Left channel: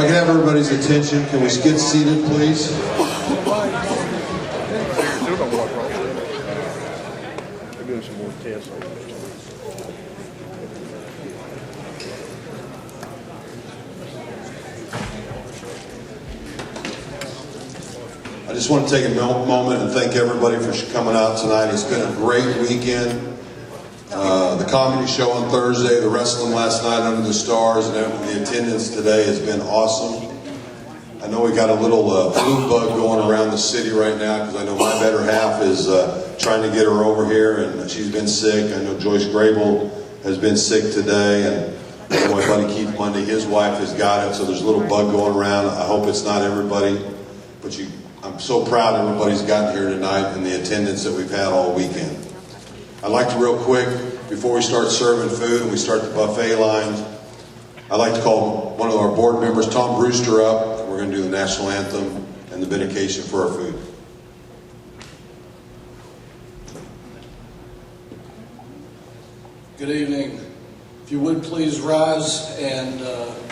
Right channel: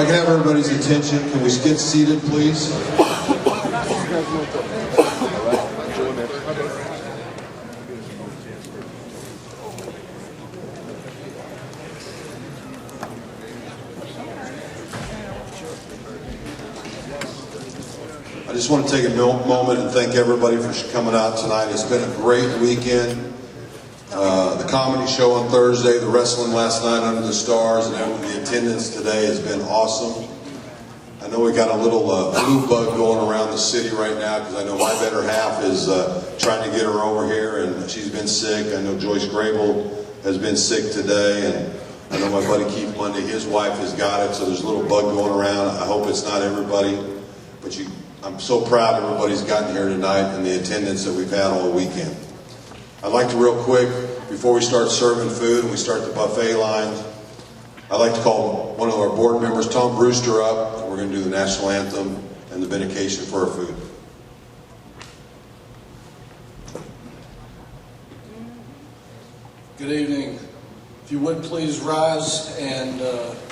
I can have everybody's attention, can we get seated, please? I just want to take a moment and thank everybody for coming out tonight. It's been a great weekend. The comedy show on Thursday, the wrestling last night under the stars, and the attendance today has been awesome. I know we got a little flu bug going around the city right now because I know my better half is trying to get her over here, and she's been sick. I know Joyce Grable has been sick today, and I know my buddy Keith Monday, his wife has got it, so there's a little bug going around. I hope it's not everybody, but I'm so proud everybody's gotten here tonight and the attendance that we've had all weekend. I'd like to real quick, before we start serving food and we start the buffet lines, I'd like to call one of our board members, Tom Brewster, up. We're going to do the national anthem and the benediction for our food. Good evening. If you would please rise and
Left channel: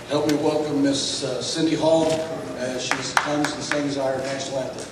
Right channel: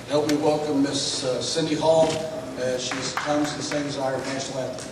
help me welcome Miss Cindy Hall as she comes and sings our national anthem.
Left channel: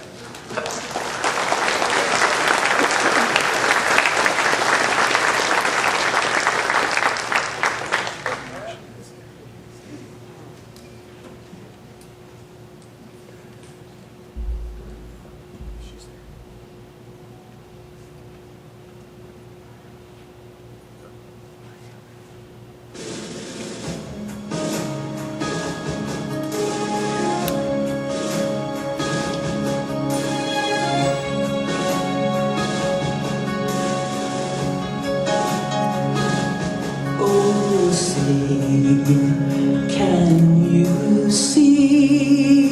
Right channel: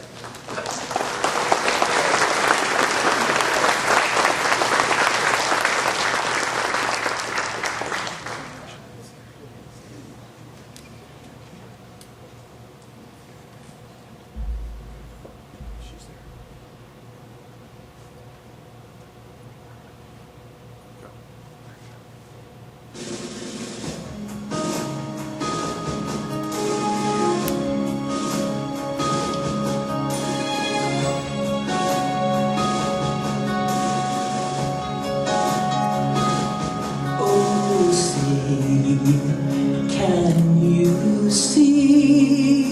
Can you see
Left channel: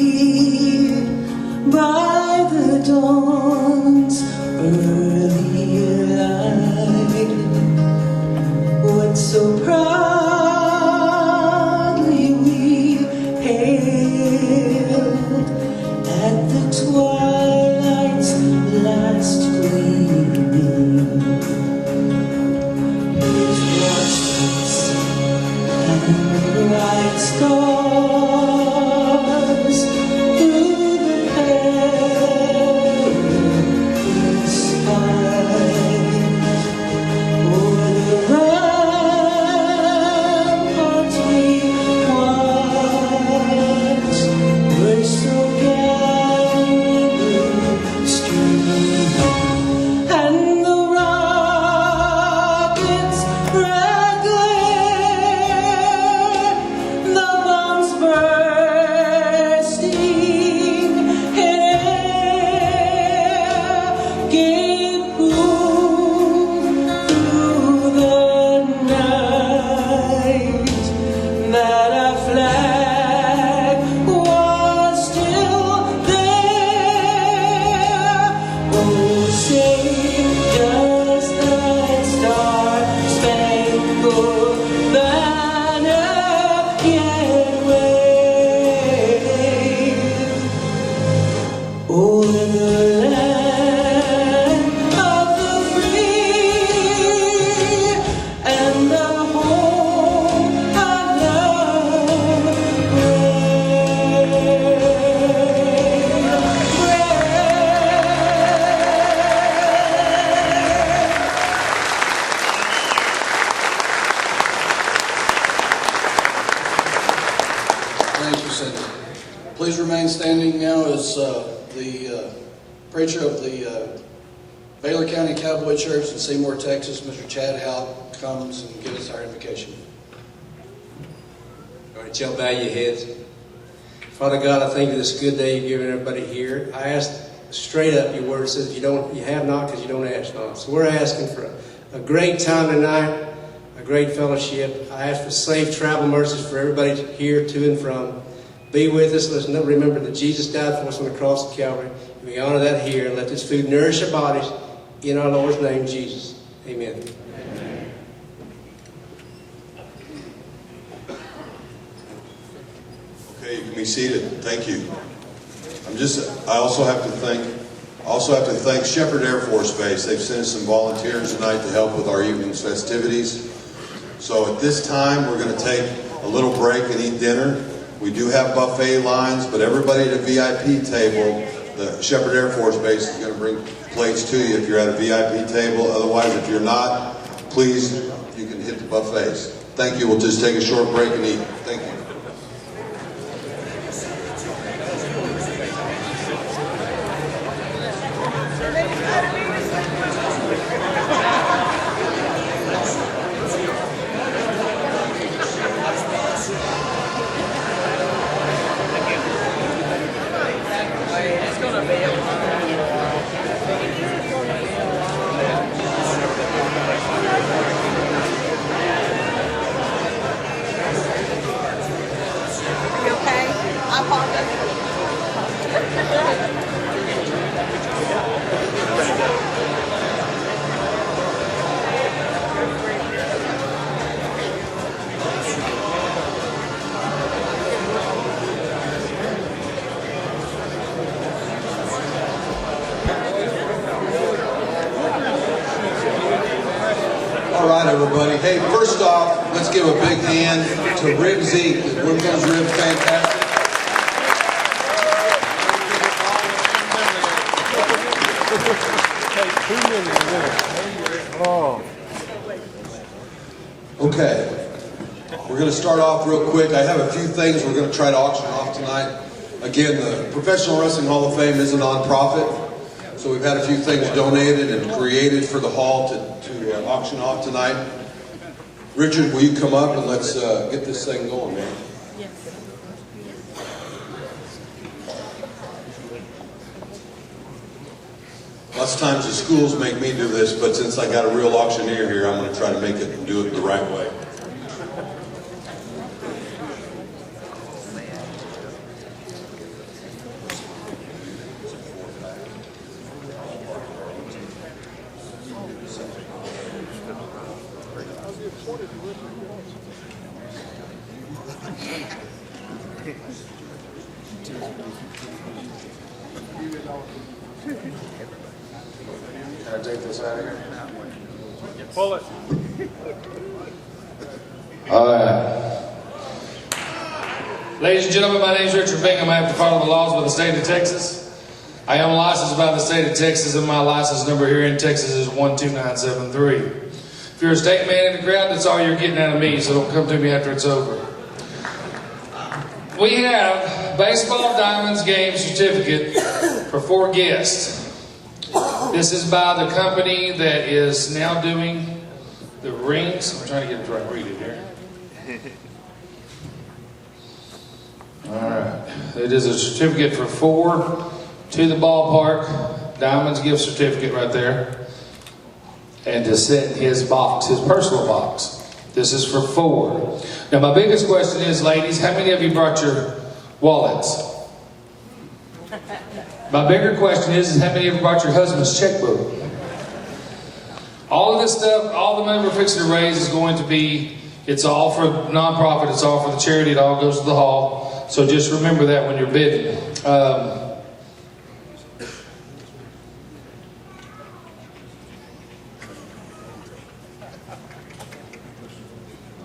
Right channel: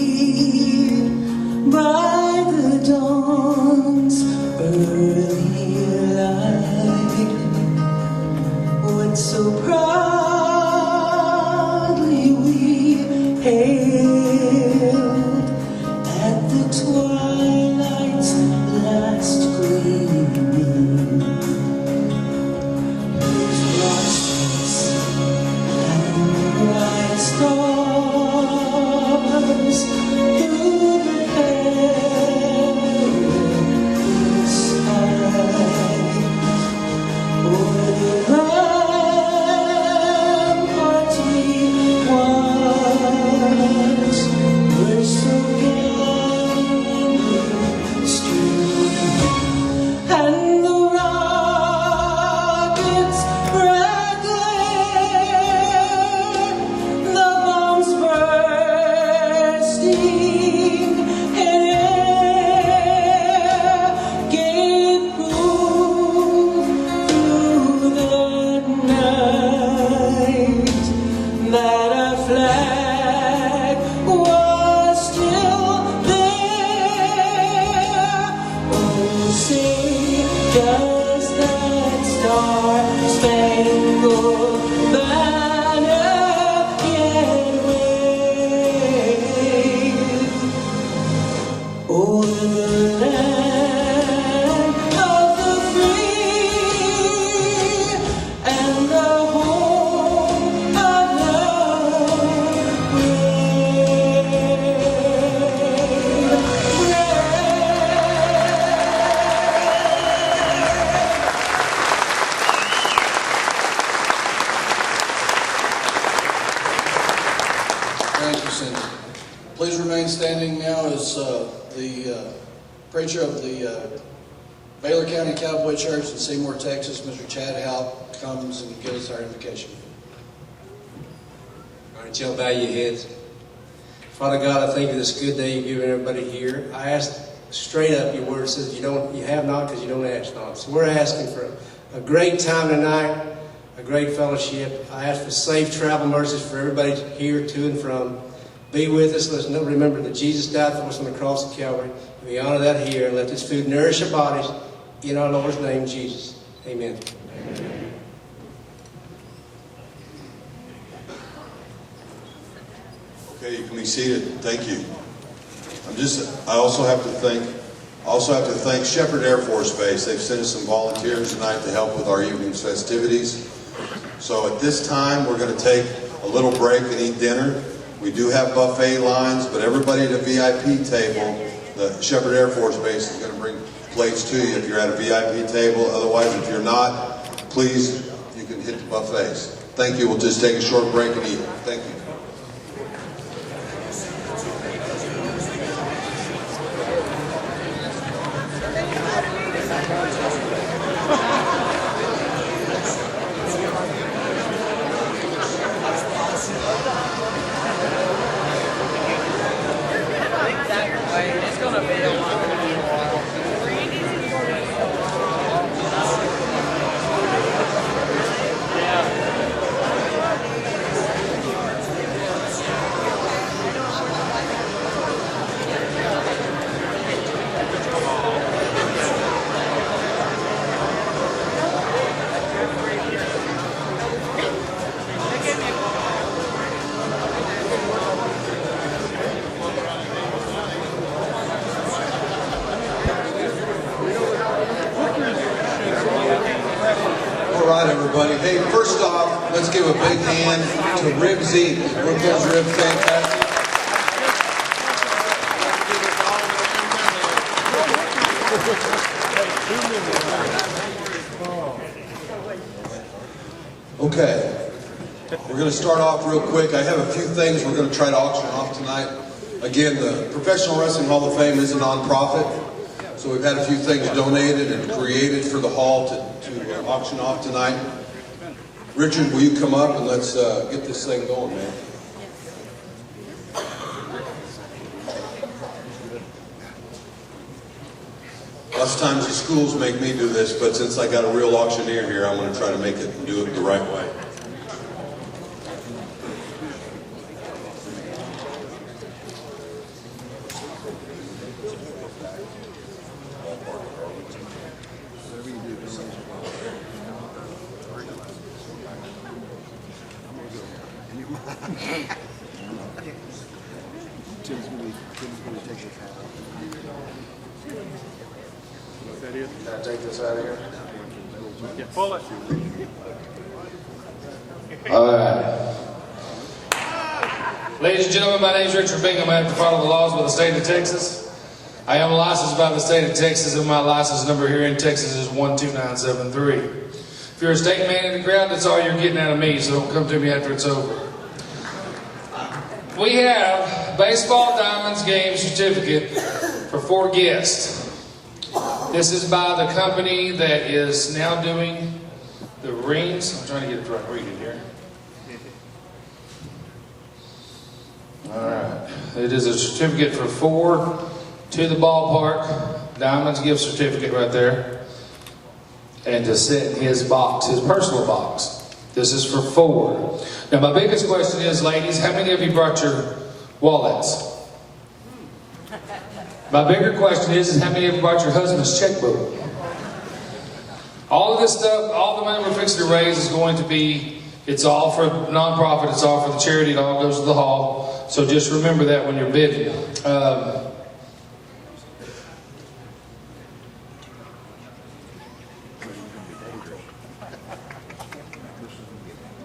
by the dawn's early light what so proudly we hailed at the twilight's last gleaming? His blossoms bright stars through the perilous skies, o'er the ramparts we watched were so gallantly streaming, and the rockets Please remain standing now as the preacher of the Baylor County Cowboy Church in Seymour, Texas, Mr. Chad Howe, comes and gives us our invocation. All right, y'all bow your heads. Father God, I thank you for this good day you've given everybody here. I ask straight up, your word says you have not because you don't ask not. So we're asking for a great time tonight, a great fellowship. I ask for safe travel mercies for everybody here to and from. Be with us. Let's remember that Jesus died for us on the cross of Calvary. We honor that here and let this food nourish our bodies in our Lord's name, Jesus. Amen. Amen. Okay, you can be seated. Thank you. I also have to thank Shepherd Air Force Base. They've sent us some volunteers tonight to help with our evening's festivities. So at this time, we're going to take a little break and eat dinner. We do have buffet lines, but everybody at a VIP table, the Shepherd Air Force Base is going to bring plates to you if you're at a VIP table. Otherwise, if you're not, please, you can hit the buffets. Thank you. We'll just take a short break and eat. Thank you. It's gonna be a while. All right, everybody. Hey, first off, let's give a big hand to Rib Zeke. Weren't those ribs fantastic? Okay, we're going to start off real quick. I have a few things we're going to try to auction off tonight. Again, the Professional Wrestling Hall of Fame is a nonprofit, so we've had a few things donated and created for the hall to auction off tonight. Richard, will you come up and let's get this thing going, man? Lots of times the schools make me do this, but since I got a real auctioneer here, I'm going to try to make it and do it the right way. Can I take this out of here? All right. Ladies and gentlemen, my name is Richard Bingham. I have to follow the laws of the state of Texas. I am licensed by the state of Texas, and my license number here in Texas is 12973. If you're a state man in the crowd, that's all you're getting out of me, so don't come to me after it's over. We have baseball diamonds game certificate for 4 guests. This is by the company that is now doing the rings. I'm trying to get it right. Read it here. All right. It is a certificate for 4 to the ballpark. Diamonds gift certificate right there. And to sit in his box, his personal box. This is for 4. Now, my biggest question is, ladies, how many of you brought your wallets? My bigger question is how many of you brought your husband's checkbook? All of this stuff, all the money we're fixing to raise is going to be, it's all for nonprofit, it's all for the charity, it all goes to the hall. So just remember that when you're bidding. All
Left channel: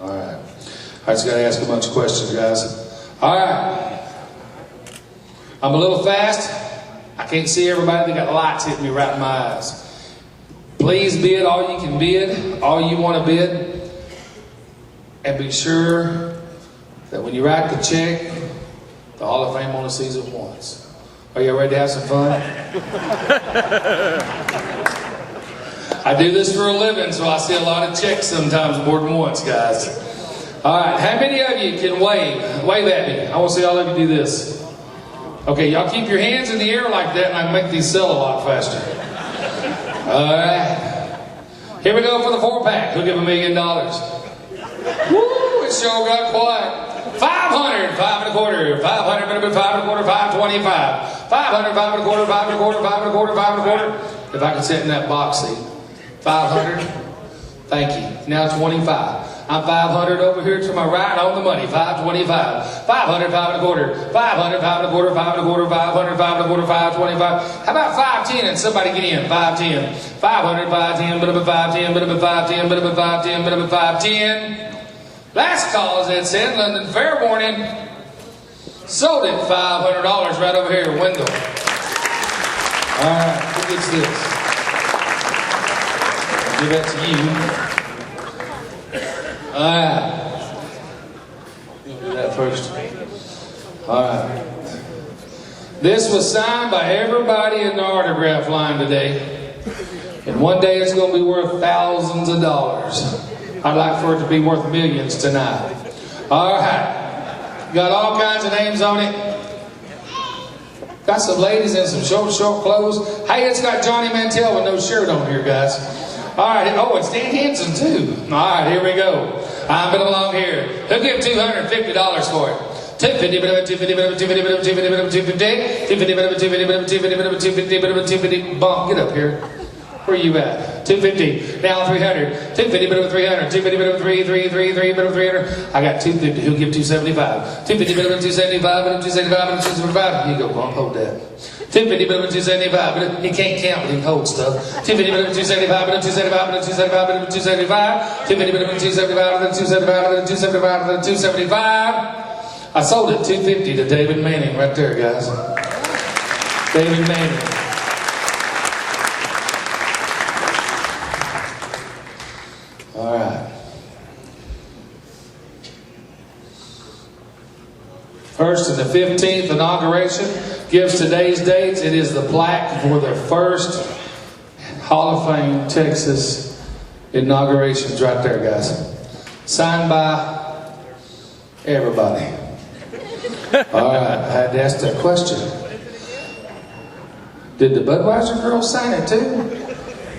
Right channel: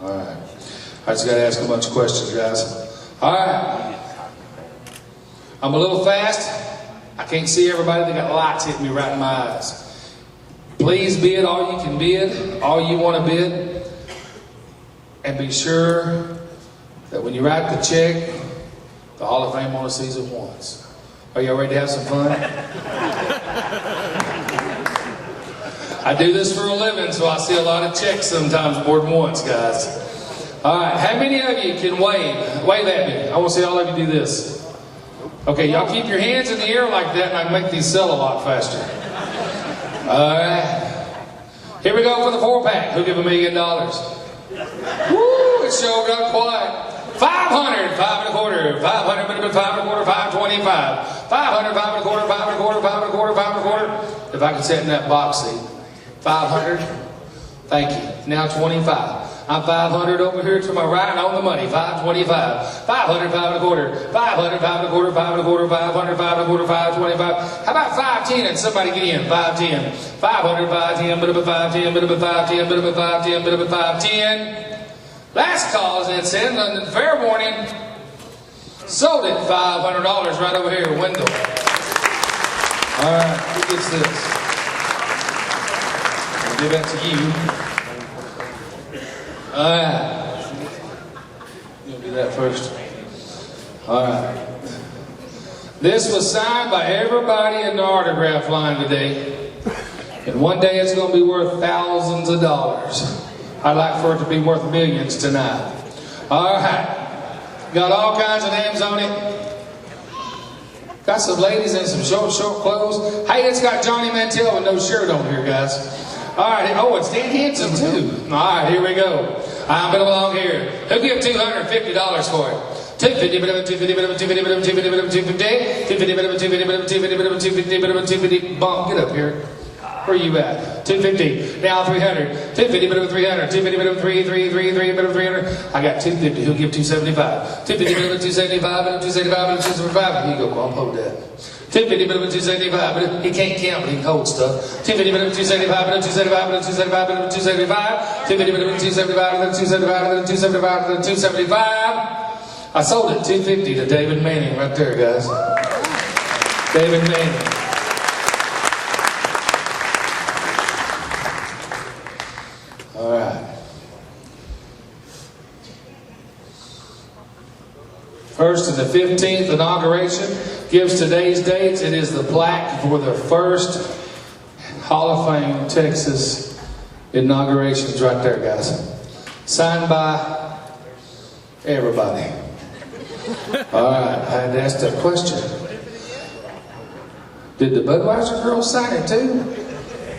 right. I just got to ask a bunch of questions, guys. All right. I'm a little fast. I can't see everybody. They got lights hitting me right in my eyes. Please bid all you can bid, all you want to bid. And be sure that when you write the check, the Hall of Fame only sees it once. Are you ready to have some fun? I do this for a living, so I see a lot of checks sometimes more than once, guys. All right, how many of you can wave? Wave at me. I want to see all of you do this. Okay, y'all keep your hands in the air like that, and I can make these sell a lot faster. All right. Here we go for the 4-pack. Who'll give $1 million? Woo! It sure got quiet. 500, 5 1/4, 500, 5 1/4, 525, 500, 5 1/4, 5 1/4, 5 1/4, 5 1/4. If I could sit in that box seat. 500. Thank you. Now 25. I'm 500 over here to my right on the money. 525. 500, 5 1/4. 500, 5 1/4, 5 1/4, 500, 5 1/4, 525. How about 510 and somebody get in? 510. 500, 510, bit of a 510, bit of a 510, bit of a 510, bit of a 510. Last call is that said, London, fair warning. Sold it, $500 right over here, Wendell. All right, who gets this? I'll give that to you. All right. You'll do that first. All right. This was signed by everybody in the autograph line today. And one day it's going to be worth thousands of dollars. I'd like for it to be worth millions tonight. All right. Got all kinds of names on it. Got some ladies in some short clothes. Hey, it's got Johnny Mantell with no shirt on here, guys. All right. Oh, it's Dan Henson, too. All right, here we go. I'm going along here. Who'll give $250 for it? 250, bump, get up here. Where you at? 250, now 300, 250, 300, 250, 300. I got 250, who'll give 275? 250, 275, 275, 275. You go, bump, hold that. 250, 275, but he can't count, but he can hold stuff. 250, 275, 275, 275, 275, 250, 275, 275, 275, 275. I sold it 250 to David Manning right there, guys. David Manning. All right. First and the 15th inauguration gives today's dates. It is the plaque for the first Hall of Fame Texas inaugurations right there, guys. Signed by everybody. All right, I had to ask that question. Did the Budweiser girls sign it too?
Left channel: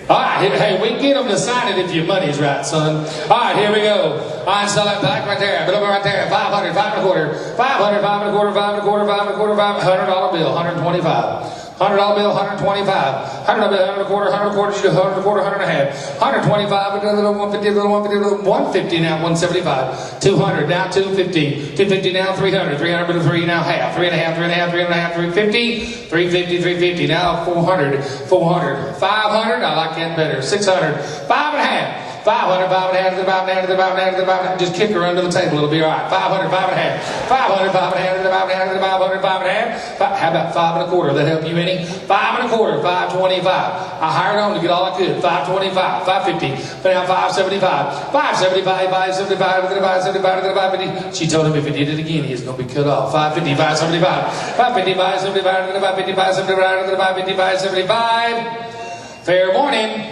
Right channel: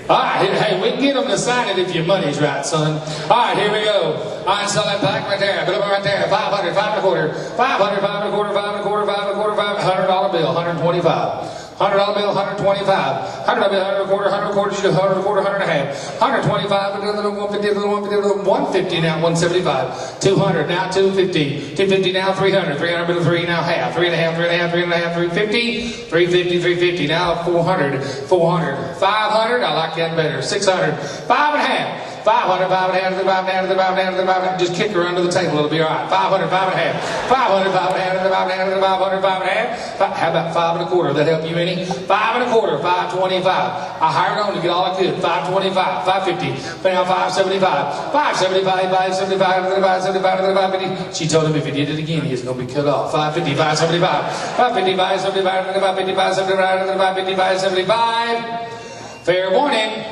All right, hey, we can get them to sign it if your money's right, son. All right, here we go. I sell that pack right there, but over right there, 500, 5 and a quarter, 500, 5 and a quarter, 5 and a quarter, 5 and a quarter, $100 bill, 125. $100 bill, 125. $100 bill, 100 and a quarter, 100 and a quarter, 100 and a quarter, 100 and a half. 125, another 150, another 150, another 150 now, 175. 200 now, 250. 250 now, 300. 300 bill, 3 now half. 3 and a half, 3 and a half, 3 and a half, 350. 350, 350 now, 400. 400. 500, I like that better. 600. 5 and a half. 500, 5 and a half, 5 and a half, 5 and a half, 5 and a half. Just kick her under the table, it'll be all right. 500, 5 and a half. 500, 5 and a half, 5 and a half, 500, 5 and a half. How about 5 and a quarter? That help you any? 5 and a quarter, 525. I hired on to get all I could. 525, 550, now 575, 575, 575, 575, 550. She told him if he did it again, he was going to be cut off. 550, 575, 550, 575, 550, 575, 575. Fair warning.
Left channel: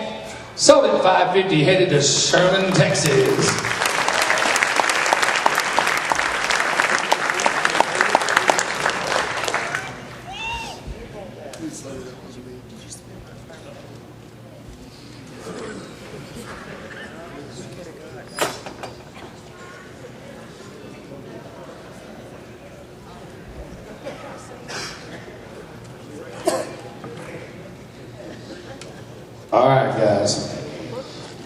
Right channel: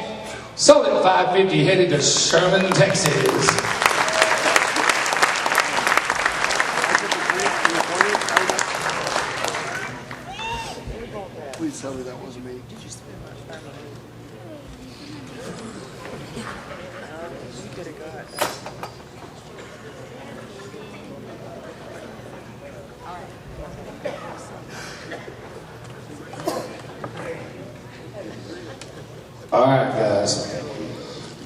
Sold at 550, headed to Sherman, Texas. Please tell me that wasn't me. Did you spend much time on it? We could have got that. All right, guys.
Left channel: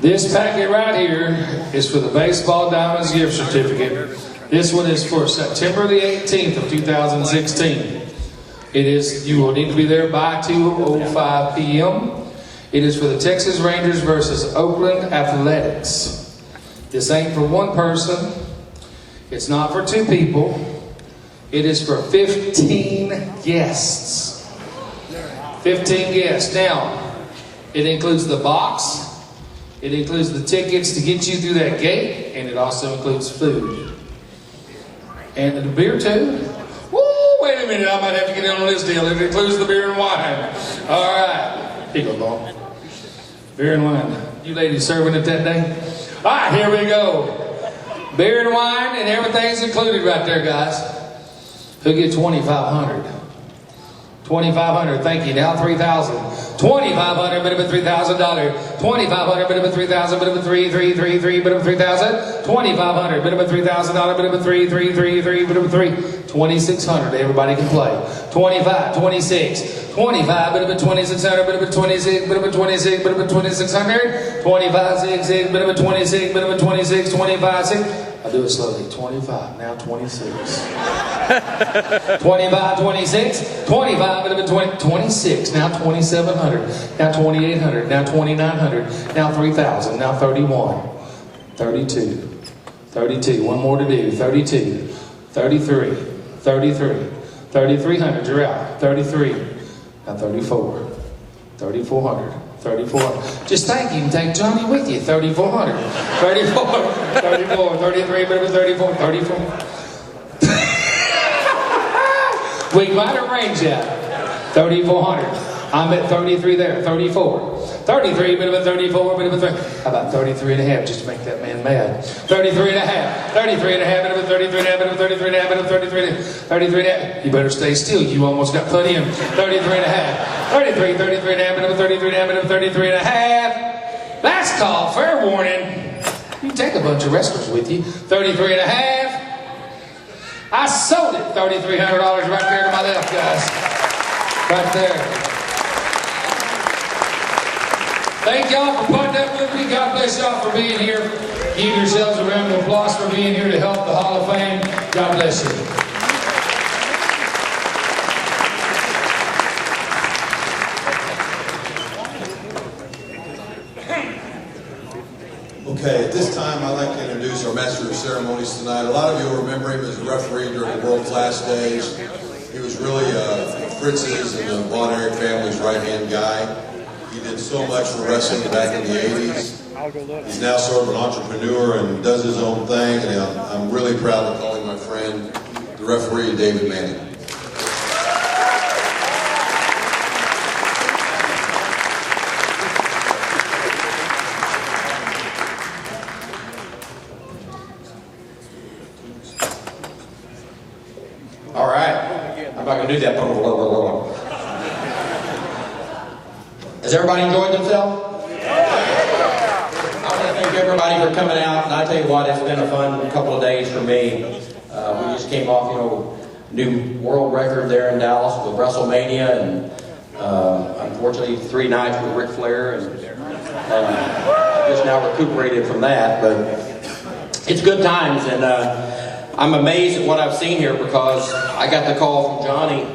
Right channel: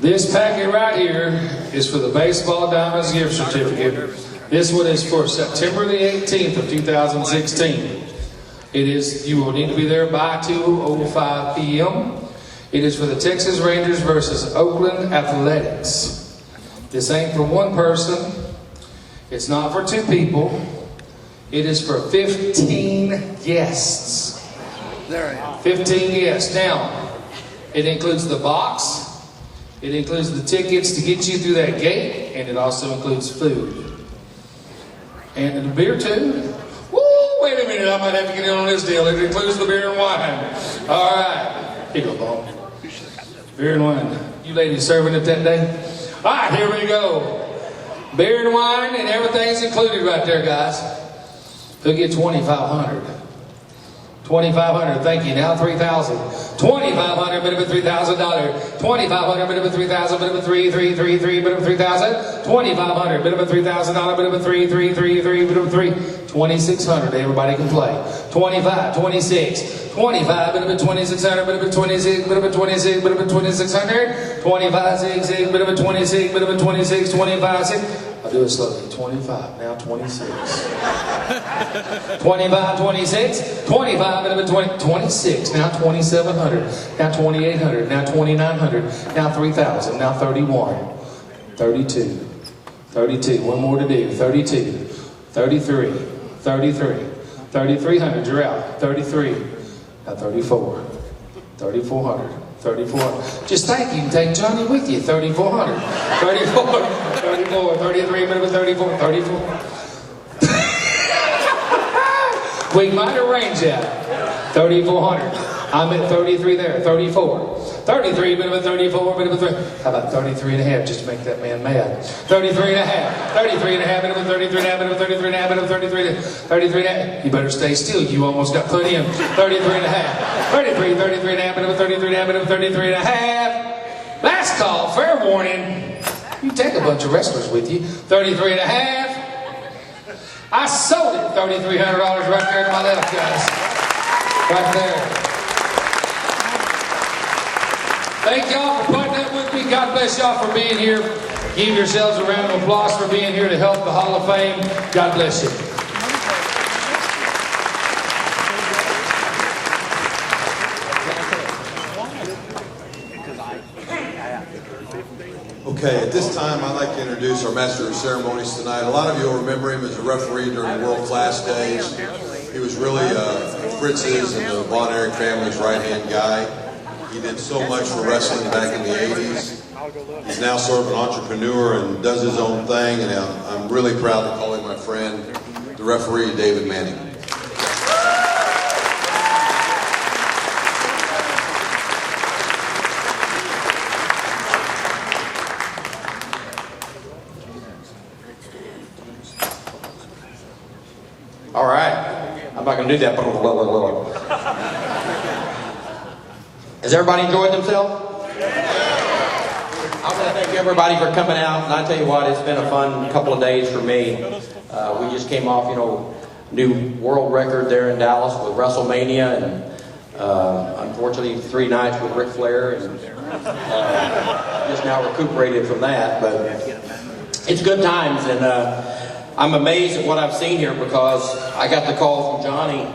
This packet right here is for the Baseball Diamonds gift certificate. This one is for September the 18th of 2016. It is, you will need to be there by 2:05 p.m. It is for the Texas Rangers versus Okerlund Athletics. This ain't for one person. It's not for two people. It is for 15 guests. There I am. 15 guests. Now, it includes the box, it includes the tickets to get you through that gate, and it also includes food. And the beer too? Woo, wait a minute, I might have to get in on this deal. It includes the beer and wine. All right. Here you go, Bob. Beer and wine. You ladies serving it that day? All right, here we go. Beer and wine, and everything's included right there, guys. Who'll get $2,500? $2,500, thank you. Now $3,000. $2,500, bit of a $3,000. $2,500, bit of a $3,000, bit of a $3,000, bit of a $3,000. $2,500, bit of a $3,000, bit of a $3,000, bit of a $3,000. $2,600, everybody can play. 25, 26, 25, bit of a $2,600, bit of a 26, bit of a 26, bit of a $2,600. 25, 6, bit of a 26, bit of a 26, 25, 6. I'll do it slowly. 25, now 26. 25, 26, 25, bit of a 20, 26, now 2,700, now 2,800, now 2,900, now 3,000, now 31, 32, 32, one more to do, 32, 33, 33. 3,300, you're out. 33. Now 34. 3,400. 3,400. Just think, you can take Johnny with you. 3,400. 34. 34. 33, but it was 34. 34. We might arrange that. 3,400. I'm at 33 there. 34. 33, bit of a 34, bit of a 3. How about 33 and a half, just to make that man mad? 33 and a half. 33 and a half, bit of a 33 and a half, bit of a 33 and a half, bit of a 33 and a half. You better stay still. You almost got plenty of 33 and a half. 33 and a half, bit of a 33 and a half, bit of a 33 and a half. Last call, fair warning. You take a bunch of wrestlers with you. 33 and a half. I sold it. $3,300 right there to my left, guys. Right there. Thank y'all for putting up with me. God bless y'all for being here. Give yourselves a round of applause for being here to help the Hall of Fame. God bless you. Okay, at this time, I'd like to introduce our Master of Ceremonies tonight. A lot of you will remember him as a referee during the World Class days. He was really Fritz's and the Von Erich family's right-hand guy. He did so much for wrestling back in the 80s. He's now sort of an entrepreneur and does his own thing, and I'm really proud to call him my friend, the referee, David Manning. All right, I'm not going to do that. Has everybody enjoyed themselves? I want to thank everybody for coming out, and I tell you what, it's been a fun couple of days for me. We just came off, new world record there in Dallas with WrestleMania, and unfortunately 3 nights with Ric Flair, and just now recuperated from that. But it's good times, and I'm amazed at what I've seen here, because I got the call from Johnny.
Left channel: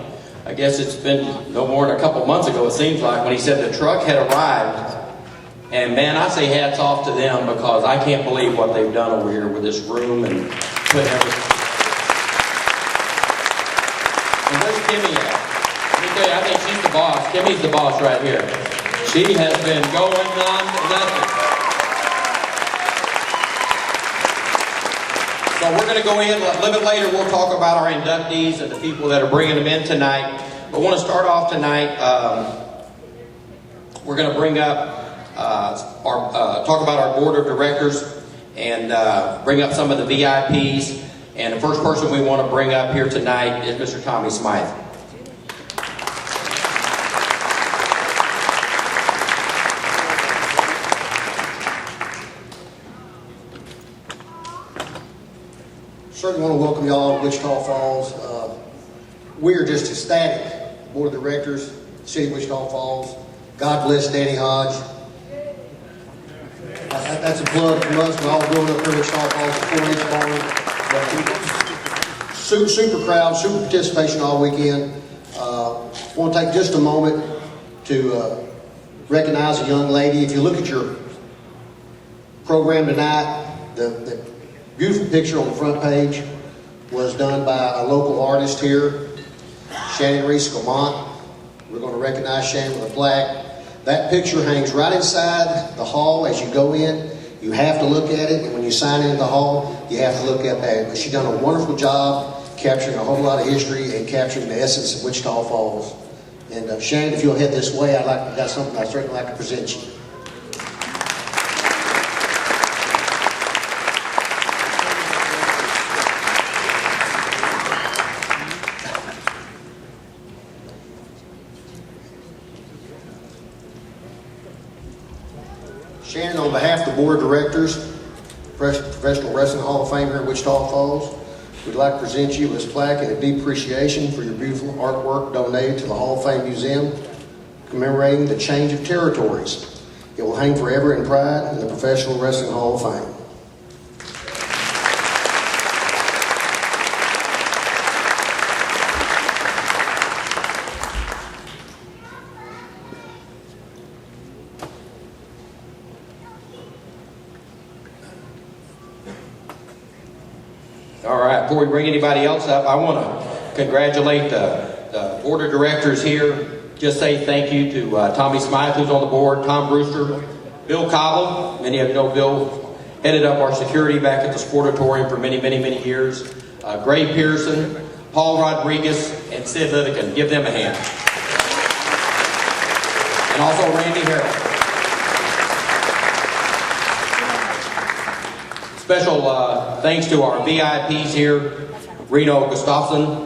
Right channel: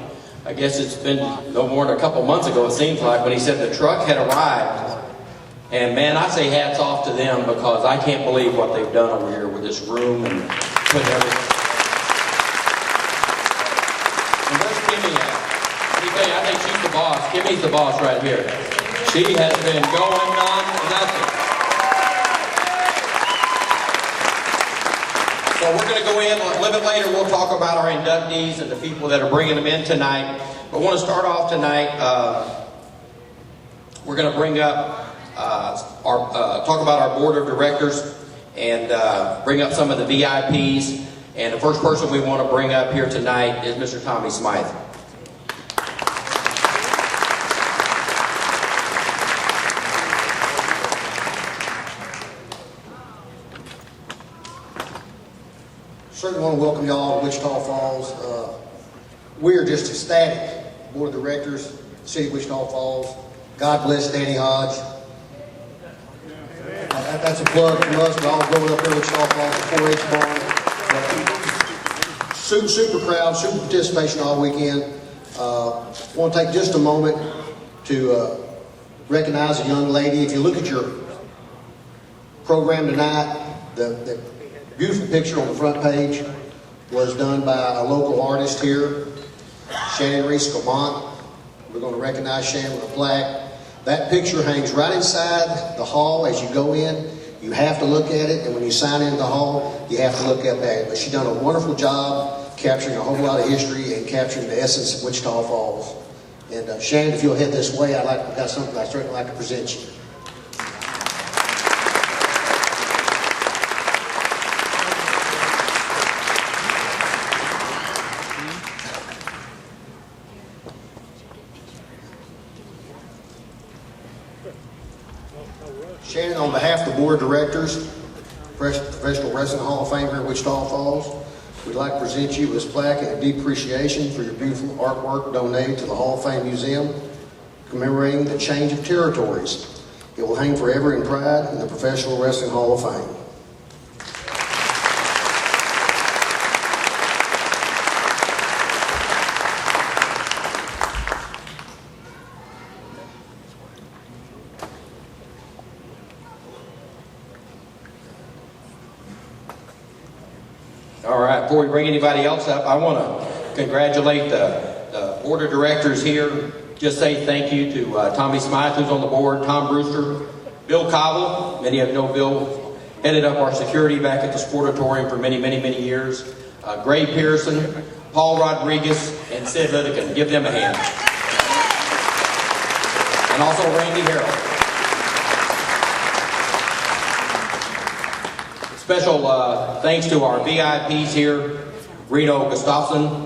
I guess it's been no more than a couple months ago, it seems like, when he said the truck had arrived. And man, I say hats off to them, because I can't believe what they've done over here with this room and putting everything. And where's Kimmy at? Let me tell you, I think she's the boss. Kimmy's the boss right here. She has been going nothing. So we're going to go in, a little bit later, we'll talk about our inductees and the people that are bringing them in tonight. But I want to start off tonight, we're going to bring up, talk about our board of directors and bring up some of the VIPs. And the first person we want to bring up here tonight is Mr. Tommy Smythe. Certainly want to welcome y'all to Wichita Falls. We are just ecstatic. Board of Directors, City of Wichita Falls. God bless Danny Hodge. That's a plug from us. We're all growing up here in Wichita Falls at 4-H barn. Super crowd, super participation all weekend. Want to take just a moment to recognize a young lady. If you look at your program tonight, the beautiful picture on the front page was done by a local artist here, Shannon Reese Gamont. We're going to recognize Shannon with a plaque. That picture hangs right inside the hall as you go in. You have to look at it, and when you sign into the hall, you have to look at that. But she's done a wonderful job capturing a whole lot of history and capturing the essence of Wichita Falls. And Shannon, if you'll head this way, I've got something I'd certainly like to present you. Shannon, on behalf of the Board of Directors, Professional Wrestling Hall of Fame here in Wichita Falls, we'd like to present you with this plaque and a deep appreciation for your beautiful artwork donated to the Hall of Fame Museum, commemorating the change of territories. It will hang forever in pride in the Professional Wrestling Hall of Fame. All right, before we bring anybody else up, I want to congratulate the board of directors here. Just say thank you to Tommy Smythe, who's on the board, Tom Brewster, Bill Cobble. Many of you know Bill headed up our security back at the Sportatorium for many, many, many years. Gray Pearson, Paul Rodriguez, and Sid Lidican. Give them a hand. And also Randy Harrell. Special thanks to our VIPs here, Reno Gustafson,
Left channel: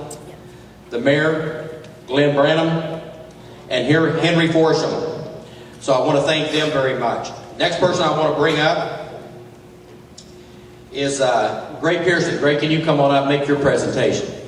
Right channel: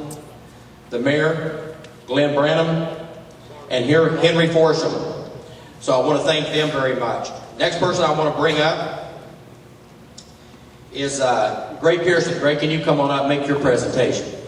the mayor, Glenn Branham, and here Henry Forsham. So I want to thank them very much. Next person I want to bring up is Gray Pearson. Gray, can you come on up and make your presentation?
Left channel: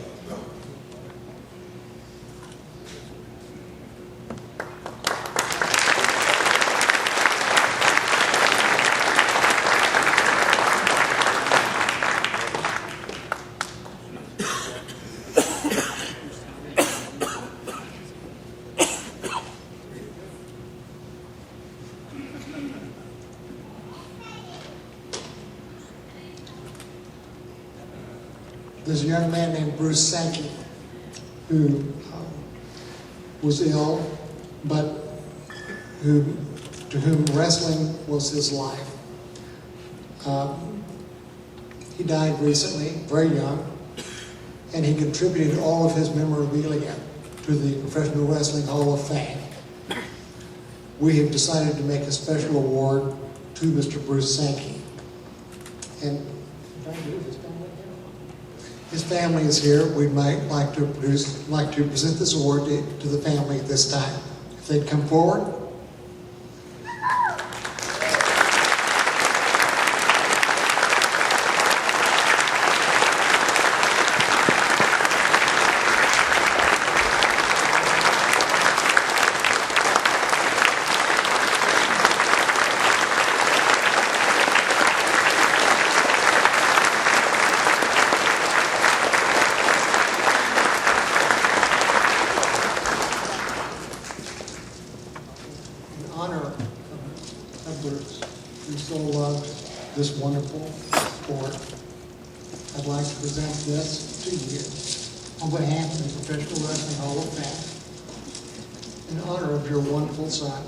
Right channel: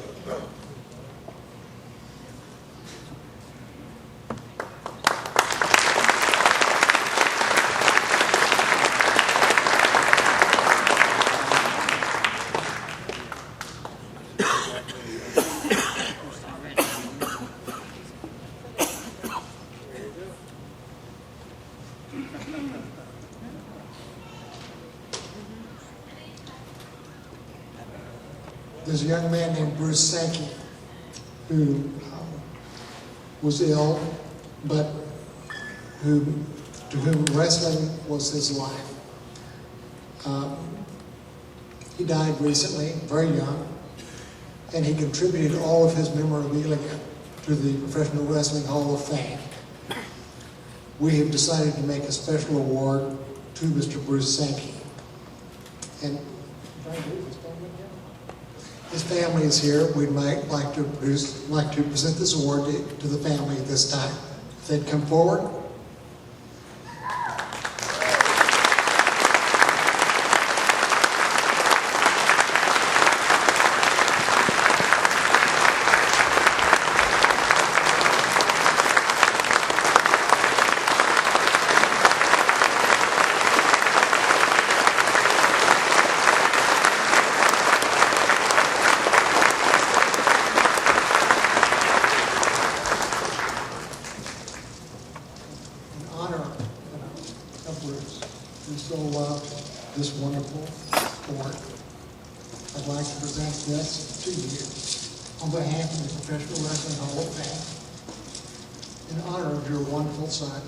There's a young man named Bruce Sankey who was ill, but to whom wrestling was his life. He died recently, very young, and he contributed all of his memorabilia to the Professional Wrestling Hall of Fame. We have decided to make a special award to Mr. Bruce Sankey. And his family is here. We might like to present this award to the family at this time. If they'd come forward. This wonderful sport. I'd like to present this to you on behalf of the Professional Wrestling Hall of Fame in honor of your wonderful son,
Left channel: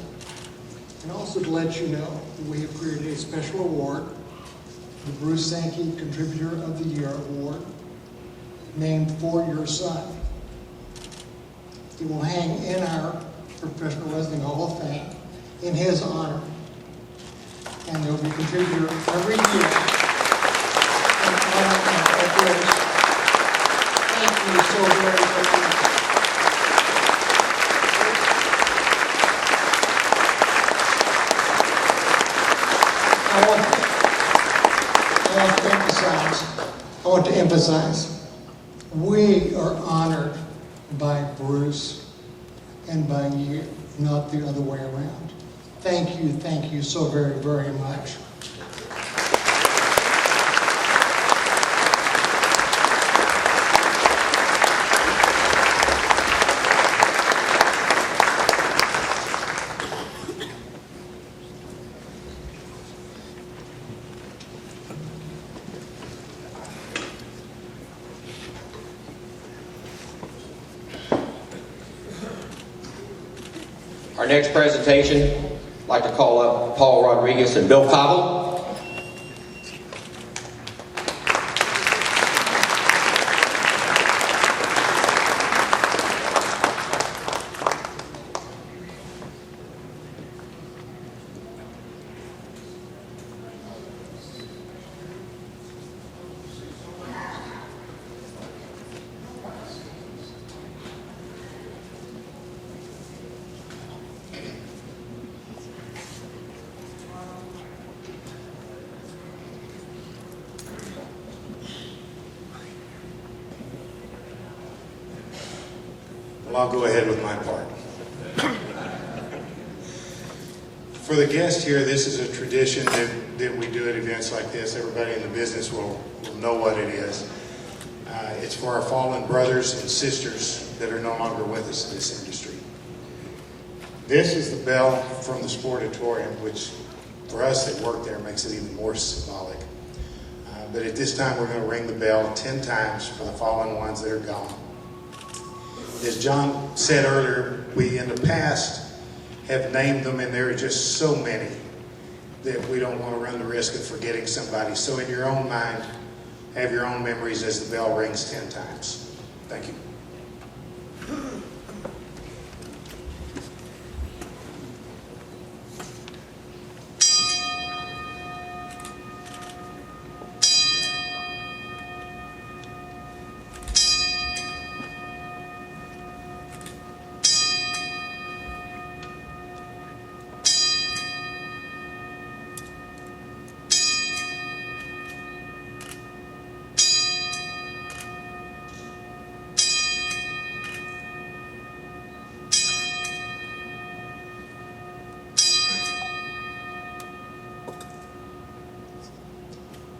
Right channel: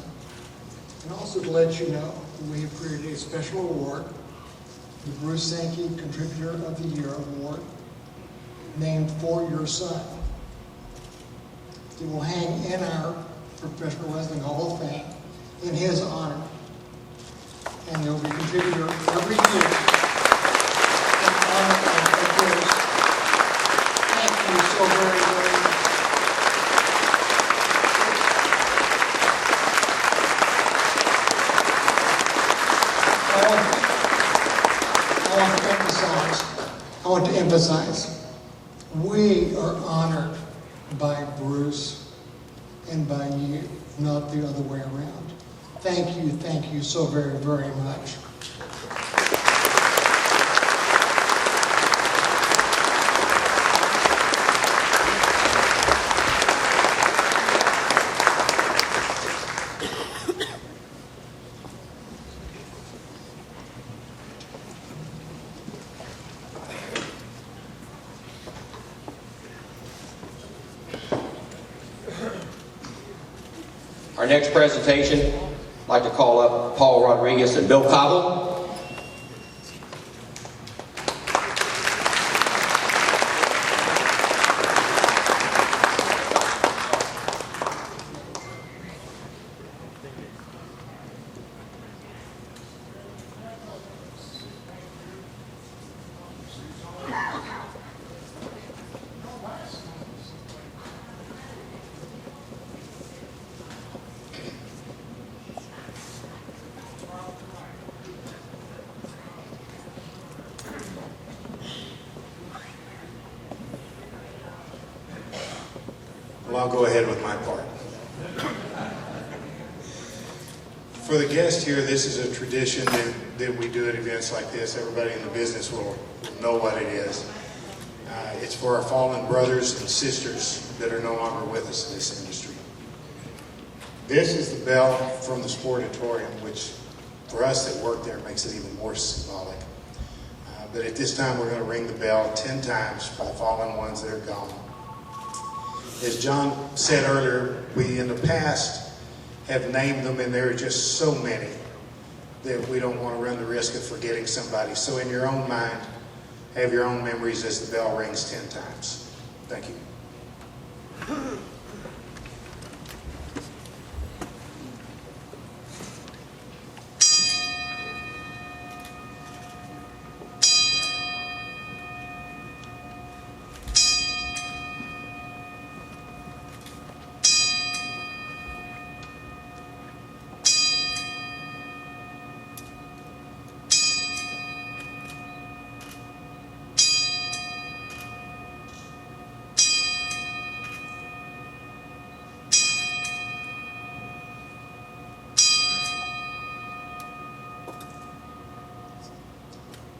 and also to let you know that we have created a special award, the Bruce Sankey Contributor of the Year Award, named for your son. It will hang in our Professional Wrestling Hall of Fame in his honor. And he'll be a contributor every year. Thank you so very, very much. I want to emphasize, we are honored by Bruce and by you, not the other way around. Thank you so very, very much. Our next presentation, I'd like to call up Paul Rodriguez and Bill Cobble. Well, I'll go ahead with my part. For the guest here, this is a tradition that we do at events like this. Everybody in the business will know what it is. It's for our fallen brothers and sisters that are no longer with us in this industry. This is the bell from the Sportatorium, which for us that work there makes it even more symbolic. But at this time, we're going to ring the bell 10 times for the fallen ones that are gone. as John said earlier, we in the past have named them, and there are just so many that we don't want to run the risk of forgetting somebody. So in your own mind, have your own memories as the bell rings 10 times. Thank you.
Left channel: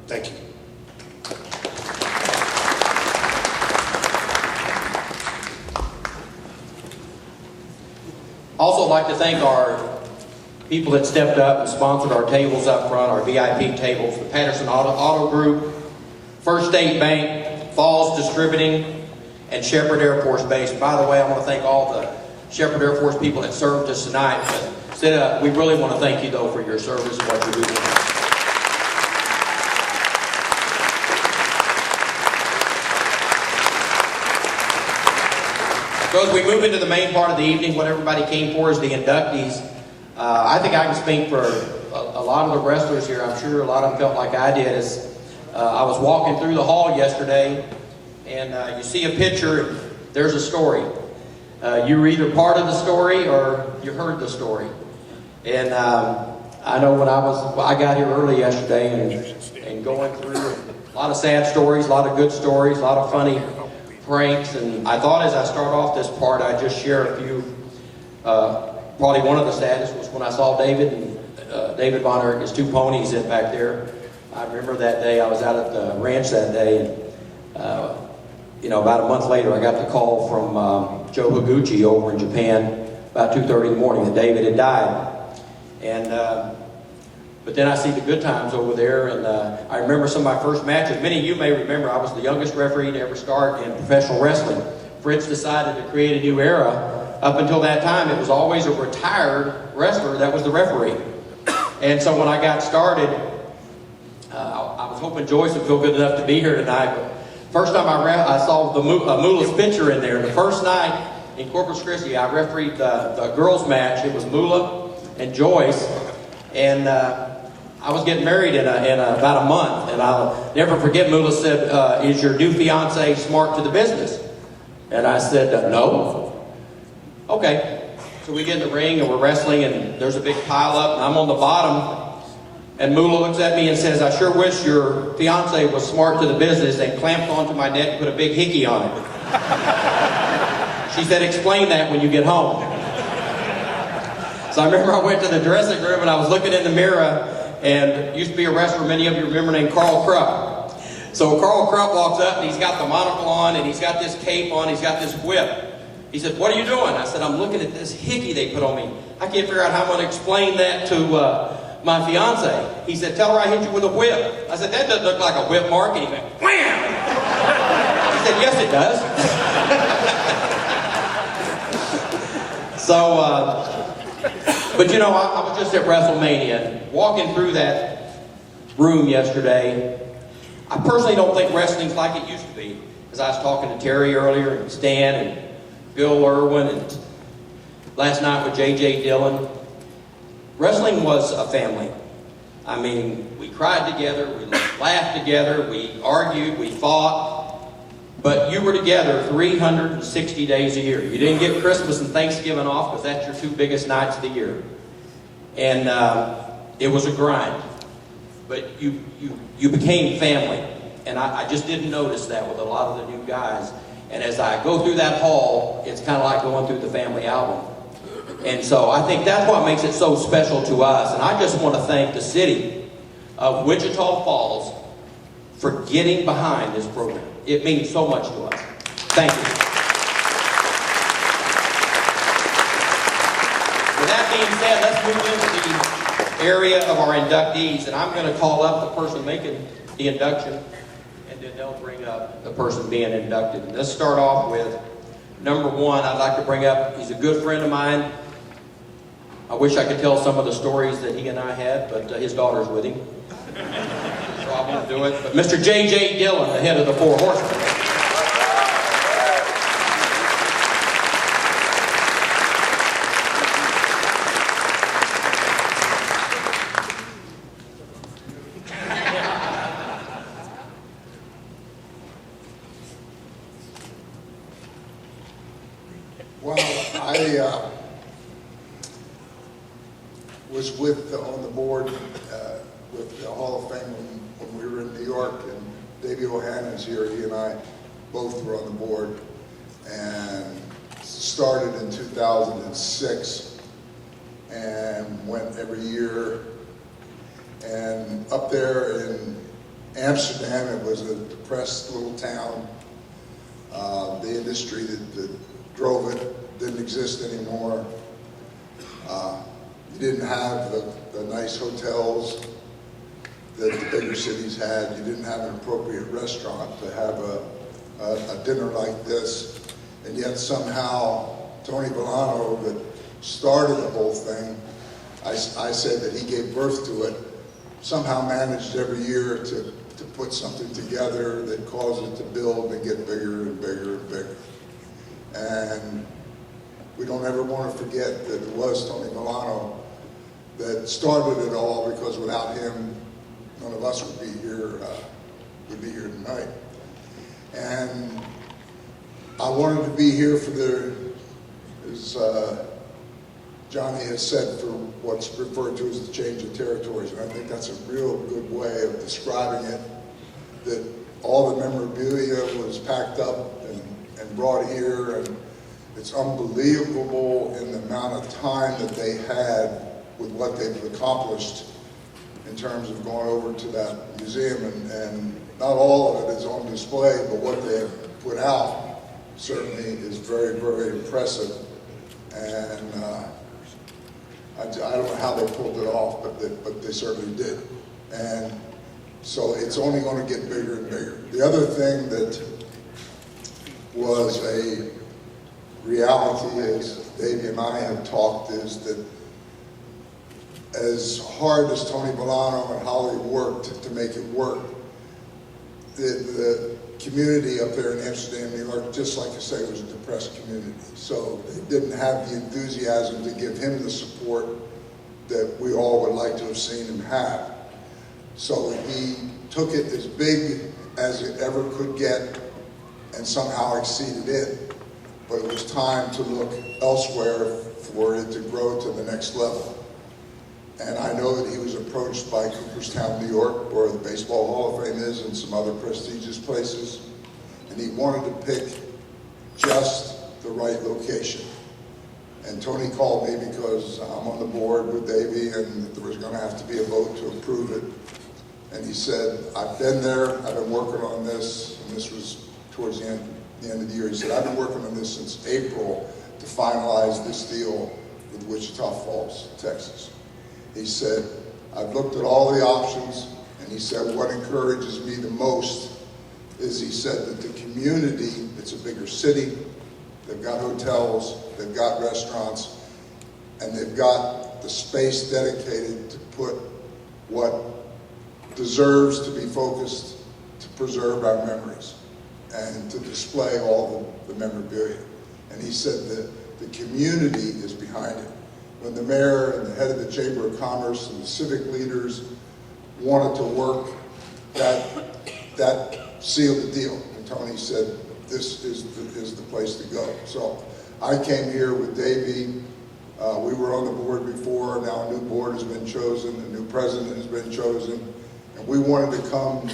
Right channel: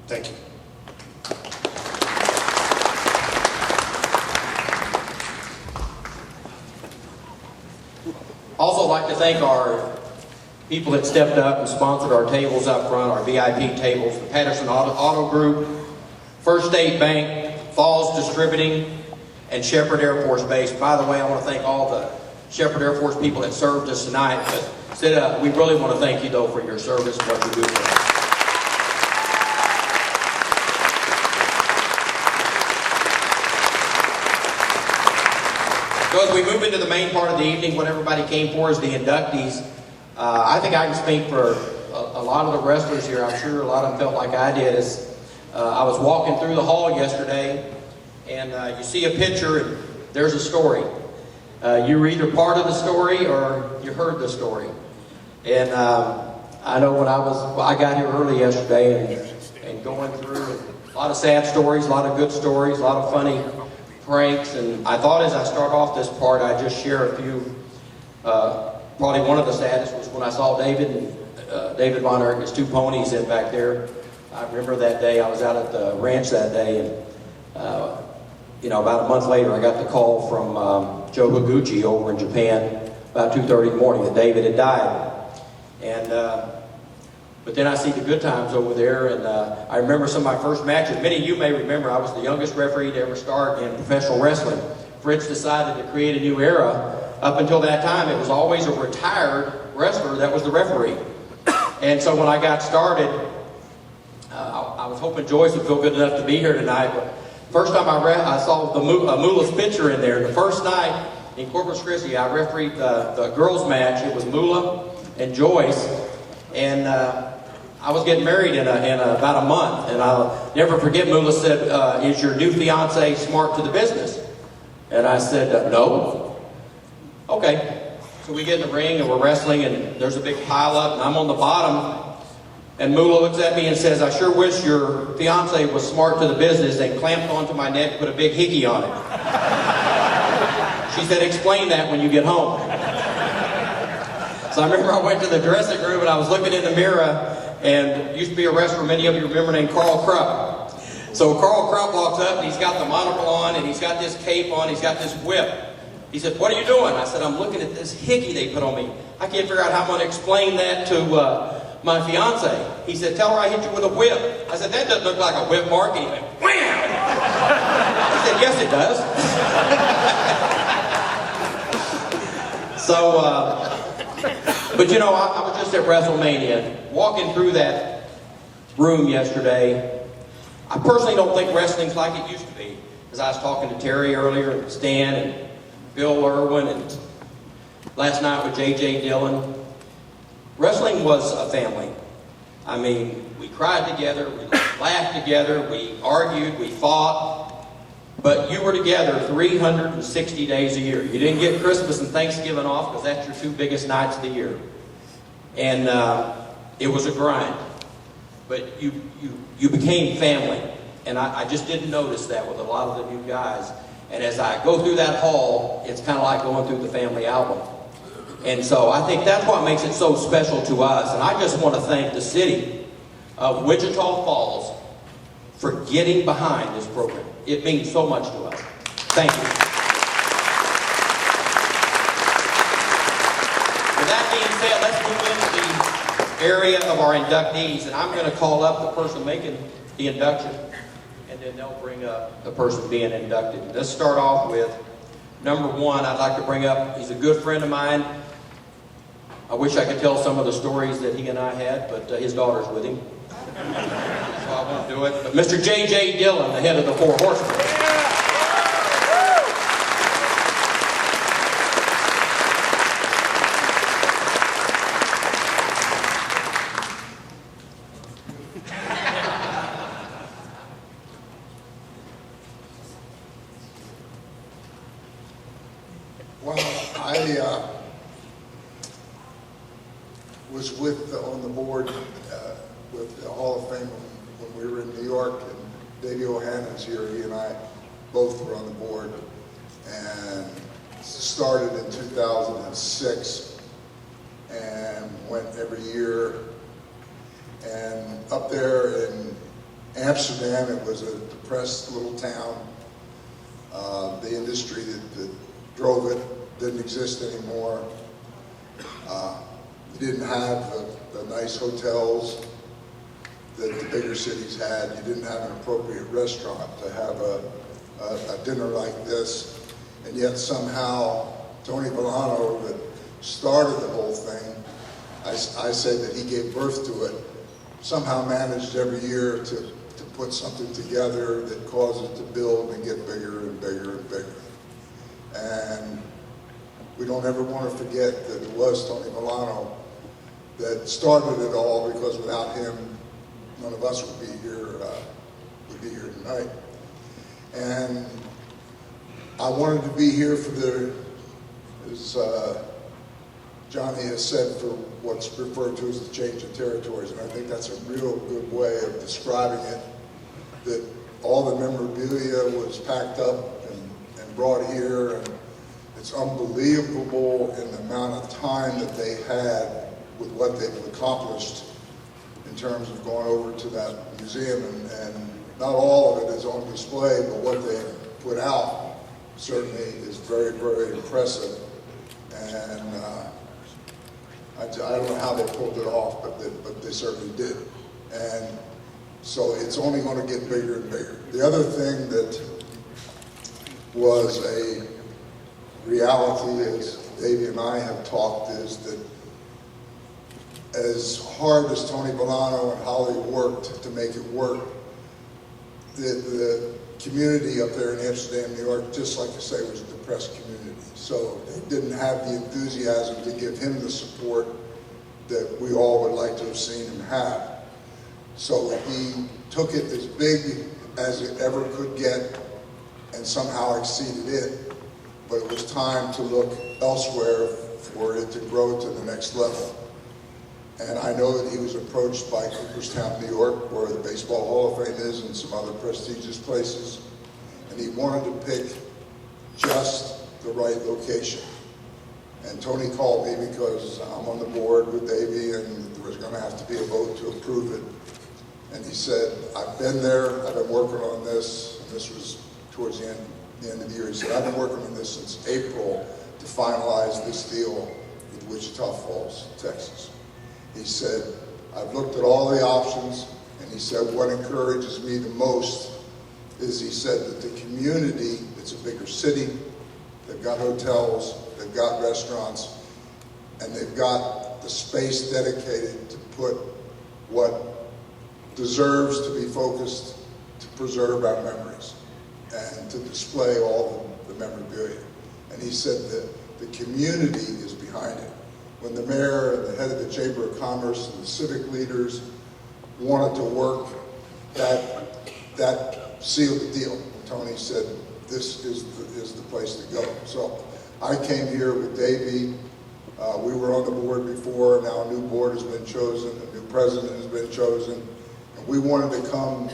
Thank you. Also like to thank our people that stepped up and sponsored our tables up front, our VIP tables, the Patterson Auto Group, First State Bank, Falls Distributing, and Shepherd Air Force Base. By the way, I want to thank all the Shepherd Air Force people that served us tonight, but we really want to thank you though for your service and what you do for us. So as we move into the main part of the evening, what everybody came for is the inductees. I think I can speak for a lot of the wrestlers here. I'm sure a lot of them felt like I did. I was walking through the hall yesterday, and you see a picture, and there's a story. You were either part of the story or you heard the story. And I know when I got here early yesterday and going through a lot of sad stories, a lot of good stories, a lot of funny pranks, and I thought as I start off this part, I'd just share a few. Probably one of the saddest was when I saw David and David Von Erck, his 2 ponies in back there. I remember that day, I was out at the ranch that day, and about a month later, I got the call from Joe Higuchi over in Japan about 2:30 in the morning that David had died. And but then I see the good times over there, and I remember some of my first matches. Many of you may remember I was the youngest referee to ever start in professional wrestling. Fritz decided to create a new era. Up until that time, it was always a retired wrestler that was the referee. And so when I got started, I was hoping Joyce would feel good enough to be here tonight. But first time I saw the Moolah's picture in there. The first night in Corpus Christi, I refereed the girls' match. It was Moolah and Joyce. And I was getting married in about a month, and I'll never forget. Moolah said, "Is your new fiance smart to the business?" And I said, "No." Okay, so we get in the ring and we're wrestling, and there's a big pile up, and I'm on the bottom, and Moolah looks at me and says, "I sure wish your fiance was smart to the business," and clamped onto my neck and put a big hickey on it. She said, "Explain that when you get home." So I remember I went to the dressing room and I was looking in the mirror, and used to be a wrestler, many of you remember, named Carl Krupp. So Carl Krupp walks up, and he's got the monocle on, and he's got this cape on, he's got this whip. He said, "What are you doing?" I said, "I'm looking at this hickey they put on me. I can't figure out how I'm going to explain that to my fiance." He said, "Tell her I hit you with a whip." I said, "That doesn't look like a whip mark." And he went, "Wham!" He said, "Yes, it does." So, but you know, I was just at WrestleMania, walking through that room yesterday. I personally don't think wrestling's like it used to be. As I was talking to Terry earlier, and Stan, and Bill Irwin, and last night with J.J. Dillon. Wrestling was a family. I mean, we cried together, we laughed together, we argued, we fought, but you were together 360 days a year. You didn't get Christmas and Thanksgiving off because that's your 2 biggest nights of the year. And it was a grind, but you became family. And I just didn't notice that with a lot of the new guys. And as I go through that hall, it's kind of like going through the family album. And so I think that's what makes it so special to us. And I just want to thank the city of Wichita Falls for getting behind this program. It means so much to us. Thank you. With that being said, let's move into the area of our inductees. And I'm going to call up the person making the induction, and then they'll bring up the person being inducted. Let's start off with Number one, I'd like to bring up, he's a good friend of mine. I wish I could tell some of the stories that he and I had, but his daughter's with him. So I won't do it. But Mr. J.J. Dillon, the head of the Four Horsemen. Well, I was on the board with the Hall of Fame when we were in New York, and Davey O'Hannon's here. He and I both were on the board, and started in 2006 and went every year. And up there in Amsterdam, it was a depressed little town. The industry that drove it didn't exist anymore. You didn't have the nice hotels that the bigger cities had. You didn't have an appropriate restaurant to have a dinner like this. And yet somehow Tony Villano, that started the whole thing, I say that he gave birth to it, somehow managed every year to put something together that caused it to build and get bigger and bigger and bigger. And we don't ever want to forget that it was Tony Villano that started it all, because without him, none of us would be here tonight. And I wanted to be here for as Johnny has said, for what's referred to as the change of territories. And I think that's a real good way of describing it, that all the memorabilia was packed up and brought here, and it's unbelievable in the amount of time that they had with what they've accomplished in terms of going over to that museum, and not all of it is on display, but what they put out certainly is very, very impressive. And I don't know how they pulled it off, but they certainly did. And so it's only going to get bigger and bigger. The other thing that was a reality, as Davey and I have talked, is that as hard as Tony Villano and Holly worked to make it work, the community up there in Amsterdam, New York, just like I say, was a depressed community. So they didn't have the enthusiasm to give him the support that we all would like to have seen him have. So he took it as big as it ever could get and somehow exceeded it. But it was time to look elsewhere for it to grow to the next level. And I know that he was approached by Cooperstown, New York, where the Baseball Hall of Fame is, and some other prestigious places. And he wanted to pick just the right location. And Tony called me because I'm on the board with Davey, and there was going to have to be a vote to approve it. And he said, I've been there, I've been working on this, and this was towards the end of the year. He said, I've been working on this since April to finalize this deal with Wichita Falls, Texas. He said, I've looked at all the options, and he said, what encourages me the most is, he said, that the community, it's a bigger city, they've got hotels, they've got restaurants, and they've got the space dedicated to put what deserves to be focused to preserve our memories and to display all the memorabilia. And he said that the community is behind it. When the mayor and the head of the Chamber of Commerce and the civic leaders wanted to work, that sealed the deal. And Tony said, this is the place to go. So I came here with Davey. We were on the board before. Now a new board has been chosen. A new president has been chosen. And we wanted to come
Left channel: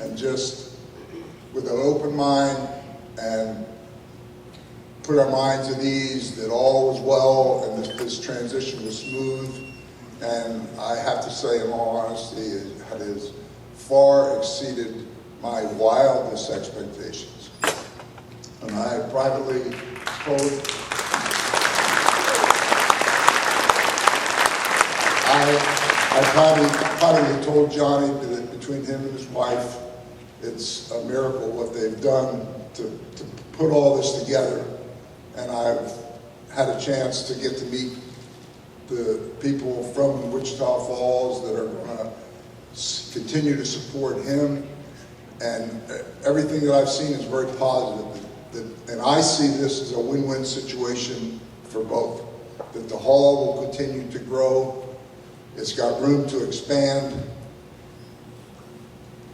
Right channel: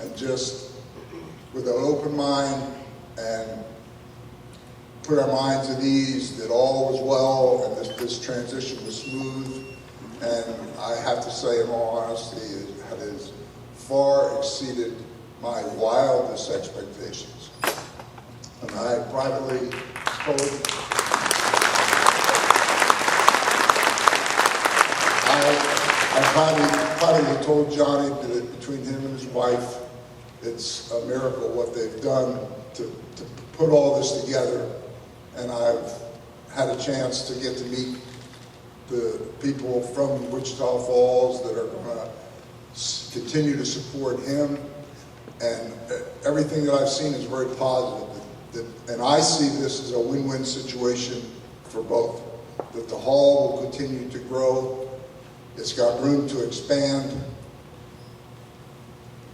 and just, with an open mind, and put our minds at ease that all was well and this transition was smooth. And I have to say, in all honesty, it has far exceeded my wildest expectations. And I privately told I privately told Johnny that between him and his wife, it's a miracle what they've done to put all this together. and I've had a chance to get to meet the people from Wichita Falls that are going to continue to support him. And everything that I've seen is very positive. And I see this as a win-win situation for both. That the hall will continue to grow. It's got room to expand.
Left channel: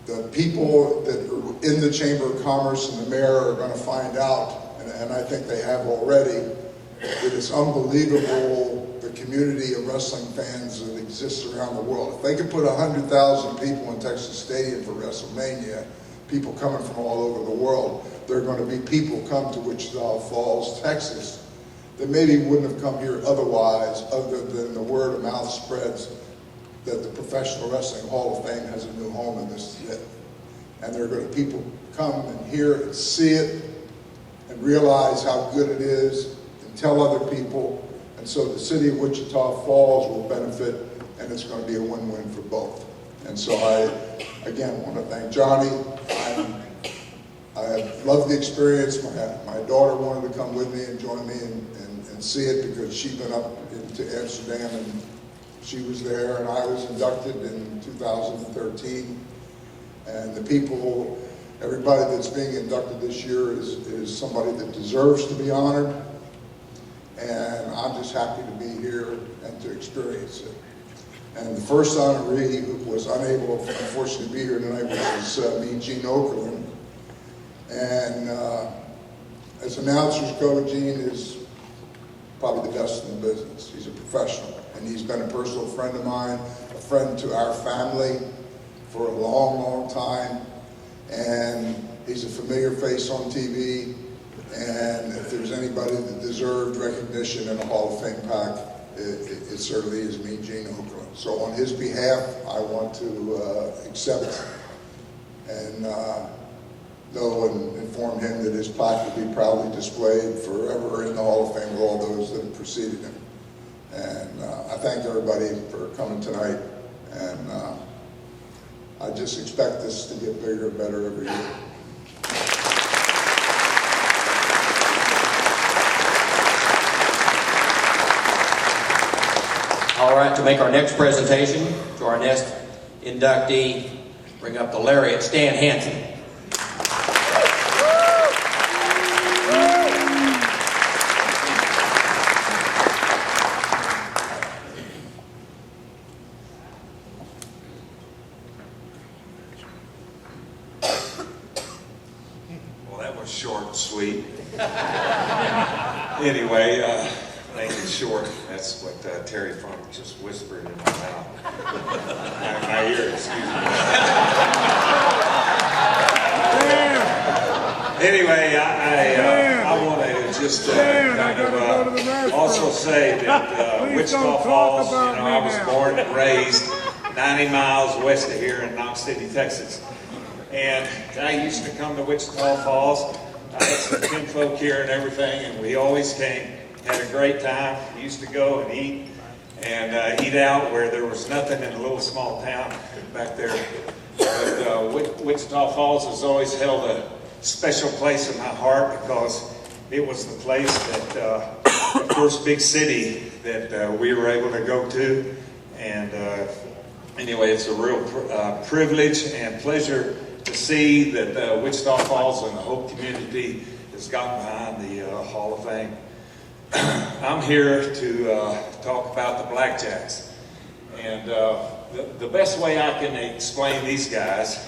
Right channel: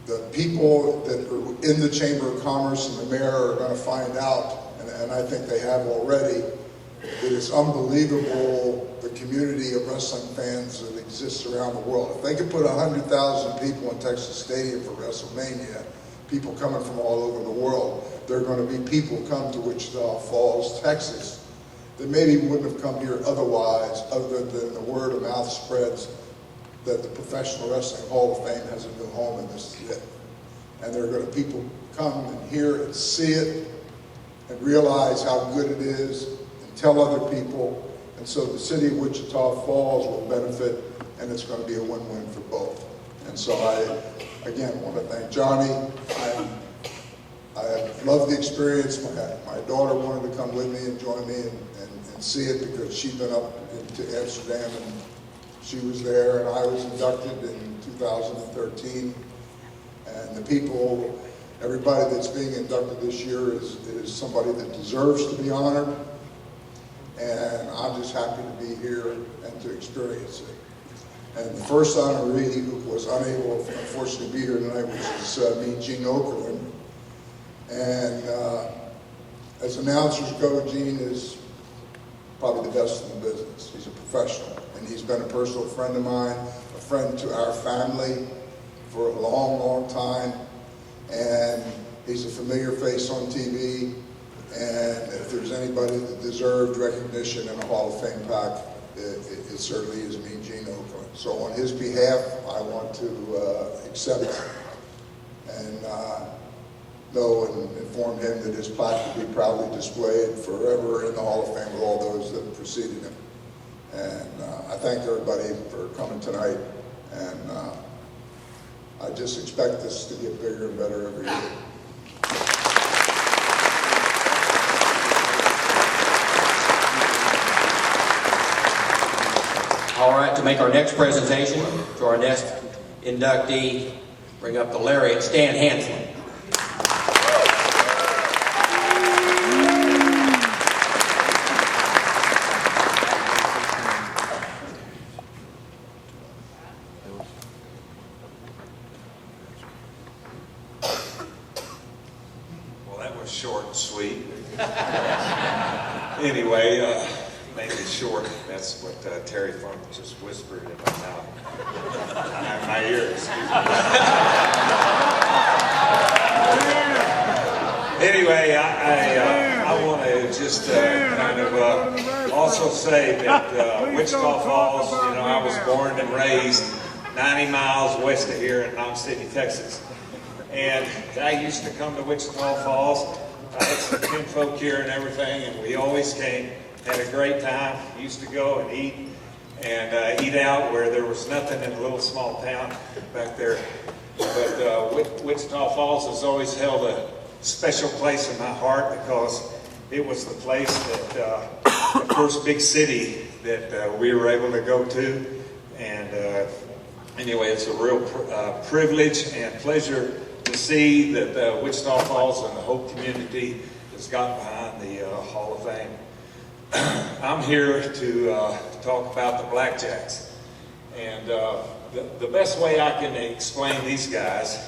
The people that are in the Chamber of Commerce and the mayor are going to find out, and I think they have already, that it's unbelievable the community of wrestling fans that exists around the world. If they could put 100,000 people in Texas Stadium for WrestleMania, people coming from all over the world, there are going to be people come to Wichita Falls, Texas, that maybe wouldn't have come here otherwise, other than the word of mouth spreads that the Professional Wrestling Hall of Fame has a new home and this is it. And there are going to people come and hear it, see it, and realize how good it is, and tell other people. And so the city of Wichita Falls will benefit, and it's going to be a win-win for both. And so I, again, want to thank Johnny. I have loved the experience. My daughter wanted to come with me and join me and see it because she'd been up to Amsterdam and she was there, and I was inducted in 2013. And the people, everybody that's being inducted this year is somebody that deserves to be honored. And I'm just happy to be here and to experience it. And the first honoree who was unable, unfortunately, to be here tonight, which is me, Gene Okerlund. And as announcers go, Gene is probably the best in the business. He's a professional, and he's been a personal friend of mine, a friend to our family for a long, long time. And he's a familiar face on TV. And if there's anybody that deserved recognition in a Hall of Fame pack, it certainly is me, Gene Okerlund. So on his behalf, I want to accept and know and inform him that his plaque will be proudly displayed forever in the Hall of Fame with all those that have preceded him. And I thank everybody for coming tonight. And I just expect this to get bigger and better every year. All right, to make our next presentation to our next inductee, bring up the laureate, Stan Hansen. Well, that was short and sweet. Anyway, name is short. That's what Terry Funk just whispered in my mouth. my ear, excuse me. Anyway, I want to just kind of also say that Wichita Falls, you know, I was born and raised 90 miles west of here in Knox City, Texas. And I used to come to Wichita Falls. I had some kinfolk here and everything, and we always came. Had a great time. Used to go and eat out where there was nothing in a little small town back there. But Wichita Falls has always held a special place in my heart because it was the place that the first big city that we were able to go to. And anyway, it's a real privilege and pleasure to see that Wichita Falls and the whole community has gotten behind the Hall of Fame. I'm here to talk about the BlackJacks. And the best way I can explain these guys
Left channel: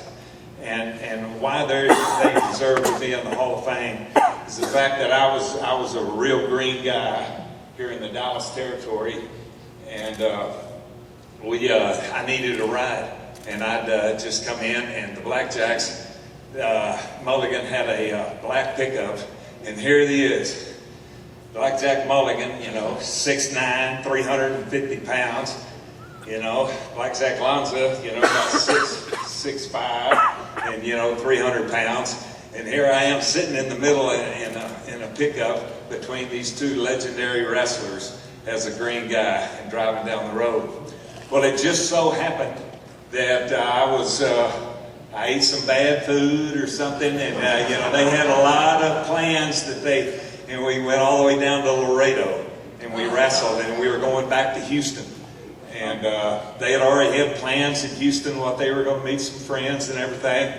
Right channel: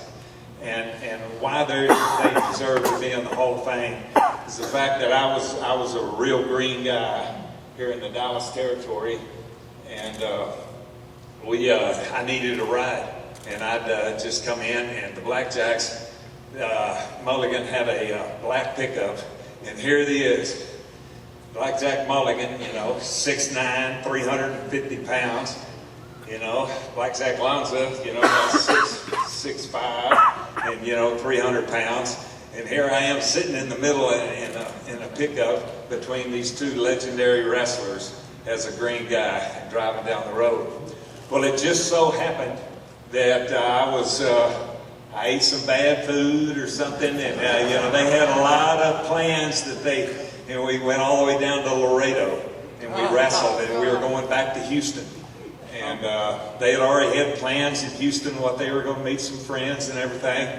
and why they deserve to be in the Hall of Fame is the fact that I was a real green guy here in the Dallas territory, and I needed a ride, and I'd just come in, and the BlackJacks, Mulligan had a black pickup, and here it is. BlackJack Mulligan, you know, 6'9", 350 pounds. You know, BlackJack Lanza, you know, about 6'5", and, you know, 300 pounds. And here I am sitting in the middle in a pickup between these two legendary wrestlers as a green guy and driving down the road. Well, it just so happened that I ate some bad food or something, and, you know, they had a lot of plans that they and we went all the way down to Laredo, and we wrestled, and we were going back to Houston. And they had already had plans in Houston, what they were going to meet some friends and everything.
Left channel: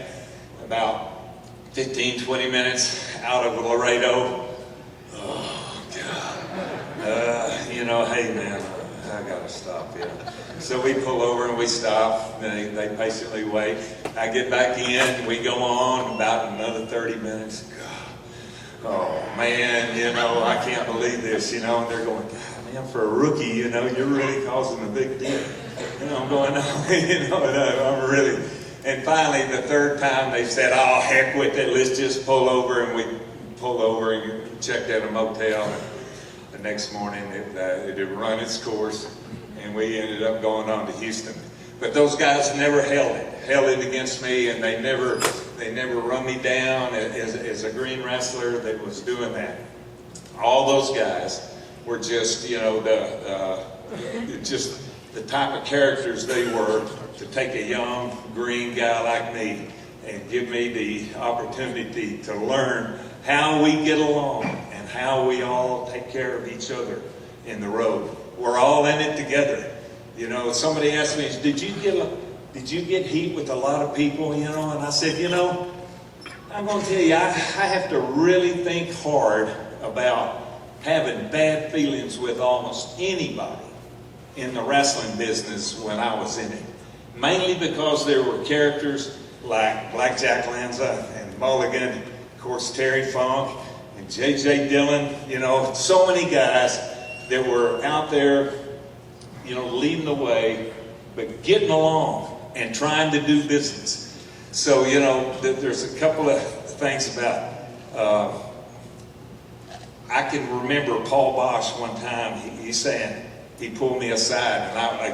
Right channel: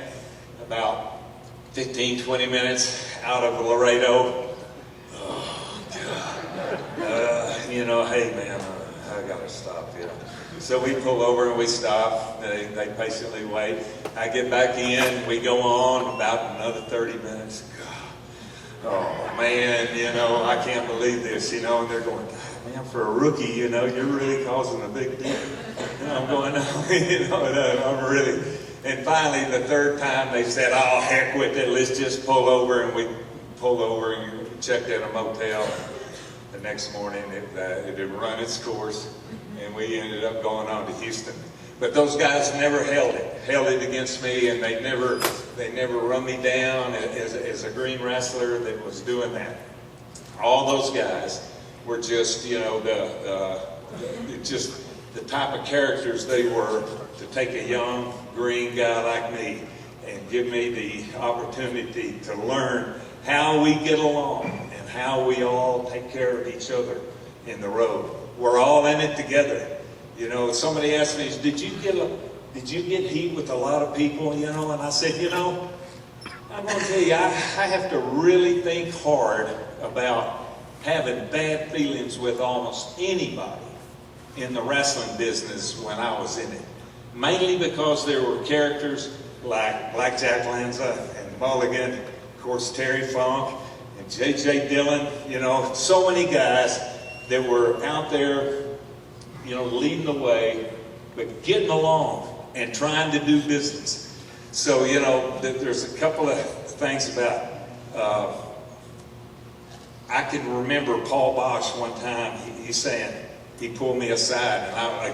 About 15, 20 minutes out of Laredo. Oh, God. You know, hey, man, I got to stop, you know. So we pull over and we stop. They patiently wait. I get back in. We go on about another 30 minutes. God. Oh, man, you know, I can't believe this, you know. And they're going, God, man, for a rookie, you know, you're really causing a big deal. And I'm going, no, you know, I'm really... And finally, the third time, they said, oh, heck with it, let's just pull over. And we pulled over and checked in a motel. And the next morning, it had run its course, and we ended up going on to Houston. But those guys never held it against me, and they never run me down as a green wrestler that was doing that. All those guys were just, you know, just the type of characters they were to take a young green guy like me and give me the opportunity to learn how we get along and how we all take care of each other in the road. We're all in it together. You know, somebody asked me, did you get heat with a lot of people, you know? And I said, you know, I'm going to tell you, I have to really think hard about having bad feelings with almost anybody in the wrestling business when I was in it. Mainly because there were characters like BlackJack Lanza and Mulligan, of course Terry Funk and J.J. Dillon, you know, so many guys that were out there, you know, leading the way, but getting along and trying to do business. So, you know, there's a couple of things about, I can remember Paul Bosch one time, he's saying, he pulled me aside,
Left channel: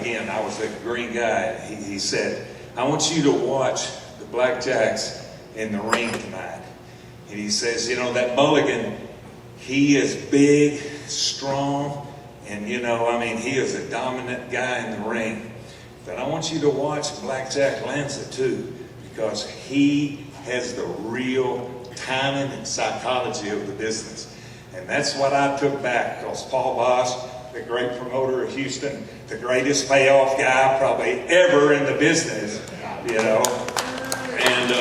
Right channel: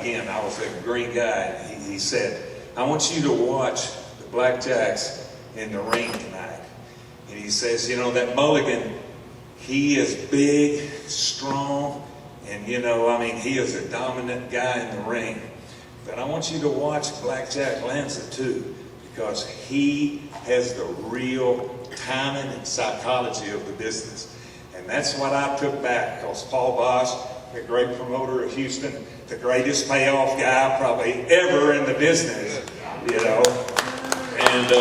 and I was a green guy. He said, I want you to watch the BlackJacks in the ring tonight. And he says, you know, that Mulligan, he is big, strong, and, you know, I mean, he is a dominant guy in the ring. But I want you to watch BlackJack Lanza, too, because he has the real timing and psychology of the business. And that's what I took back, because Paul Bosch, the great promoter of Houston, the greatest payoff guy probably ever in the business, you know. And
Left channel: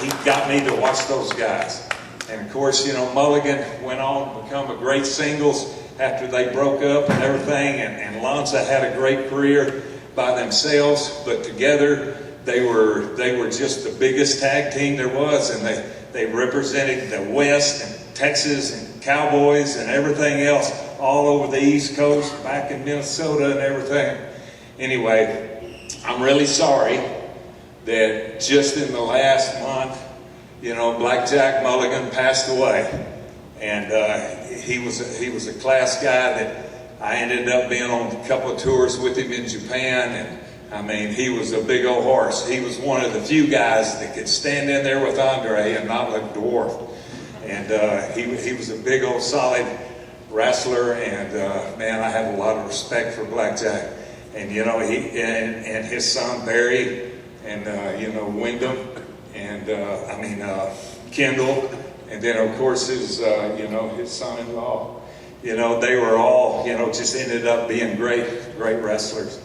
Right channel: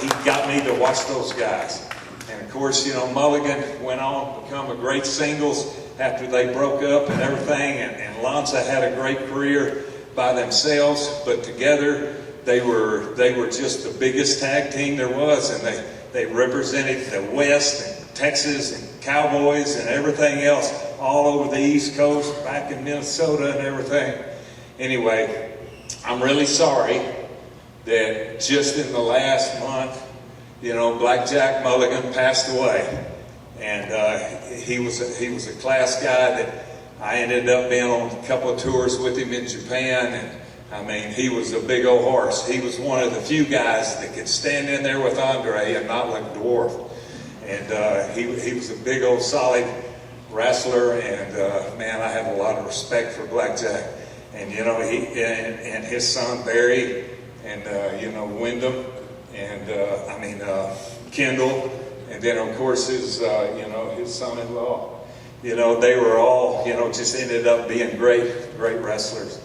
he got me to watch those guys. And of course, you know, Mulligan went on to become a great singles after they broke up and everything. And Lanza had a great career by themselves, but together they were just the biggest tag team there was, and they represented the West and Texas and Cowboys and everything else all over the East Coast, back in Minnesota and everything. Anyway, I'm really sorry that just in the last month, you know, BlackJack Mulligan passed away. And he was a class guy that I ended up being on a couple of tours with him in Japan. And I mean, he was a big old horse. He was one of the few guys that could stand in there with Andre and not look dwarfed. And he was a big old solid wrestler, and man, I have a lot of respect for BlackJack. And you know, he and his son Barry, and you know, Wyndham, and Kendall, and then of course his you know, his son-in-law. You know, they were all, you know, just ended up being great wrestlers.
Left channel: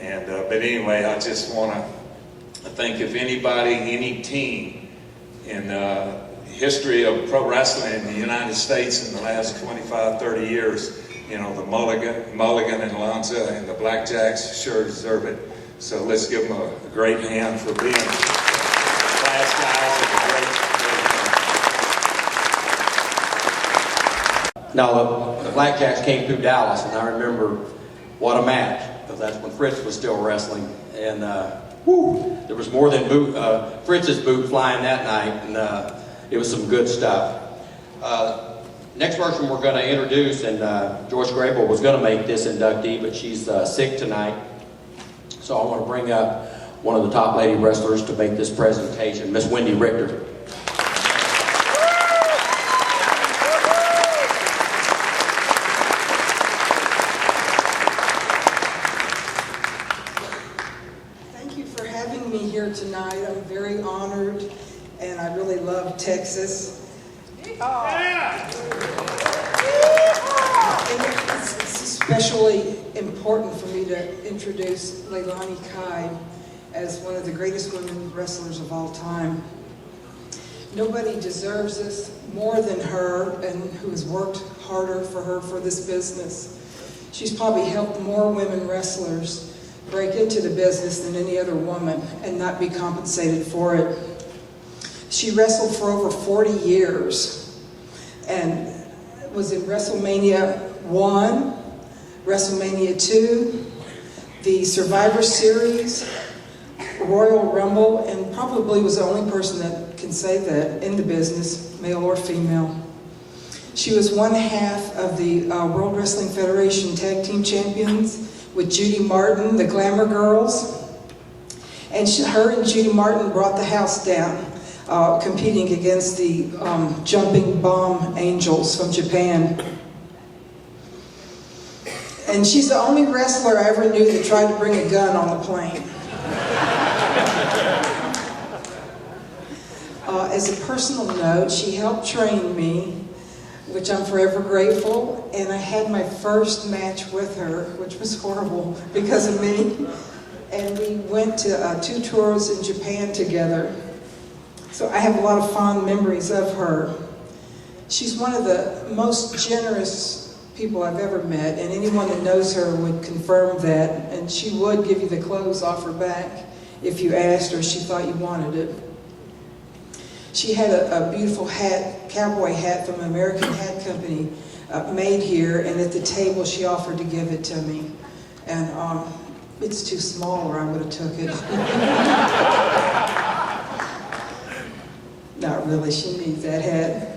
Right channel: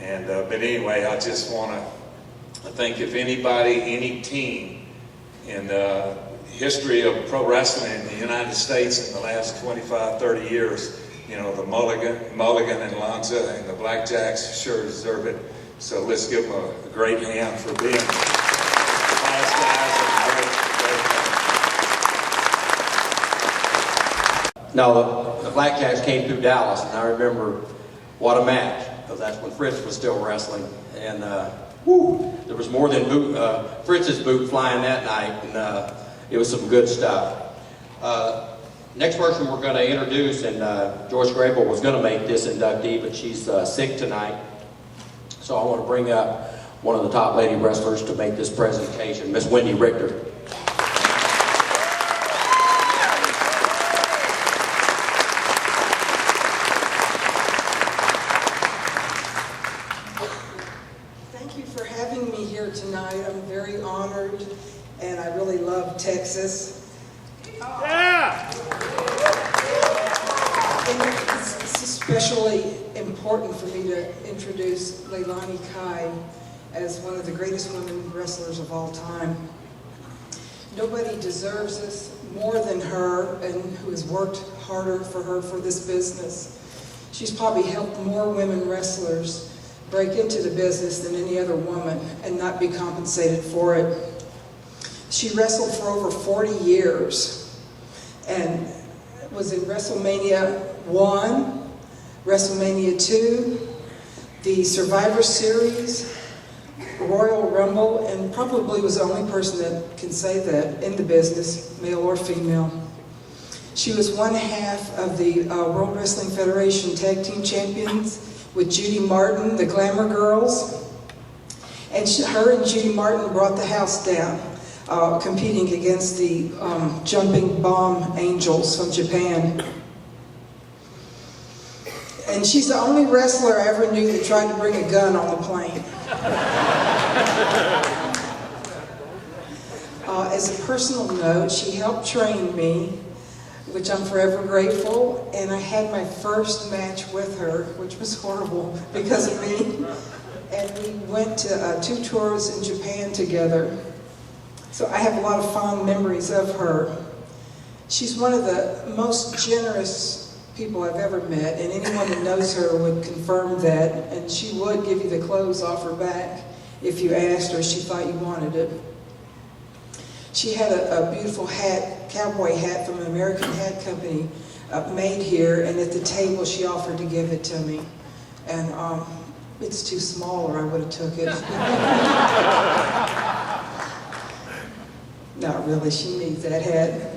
And but anyway, I just want to think, if anybody, any team in history of pro wrestling in the United States in the last 25, 30 years, you know, the Mulligan and Lanza and the BlackJacks sure deserve it. So let's give them a great hand for being class guys and great. No, the BlackJacks came through Dallas, and I remember what a match, because that's when Fritz was still wrestling. And there was more than Fritz's boot flying that night, and it was some good stuff. Next person we're going to introduce, and Joyce Grable was going to make this inductee, but she's sick tonight. So I want to bring up one of the top lady wrestlers to make this presentation, Miss Wendy Richter. Thank you for having me here tonight. I'm very honored, and I really love Texas. especially important for me to introduce Leilani Kai as one of the greatest women wrestlers of all time. Nobody deserves this more than her, and who has worked harder for her for this business. She's probably helped more women wrestlers break into the business than any other woman and not be compensated for it. She wrestled for over 40 years and was in WrestleMania 1, WrestleMania 2, the Survivor Series, Royal Rumble, and probably was the only person that can say that in the business, male or female. She was one half of the World Wrestling Federation Tag Team Champions with Judy Martin, the Glamour Girls. And her and Judy Martin brought the house down, competing against the Jumping Bomb Angels from Japan. And she's the only wrestler I ever knew that tried to bring a gun on the plane. As a personal note, she helped train me, which I'm forever grateful, and I had my first match with her, which was horrible because of me. And we went to 2 tours in Japan together. So I have a lot of fond memories of her. She's one of the most generous people I've ever met, and anyone that knows her would confirm that, and she would give you the clothes off her back if you asked her, she thought you wanted it. She had a beautiful hat, cowboy hat from an American hat company made here, and at the table she offered to give it to me. And it's too small or I would have took it. Not really, she needs that hat.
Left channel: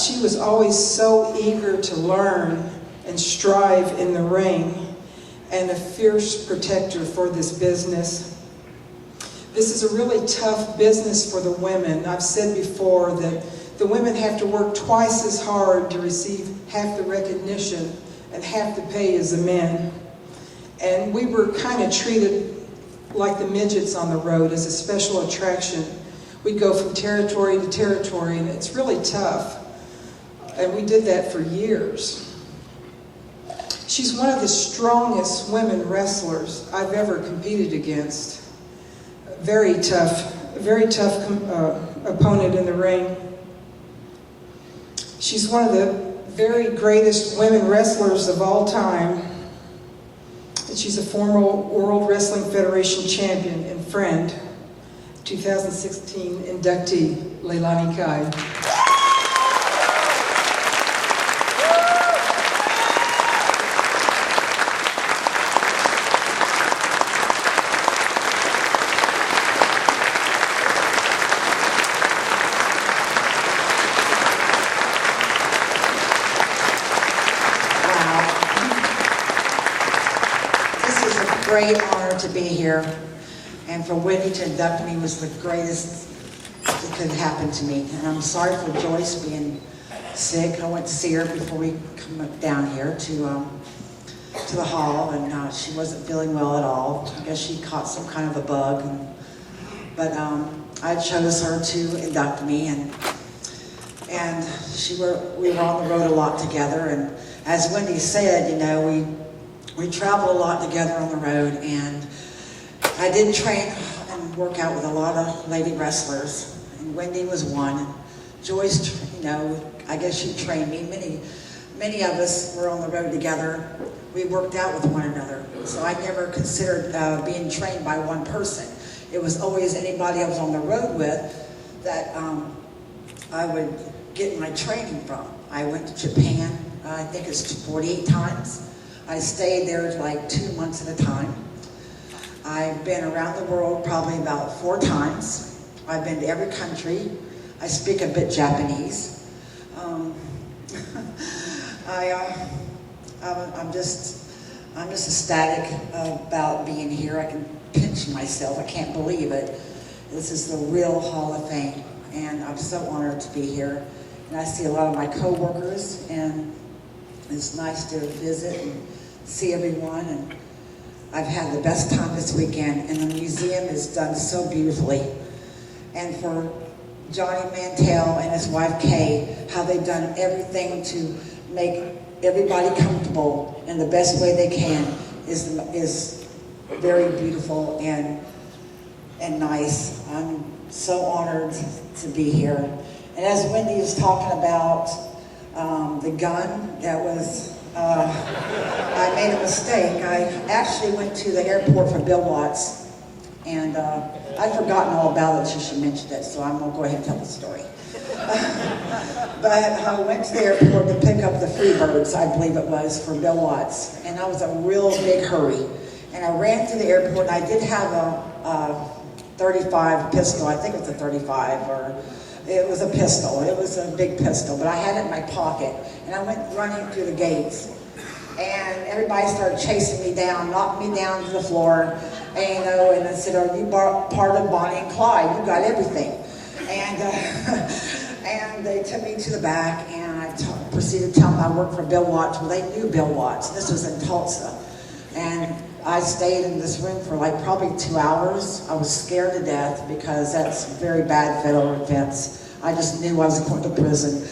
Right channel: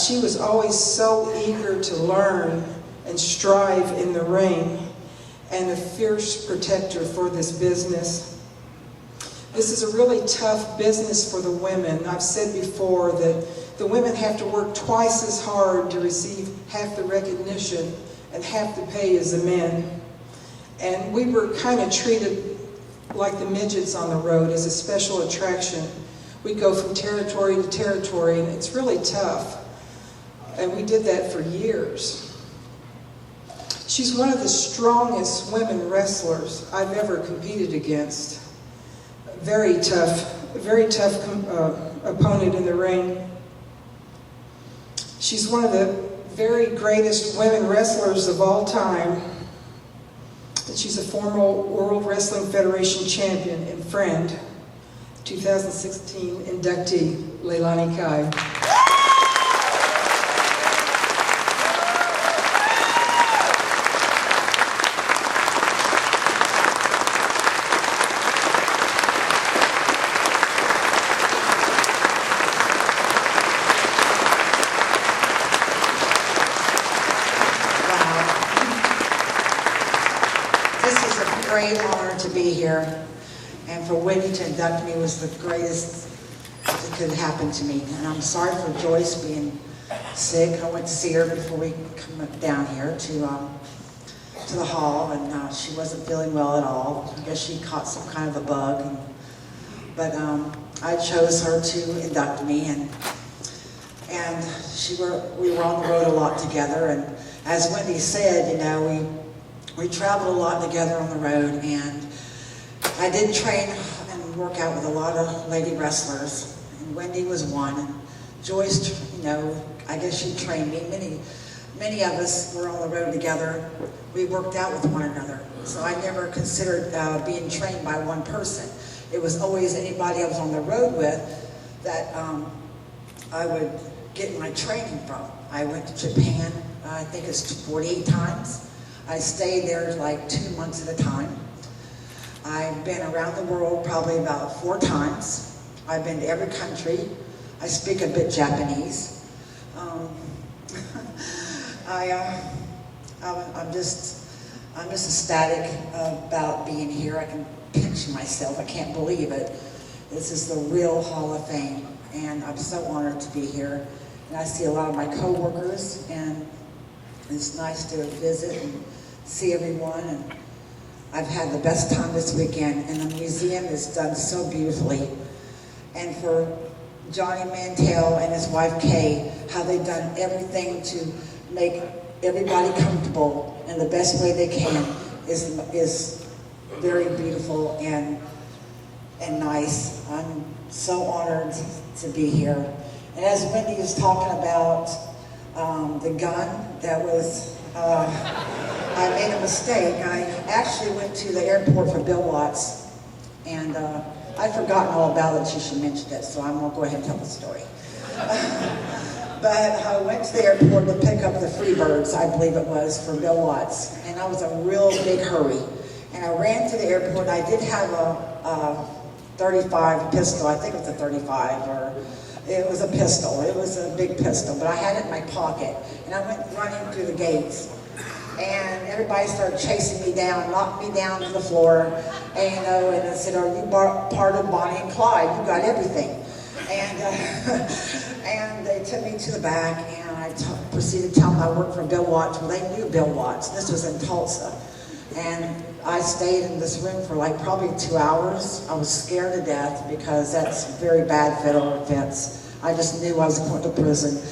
She was always so eager to learn and strive in the ring, and a fierce protector for this business. This is a really tough business for the women. I've said before that the women have to work twice as hard to receive half the recognition and half the pay as the men. And we were kind of treated like the midgets on the road, as a special attraction. We'd go from territory to territory, and it's really tough. And we did that for years. She's one of the strongest women wrestlers I've ever competed against. Very tough opponent in the ring. She's one of the very greatest women wrestlers of all time. And she's a former World Wrestling Federation champion and friend. 2016 inductee, Leilani Kai. Great honor to be here, and for Wendy to induct me was the greatest that could happen to me. And I'm sorry for Joyce being sick. I went to see her before we come down here to the hall, and she wasn't feeling well at all. I guess she caught some kind of a bug, but I chose her to induct me, and we were on the road a lot together. And as Wendy said, you know, we traveled a lot together on the road, and I did train and work out with a lot of lady wrestlers, and Wendy was one, and Joyce, you know, I guess she trained me. Many of us were on the road together. We worked out with one another, so I never considered being trained by one person. It was always anybody I was on the road with that I would get my training from. I went to Japan, I think it's 48 times. I stayed there like 2 months at a time. I've been around the world probably about 4 times. I've been to every country. I speak a bit Japanese. I'm just ecstatic about being here. I can pinch myself. I can't believe it. This is the real Hall of Fame, and I'm so honored to be here. And I see a lot of my co-workers, and it's nice to visit and see everyone, and I've had the best time this weekend, and the museum is done so beautifully. And for Johnny Mantell and his wife Kay, how they've done everything to make everybody comfortable in the best way they can is very beautiful and nice. I'm so honored to be here. And as Wendy was talking about the gun, that was, I made a mistake. I actually went to the airport for Bill Watts, and I'd forgotten all about it until she mentioned it, so I'm gonna go ahead and tell the story. But I went to the airport to pick up the Freebirds, I believe it was, for Bill Watts, and I was a real big hurry. And I ran through the airport, and I did have a 35 pistol. I think it was a 35, or it was a pistol. It was a big pistol, but I had it in my pocket. And I went running through the gates, and everybody started chasing me down, knocked me down to the floor, and they said, "Are you part of Bonnie and Clyde? You got everything." And and they took me to the back, and I proceeded to tell them I worked for Bill Watts. Well, they knew Bill Watts. This was in Tulsa. And I stayed in this room for like probably 2 hours. I was scared to death because that's very bad federal offense. I just knew I was going to prison.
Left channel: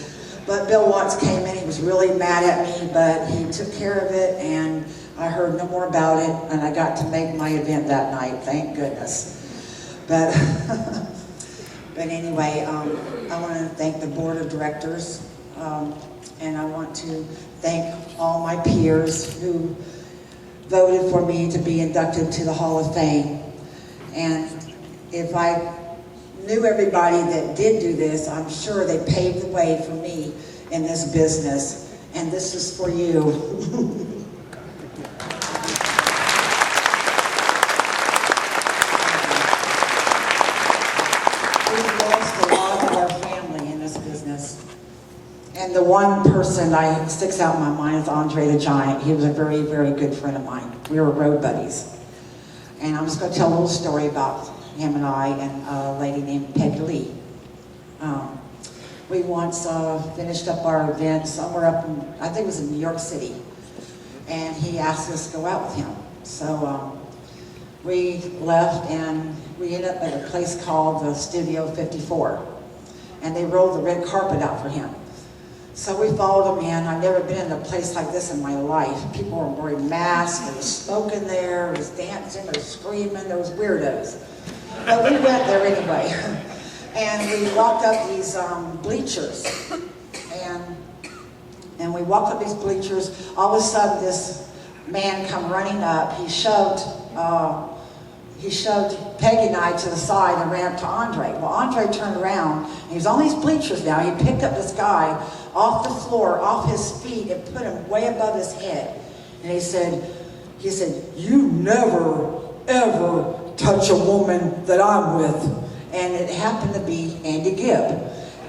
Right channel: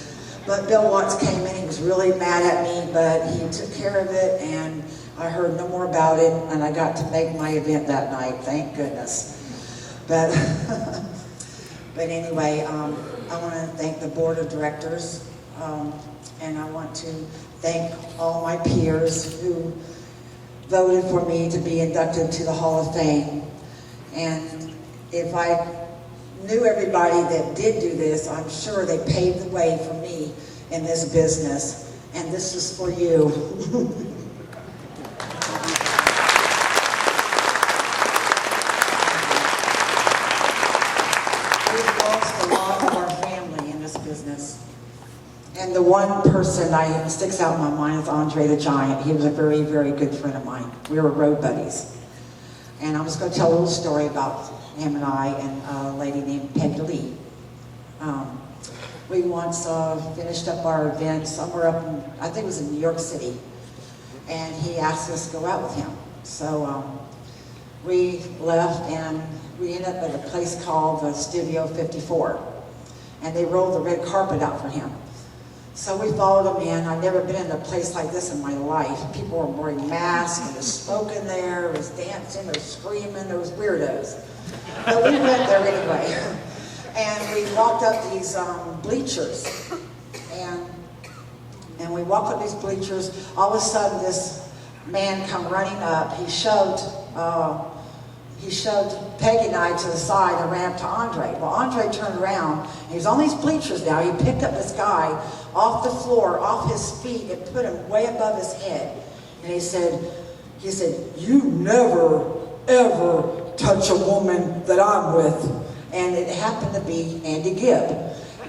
But Bill Watts came in. He was really mad at me, but he took care of it, and I heard no more about it, and I got to make my event that night. Thank goodness. But but anyway, I want to thank the board of directors, and I want to thank all my peers who voted for me to be inducted to the Hall of Fame. And if I knew everybody that did do this, I'm sure they paved the way for me in this business. And this is for you. We've lost a lot of our family in this business. And the one person that sticks out in my mind is Andre the Giant. He was a very, very good friend of mine. We were road buddies. And I'm just going to tell a little story about him and I and a lady named Peggy Lee. We once finished up our event somewhere up in, I think it was in New York City. And he asked us to go out with him. So we left, and we ended up at a place called the Studio 54. And they rolled the red carpet out for him. So we followed him in. I've never been in a place like this in my life. People were wearing masks, there was smoke in there, there was dancing, there was screaming, there was weirdos. But we went there anyway. And we walked up these bleachers. And we walked up these bleachers. All of a sudden, this man come running up. He shoved Peggy and I to the side and ran up to Andre. Well, Andre turned around, and he was on these bleachers now. He picked up this guy off the floor, off his feet, and put him way above his head. And he said, "You never, ever touch a woman that I'm with." And it happened to be Andy Gibb.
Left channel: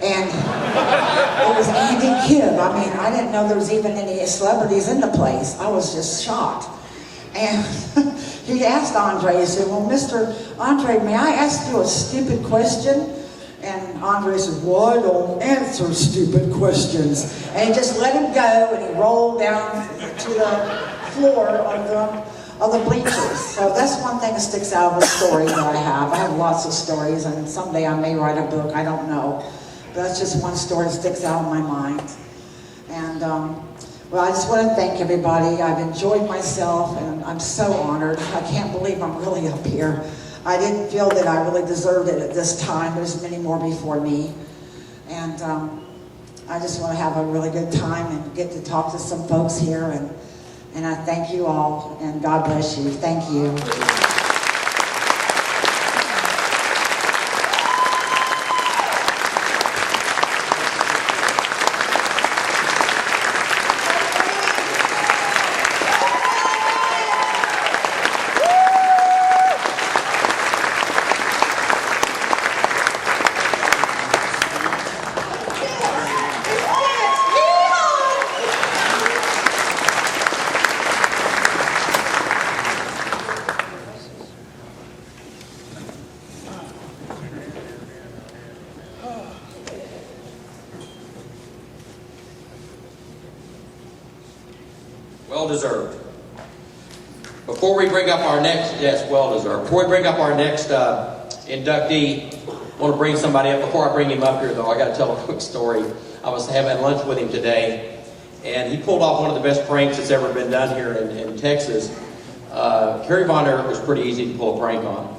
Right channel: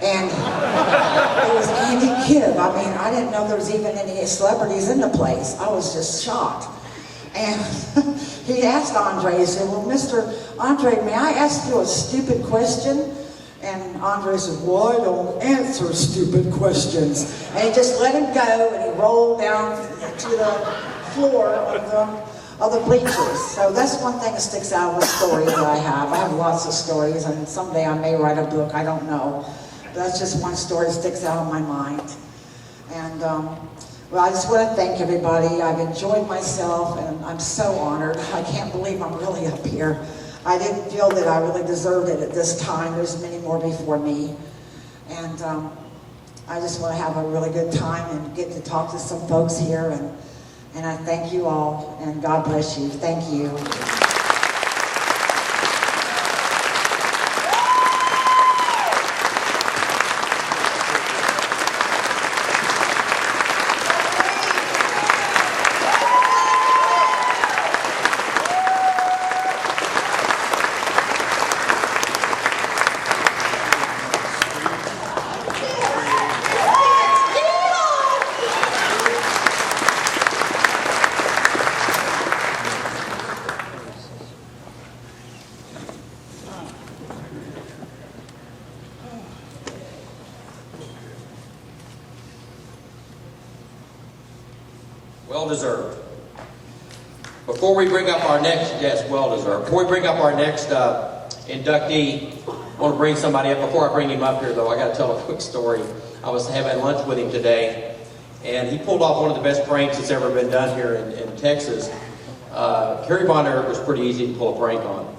And it was Andy Gibb. I mean, I didn't know there was even any celebrities in the place. I was just shocked. And he asked Andre, he said, "Well, Mr. Andre, may I ask you a stupid question?" And Andre said, "Well, I don't answer stupid questions." And he just let him go, and he rolled down to the floor of the bleachers. So that's one thing that sticks out of the story that I have. I have lots of stories, and someday I may write a book, I don't know. But that's just one story that sticks out in my mind. And well, I just want to thank everybody. I've enjoyed myself, and I'm so honored. I can't believe I'm really up here. I didn't feel that I really deserved it at this time. There's many more before me. And I just want to have a really good time and get to talk to some folks here. And I thank you all, and God bless you. Thank you. Well deserved. Before we bring up our next, yes, well deserved. Before we bring up our next inductee, I want to bring somebody up. Before I bring him up here, though, I got to tell a quick story. I was having lunch with him today, And he pulled off one of the best pranks that's ever been done here in Texas. Kerry Von Erich was pretty easy to pull a prank on.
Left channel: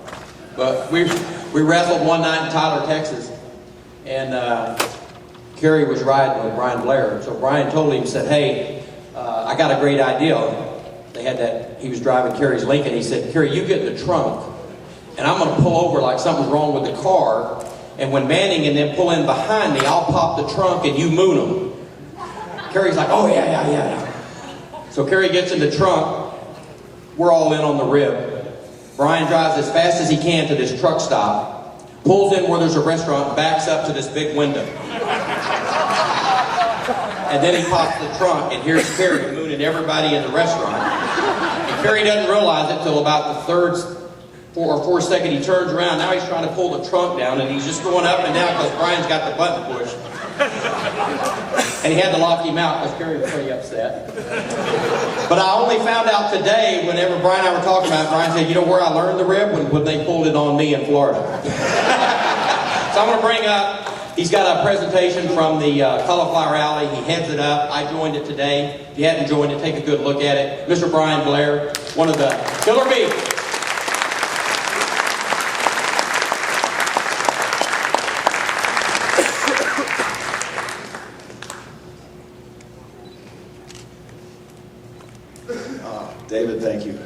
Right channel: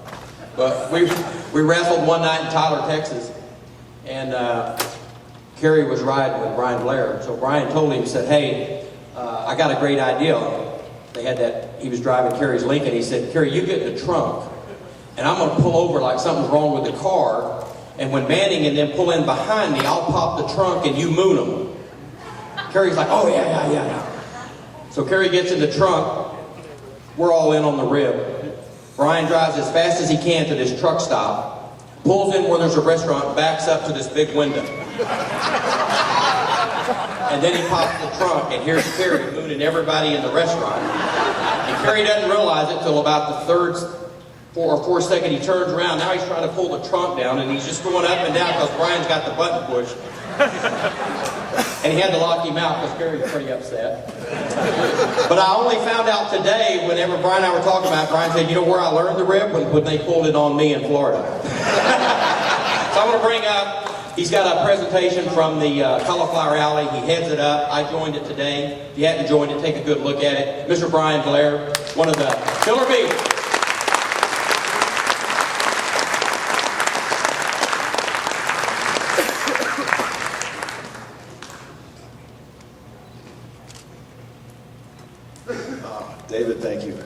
But we wrestled one night in Tyler, Texas, and Kerry was riding with Brian Blair. So Brian told him, he said, hey, I got a great idea. He was driving Kerry's Lincoln. He said, Kerry, you get in the trunk, and I'm going to pull over like something's wrong with the car, and when Manning and them pull in behind me, I'll pop the trunk and you moon them. Kerry's like, oh, yeah. So Kerry gets in the trunk. We're all in on the rib. Brian drives as fast as he can to this truck stop, pulls in where there's a restaurant, backs up to this big window. And then he pops the trunk, and here's Kerry mooning everybody in the restaurant. And Kerry doesn't realize it till about the third or fourth second he turns around. Now he's trying to pull the trunk down, and he's just going up and down because Brian's got the button pushed. And he had to lock him out because Kerry was pretty upset. But I only found out today, whenever Brian and I were talking about it, Brian said, you know where I learned the rib? When they pulled it on me in Florida. So I'm going to bring up, he's got a presentation from the Cauliflower Alley. He heads it up. I joined it today. If you hadn't joined it, take a good look at it. Mr. Brian Blair, one of the killer bees. David, thank you.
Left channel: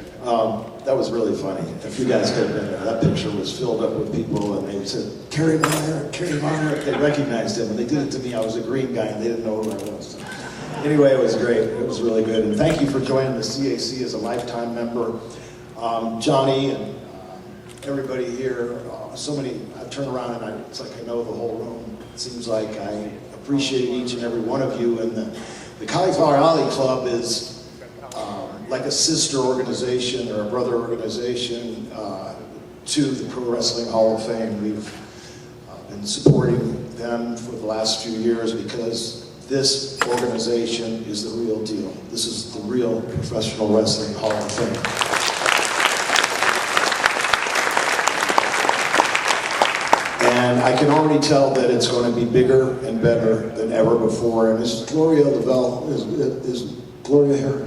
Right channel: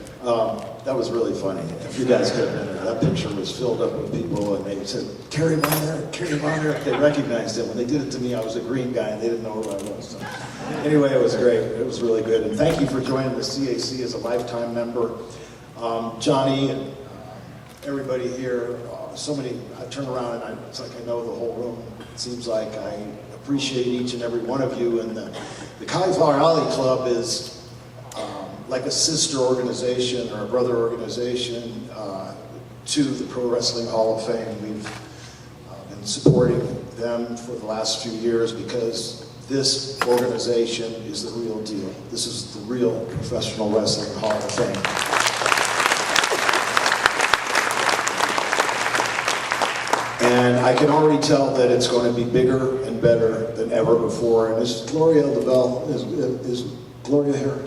That was really funny. If you guys could have been there, that picture was filled up with people, and they said, Kerry Von Erich, Kerry Von Erich. They recognized him. When they did it to me, I was a green guy, and they didn't know who I was. So, anyway, it was great. It was really good. And thank you for joining the CAC as a lifetime member. Johnny and everybody here, so many, I turn around and it's like I know the whole room. It seems like I appreciate each and every one of you. And the Cauliflower Alley Club is like a sister organization or a brother organization to the Pro Wrestling Hall of Fame. We've been supporting them for the last few years because this organization is the real deal. This is the real Professional Wrestling Hall of Fame. And I can already tell that it's going to be bigger and better than ever before. And is Gloria Lavelle, is Gloria here?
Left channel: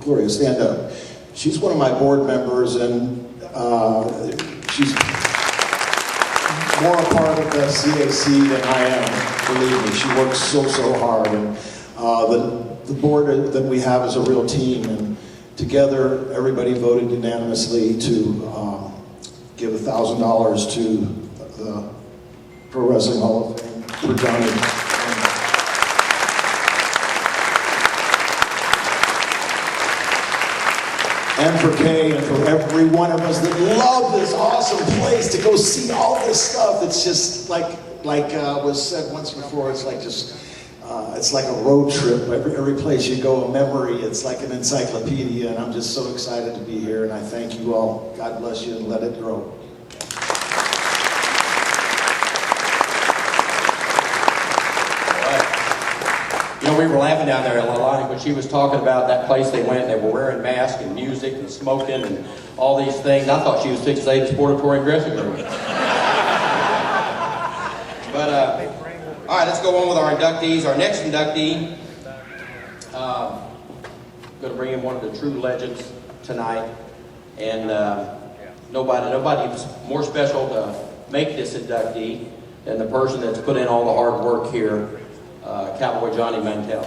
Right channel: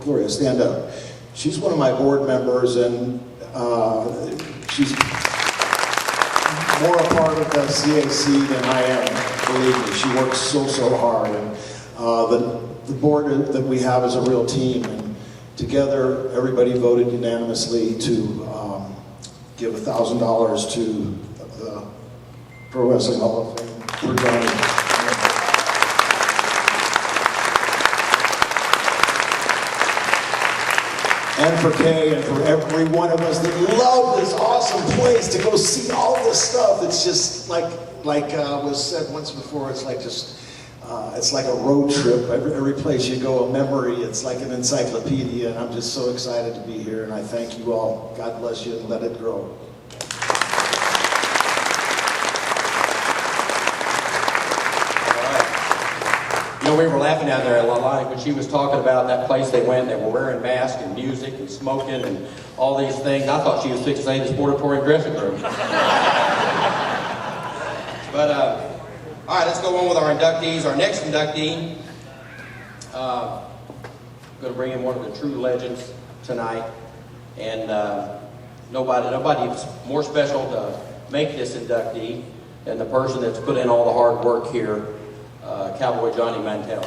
Gloria, stand up. She's one of my board members, and she's more a part of the CAC than I am, believe me. She works so hard, and the board that we have is a real team, and together everybody voted unanimously to give $1,000 to the Pro Wrestling Hall of Fame for Johnny. And for Kay and for every one of us that love this awesome place to go see all this stuff. It's just like was said once before, it's like just, it's like a road trip. Every place you go, a memory. It's like an encyclopedia, and I'm just so excited to be here, and I thank you all. God bless you, and let it grow. You know, we were laughing down there at Leilani when she was talking about that place they went, and they were wearing masks and music and smoking and all these things. I thought she was fixing to say the sportatorium dressing room. But, all right, let's go on with our inductees. Our next inductee, I'm going to bring in one of the true legends tonight. And nobody's more special to make this inductee than the person that's put in all the hard work here, Cowboy Johnny Mantell.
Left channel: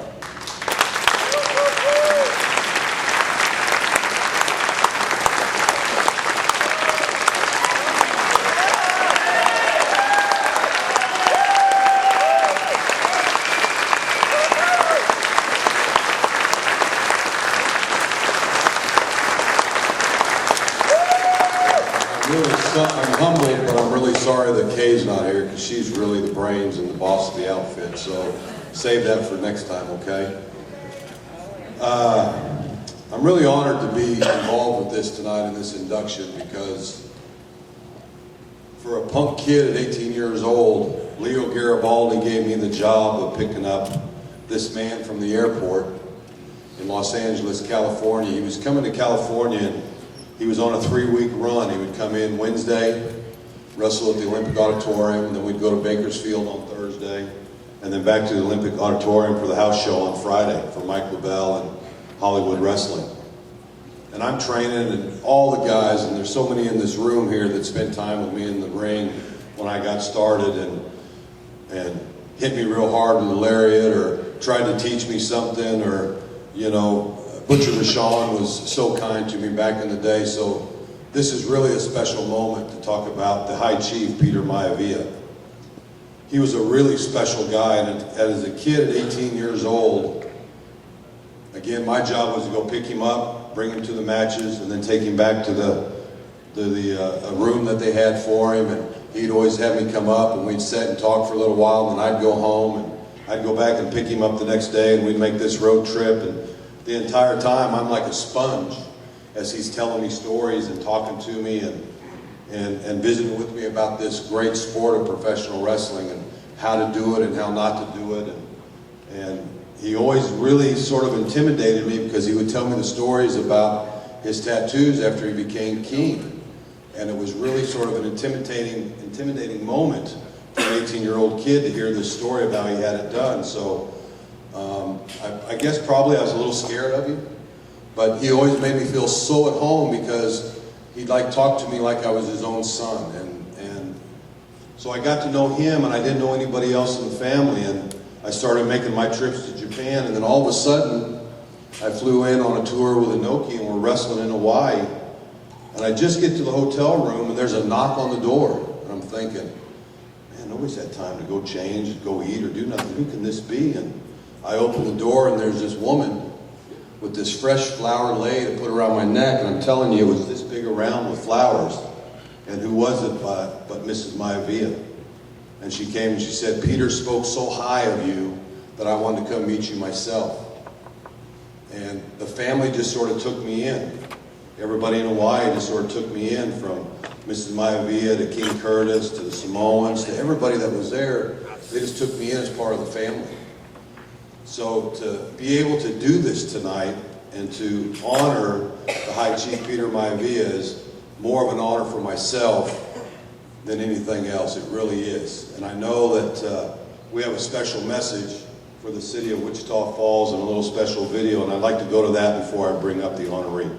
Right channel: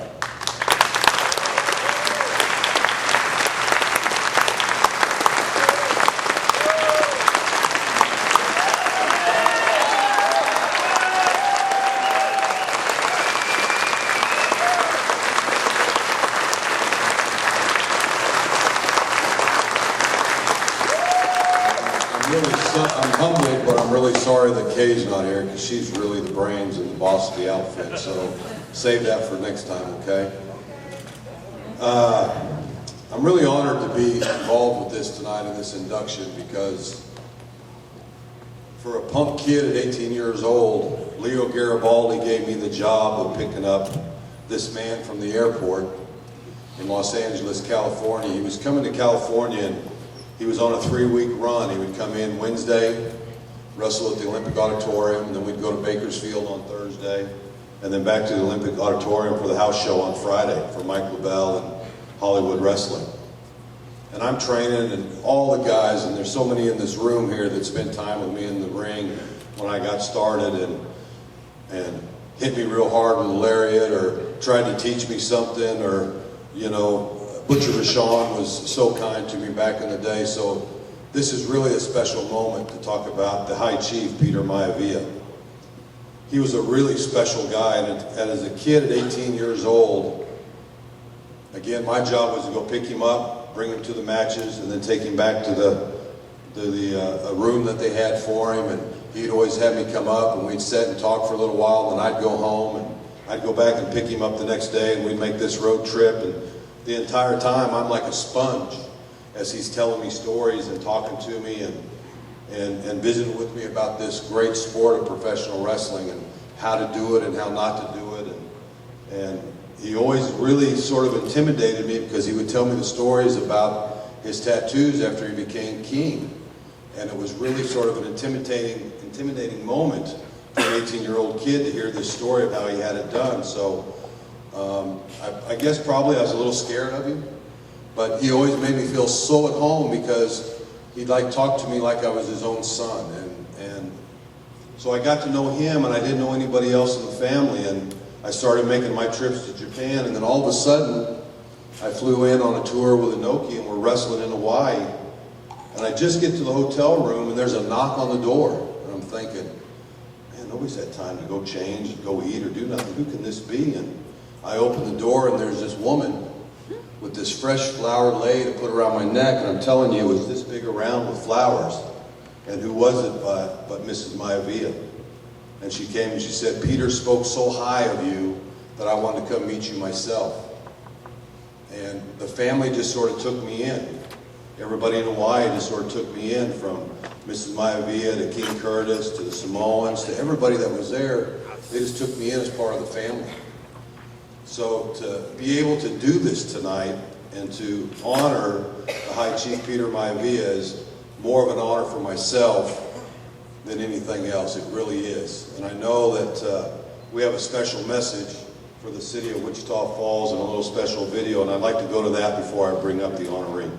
I'm humbled, but I'm really sorry that Kay's not here because she's really the brains and the boss of the outfit. So save that for next time, okay? I'm really honored to be involved with this tonight in this induction because for a punk kid at 18 years old, Leo Garibaldi gave me the job of picking up this man from the airport in Los Angeles, California. He was coming to California and he was on a 3-week run. He would come in Wednesday, wrestle at the Olympic Auditorium, and then we'd go to Bakersfield on Thursday, and and then back to the Olympic Auditorium for the house show on Friday for Mike LaBelle and Hollywood Wrestling. And I'm training, and all the guys, and there's so many in this room here that spent time with me in the ring when I got started and hit me real hard with a lariat or tried to teach me something, or, you know, Butcher Vachon was so kind to me back in the day. So this is really a special moment to talk about the High Chief, Peter Maivia. He was a really special guy, and as a kid at 18 years old, again, my job was to go pick him up, bring him to the matches, and then take him back to the room that they had for him. And he'd always have me come up, and we'd sit and talk for a little while, and then I'd go home, and I'd go back and pick him up the next day, and we'd make this road trip. And the entire time, I'm like a sponge as he's telling me stories and talking to me and visiting with me about this great sport of professional wrestling and how to do it and how not to do it. And he always really sort of intimidated me because he would tell me the stories about his tattoos after he became king. And it was really sort of an intimidating moment for an 18-year-old kid to hear this story of how he had it done. So I guess probably I was a little scared of him, but he always made me feel so at home because he'd like talk to me like I was his own son. And so I got to know him, and I didn't know anybody else in the family, and I started making my trips to Japan, and then all of a sudden I flew in on a tour with Inoki, and we're wrestling in Hawaii, and I just get to the hotel room and there's a knock on the door, and I'm thinking, man, nobody's had time to go change, go eat, or do nothing. Who can this be? And I open the door, and there's this woman with this fresh flower lei to put around my neck, and I'm telling you, it was this big around with flowers. And who was it but Mrs. Maivia? And she came and she said, Peter spoke so high of you that I wanted to come meet you myself. And the family just sort of took me in. Everybody in Hawaii just sort of took me in, from Mrs. Maivia to King Curtis to the Samoans to everybody that was there. They just took me in as part of the family. So to be able to do this tonight and to honor the High Chief Peter Maivia is more of an honor for myself than anything else. It really is. And I know that we have a special message for the city of Wichita Falls and a little special video, and I'd like to go to that before I bring up the honoree.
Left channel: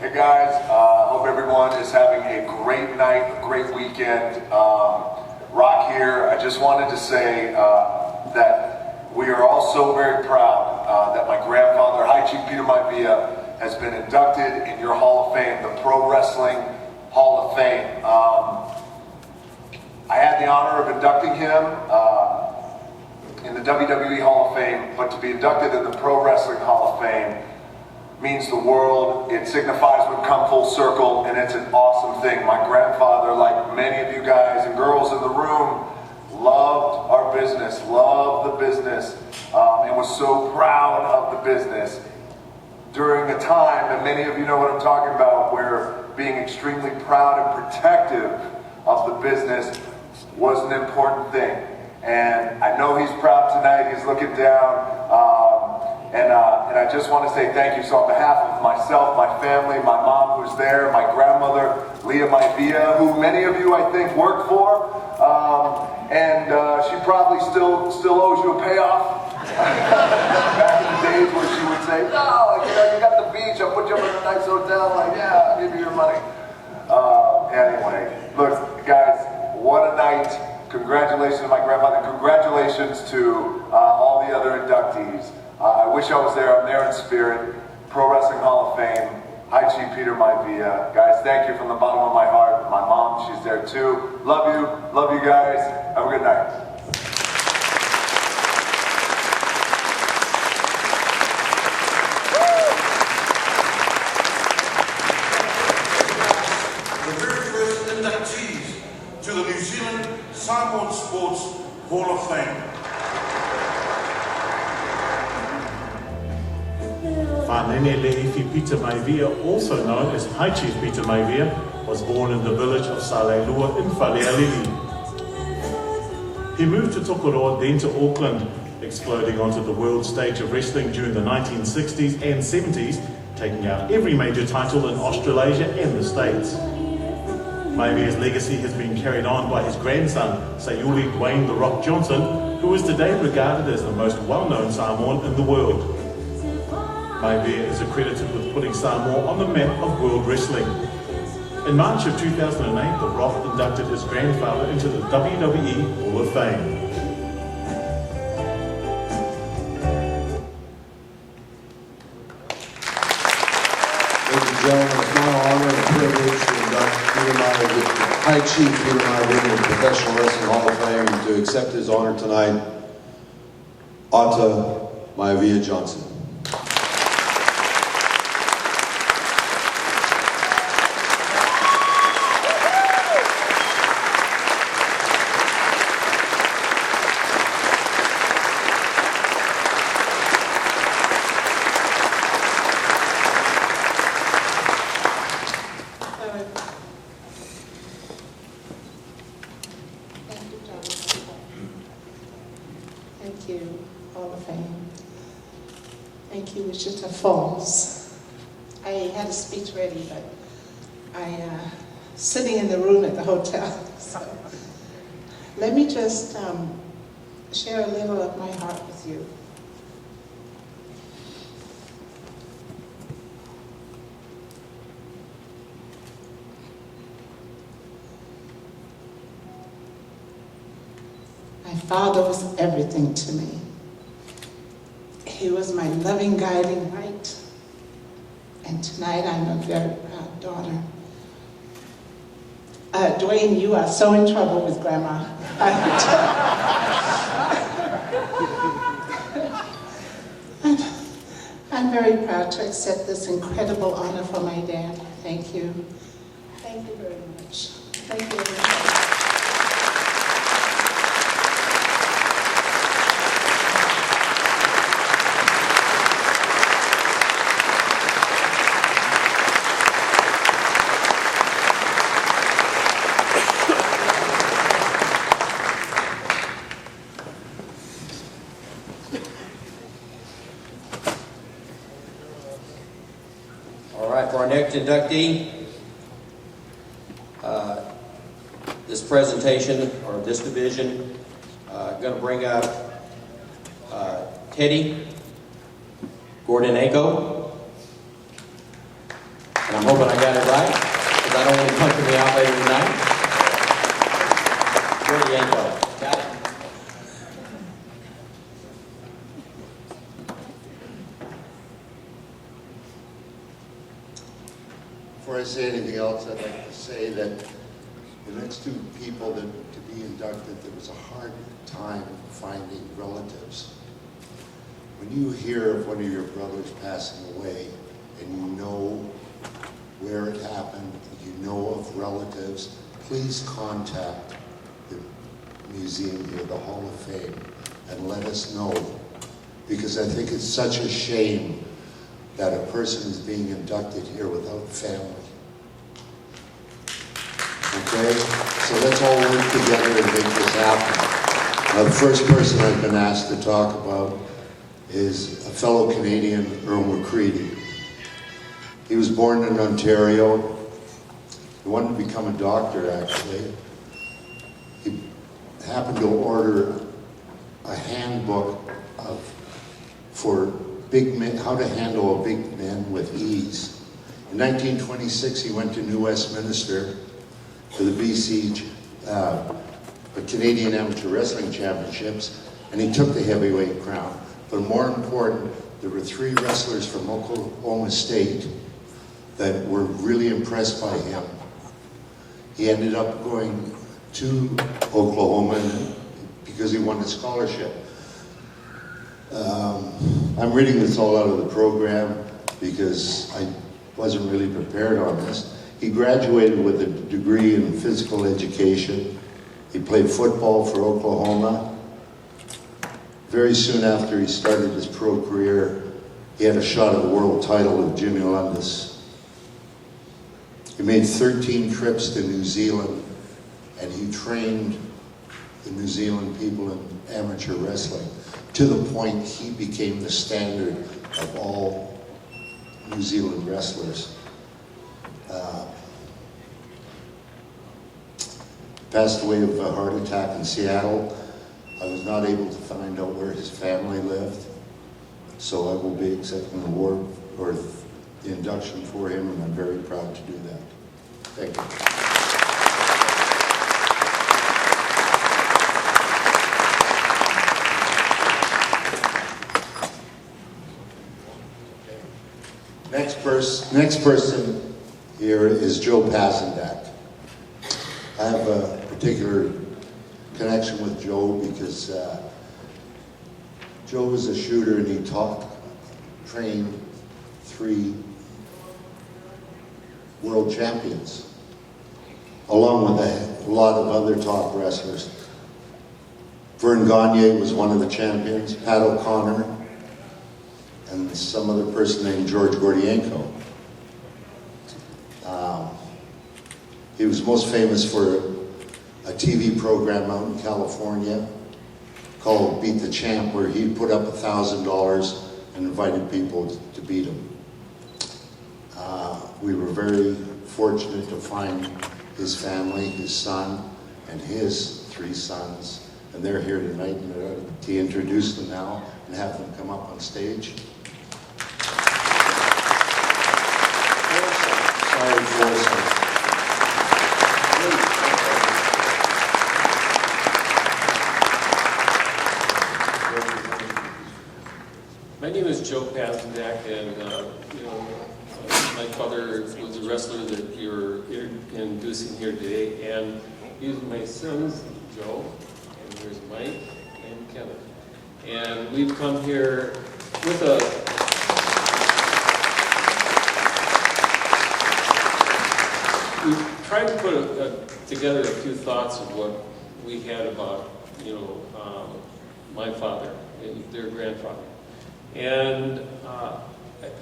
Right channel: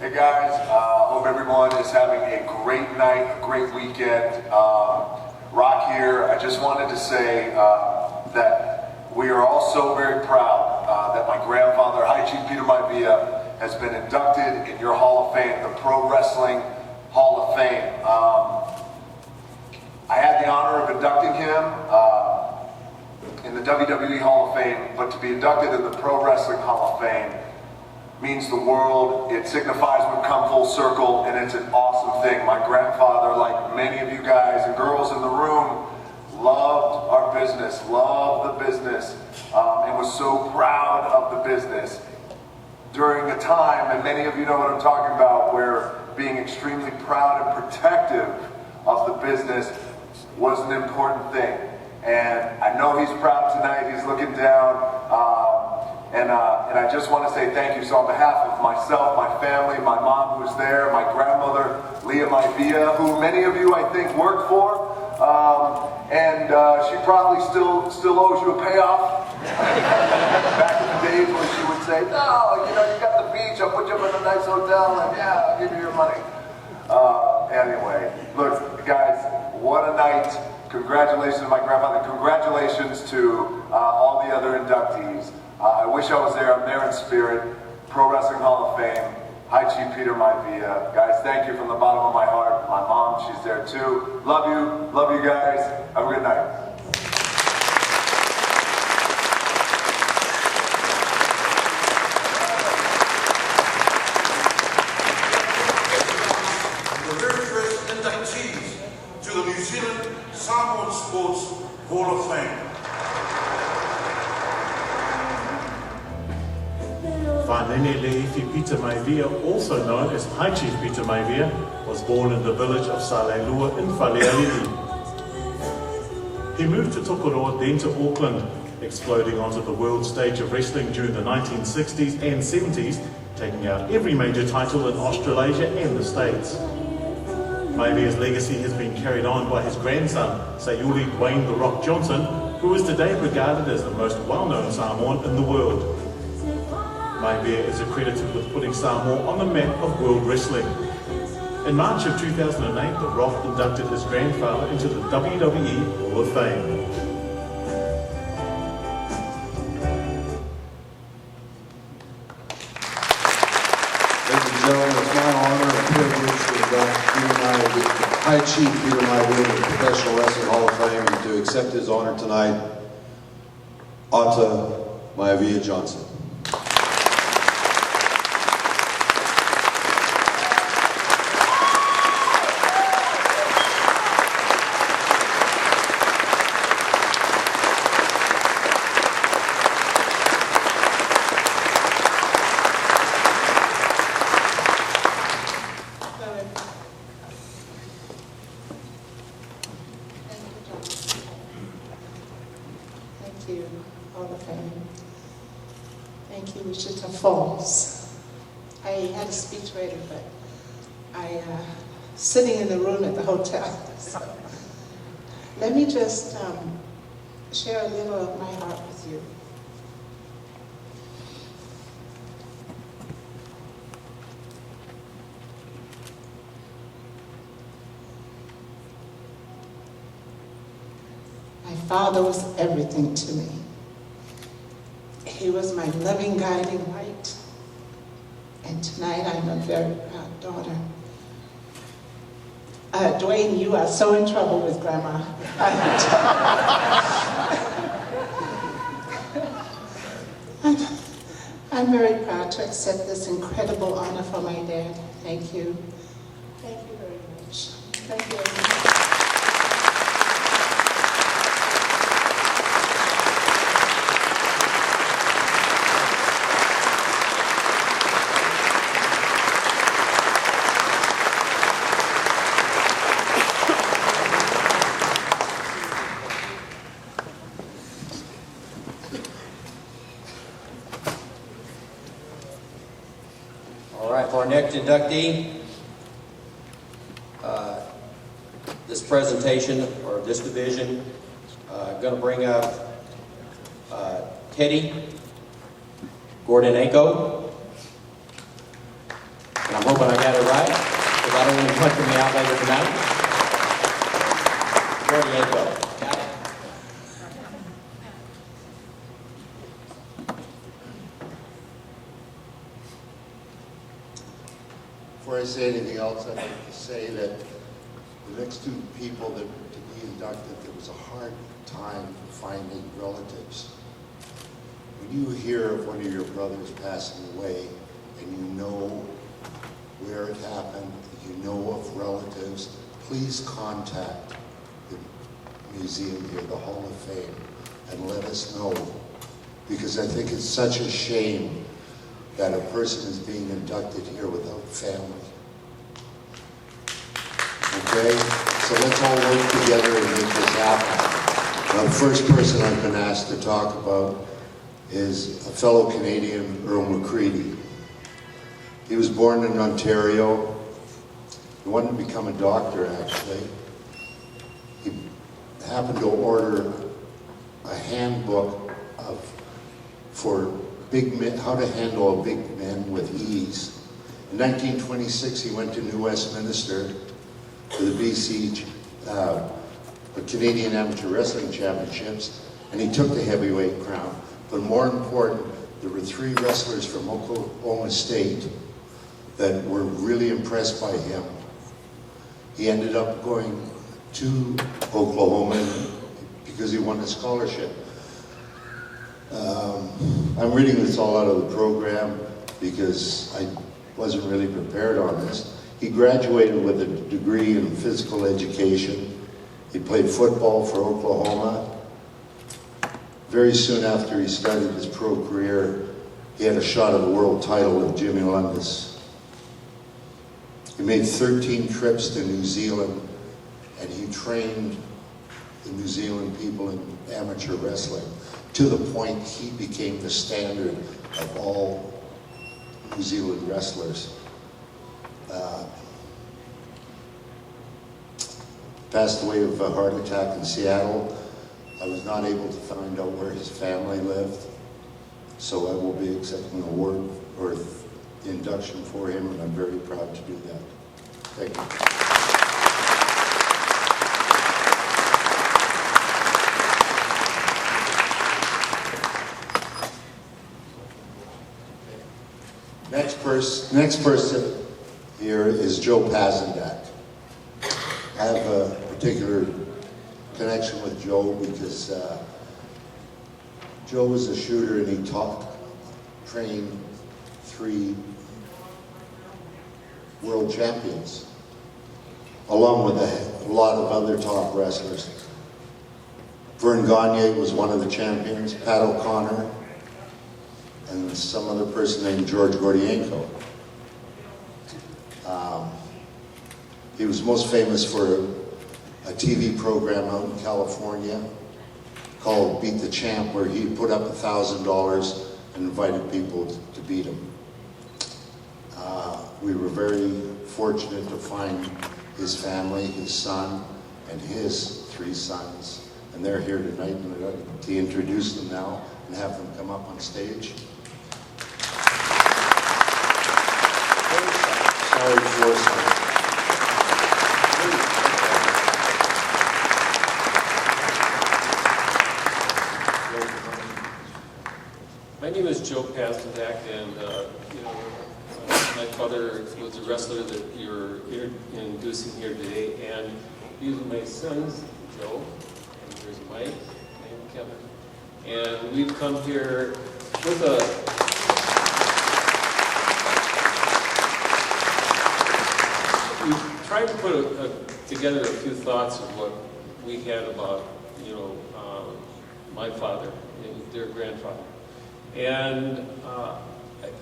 Hey guys, hope everyone is having a great night, a great weekend. Rock here. I just wanted to say that we are all so very proud that my grandfather, High Chief Peter Maivia, has been inducted in your Hall of Fame, the Pro Wrestling Hall of Fame. I had the honor of inducting him in the WWE Hall of Fame, but to be inducted in the Pro Wrestling Hall of Fame means the world. It signifies we've come full circle, and it's an awesome thing. My grandfather, like many of you guys and girls in the room, loved our business, loved the business, and was so proud of the business during a time, and many of you know what I'm talking about, where being extremely proud and protective of the business was an important thing. And I know he's proud tonight. He's looking down. And I just want to say thank you. So on behalf of myself, my family, my mom who's there, my grandmother, Leah Maivia, who many of you I think worked for, and she probably still owes you a payoff. Back in the days where she would say, no, you know, you got the beach, I'll put you up in a nice hotel, like, yeah, I'll give you your money. Anyway, look, guys, what a night. Congratulations to my grandfather. Congratulations to all the other inductees. I wish I was there. I'm there in spirit. Pro Wrestling Hall of Fame, High Chief Peter Maivia. Guys, thank you from the bottom of my heart. My mom, she's there too. Love you guys. Have a good night. The very first inductees to the New Zealand Samoan Sports Hall of Fame. Whanene Leifi Peter Maivia, also known as High Chief Peter Maivia, was born in the village of Salelua in Whalealili. He moved to Tokoroa, then to Auckland, exploding onto the world stage of wrestling during the 1960s and 70s, taking out every major title in Australasia and the States. Maivia's legacy has been carried on by his grandson, Sayuli Dwayne "The Rock" Johnson, who is today regarded as the most well-known Samoan in the world. Maivia is accredited with putting Samoa on the map of world wrestling. In March of 2008, The Rock inducted his grandfather into the WWE Hall of Fame. Ladies and gentlemen, it's my honor and privilege to induct High Chief Peter Maivia into the Professional Wrestling Hall of Fame, and to accept his honor tonight, Ata Maivia Johnson. Thank you, Hall of Fame. Thank you, Wichita Falls. I had a speech ready, but I sitting in the room at the hotel. So let me just share a little of my heart with you. My father was everything to me. He was my loving, guiding light. And tonight I'm a very proud daughter. Dwayne, you are so in trouble with Grandma. I'm very proud to accept this incredible honor from my dad. Thank you. Thank you very much. Thank you very much. For our next inductee, this presentation, or this division, going to bring up Teddy Gordonenko. And I'm hoping I got it right, because I don't want him punching me out later tonight. Gordonenko, got it? Before I say anything else, I'd like to say that the next two people that to be inducted, there was a hard time finding relatives. When you hear of one of your brothers passing away and you know where it happened, you know of relatives, please contact the museum here, the Hall of Fame, and let us know. Because I think it's such a shame that a person is being inducted here without family. Okay? So let's all work together and make this happen. Now, the first person I've been asked to talk about is a fellow Canadian, Earl McCready. He was born in Ontario. He wanted to become a doctor, actually. He happened to order a handbook for big men, how to handle a big man with ease. In 1926, he went to New Westminster for the BC or Canadian Amateur Wrestling Championships, and he took the heavyweight crown. But more important, there were 3 wrestlers from Oklahoma State that were really impressed by him. He ended up going to Oklahoma because he won a scholarship. I'm reading this all out of the program because I wasn't really prepared on this. He graduated with a degree in physical education. He played football for Oklahoma. Very soon after he started his pro career, he had a shot at the world title with Jimmy Lundis. He made 13 trips to New Zealand, and he trained the New Zealand people in amateur wrestling, to the point he became the standard of all New Zealand wrestlers. passed away of a heart attack in Seattle. I was not able to find out where his family lived, so I will be accepting the award or the induction for him, and I'm very proud to do that. Thank you. Next person here is Joe Pazendak. I have a particular connection with Joe because Joe was a shooter and he trained 3 world champions, along with a lot of other top wrestlers. Vern Gagne was one of the champions, Pat O'Connor, and some other person named George Gordienko. He was most famous for a TV program out in California called Beat the Champ, where he put up $1,000 and invited people to beat him. We were very fortunate to find his family, his son, and his 3 sons, and they're here tonight, and I'd like to introduce them now and have them come up on stage. Sorry, 4 sons. My name is Joe Pazendak, and my father was a wrestler that you're introducing here today, and these are my sons, Joe, and there's Mike and Kevin. And we've come here with we've tried to put together a few thoughts of what we had about, my father and their grandfather. And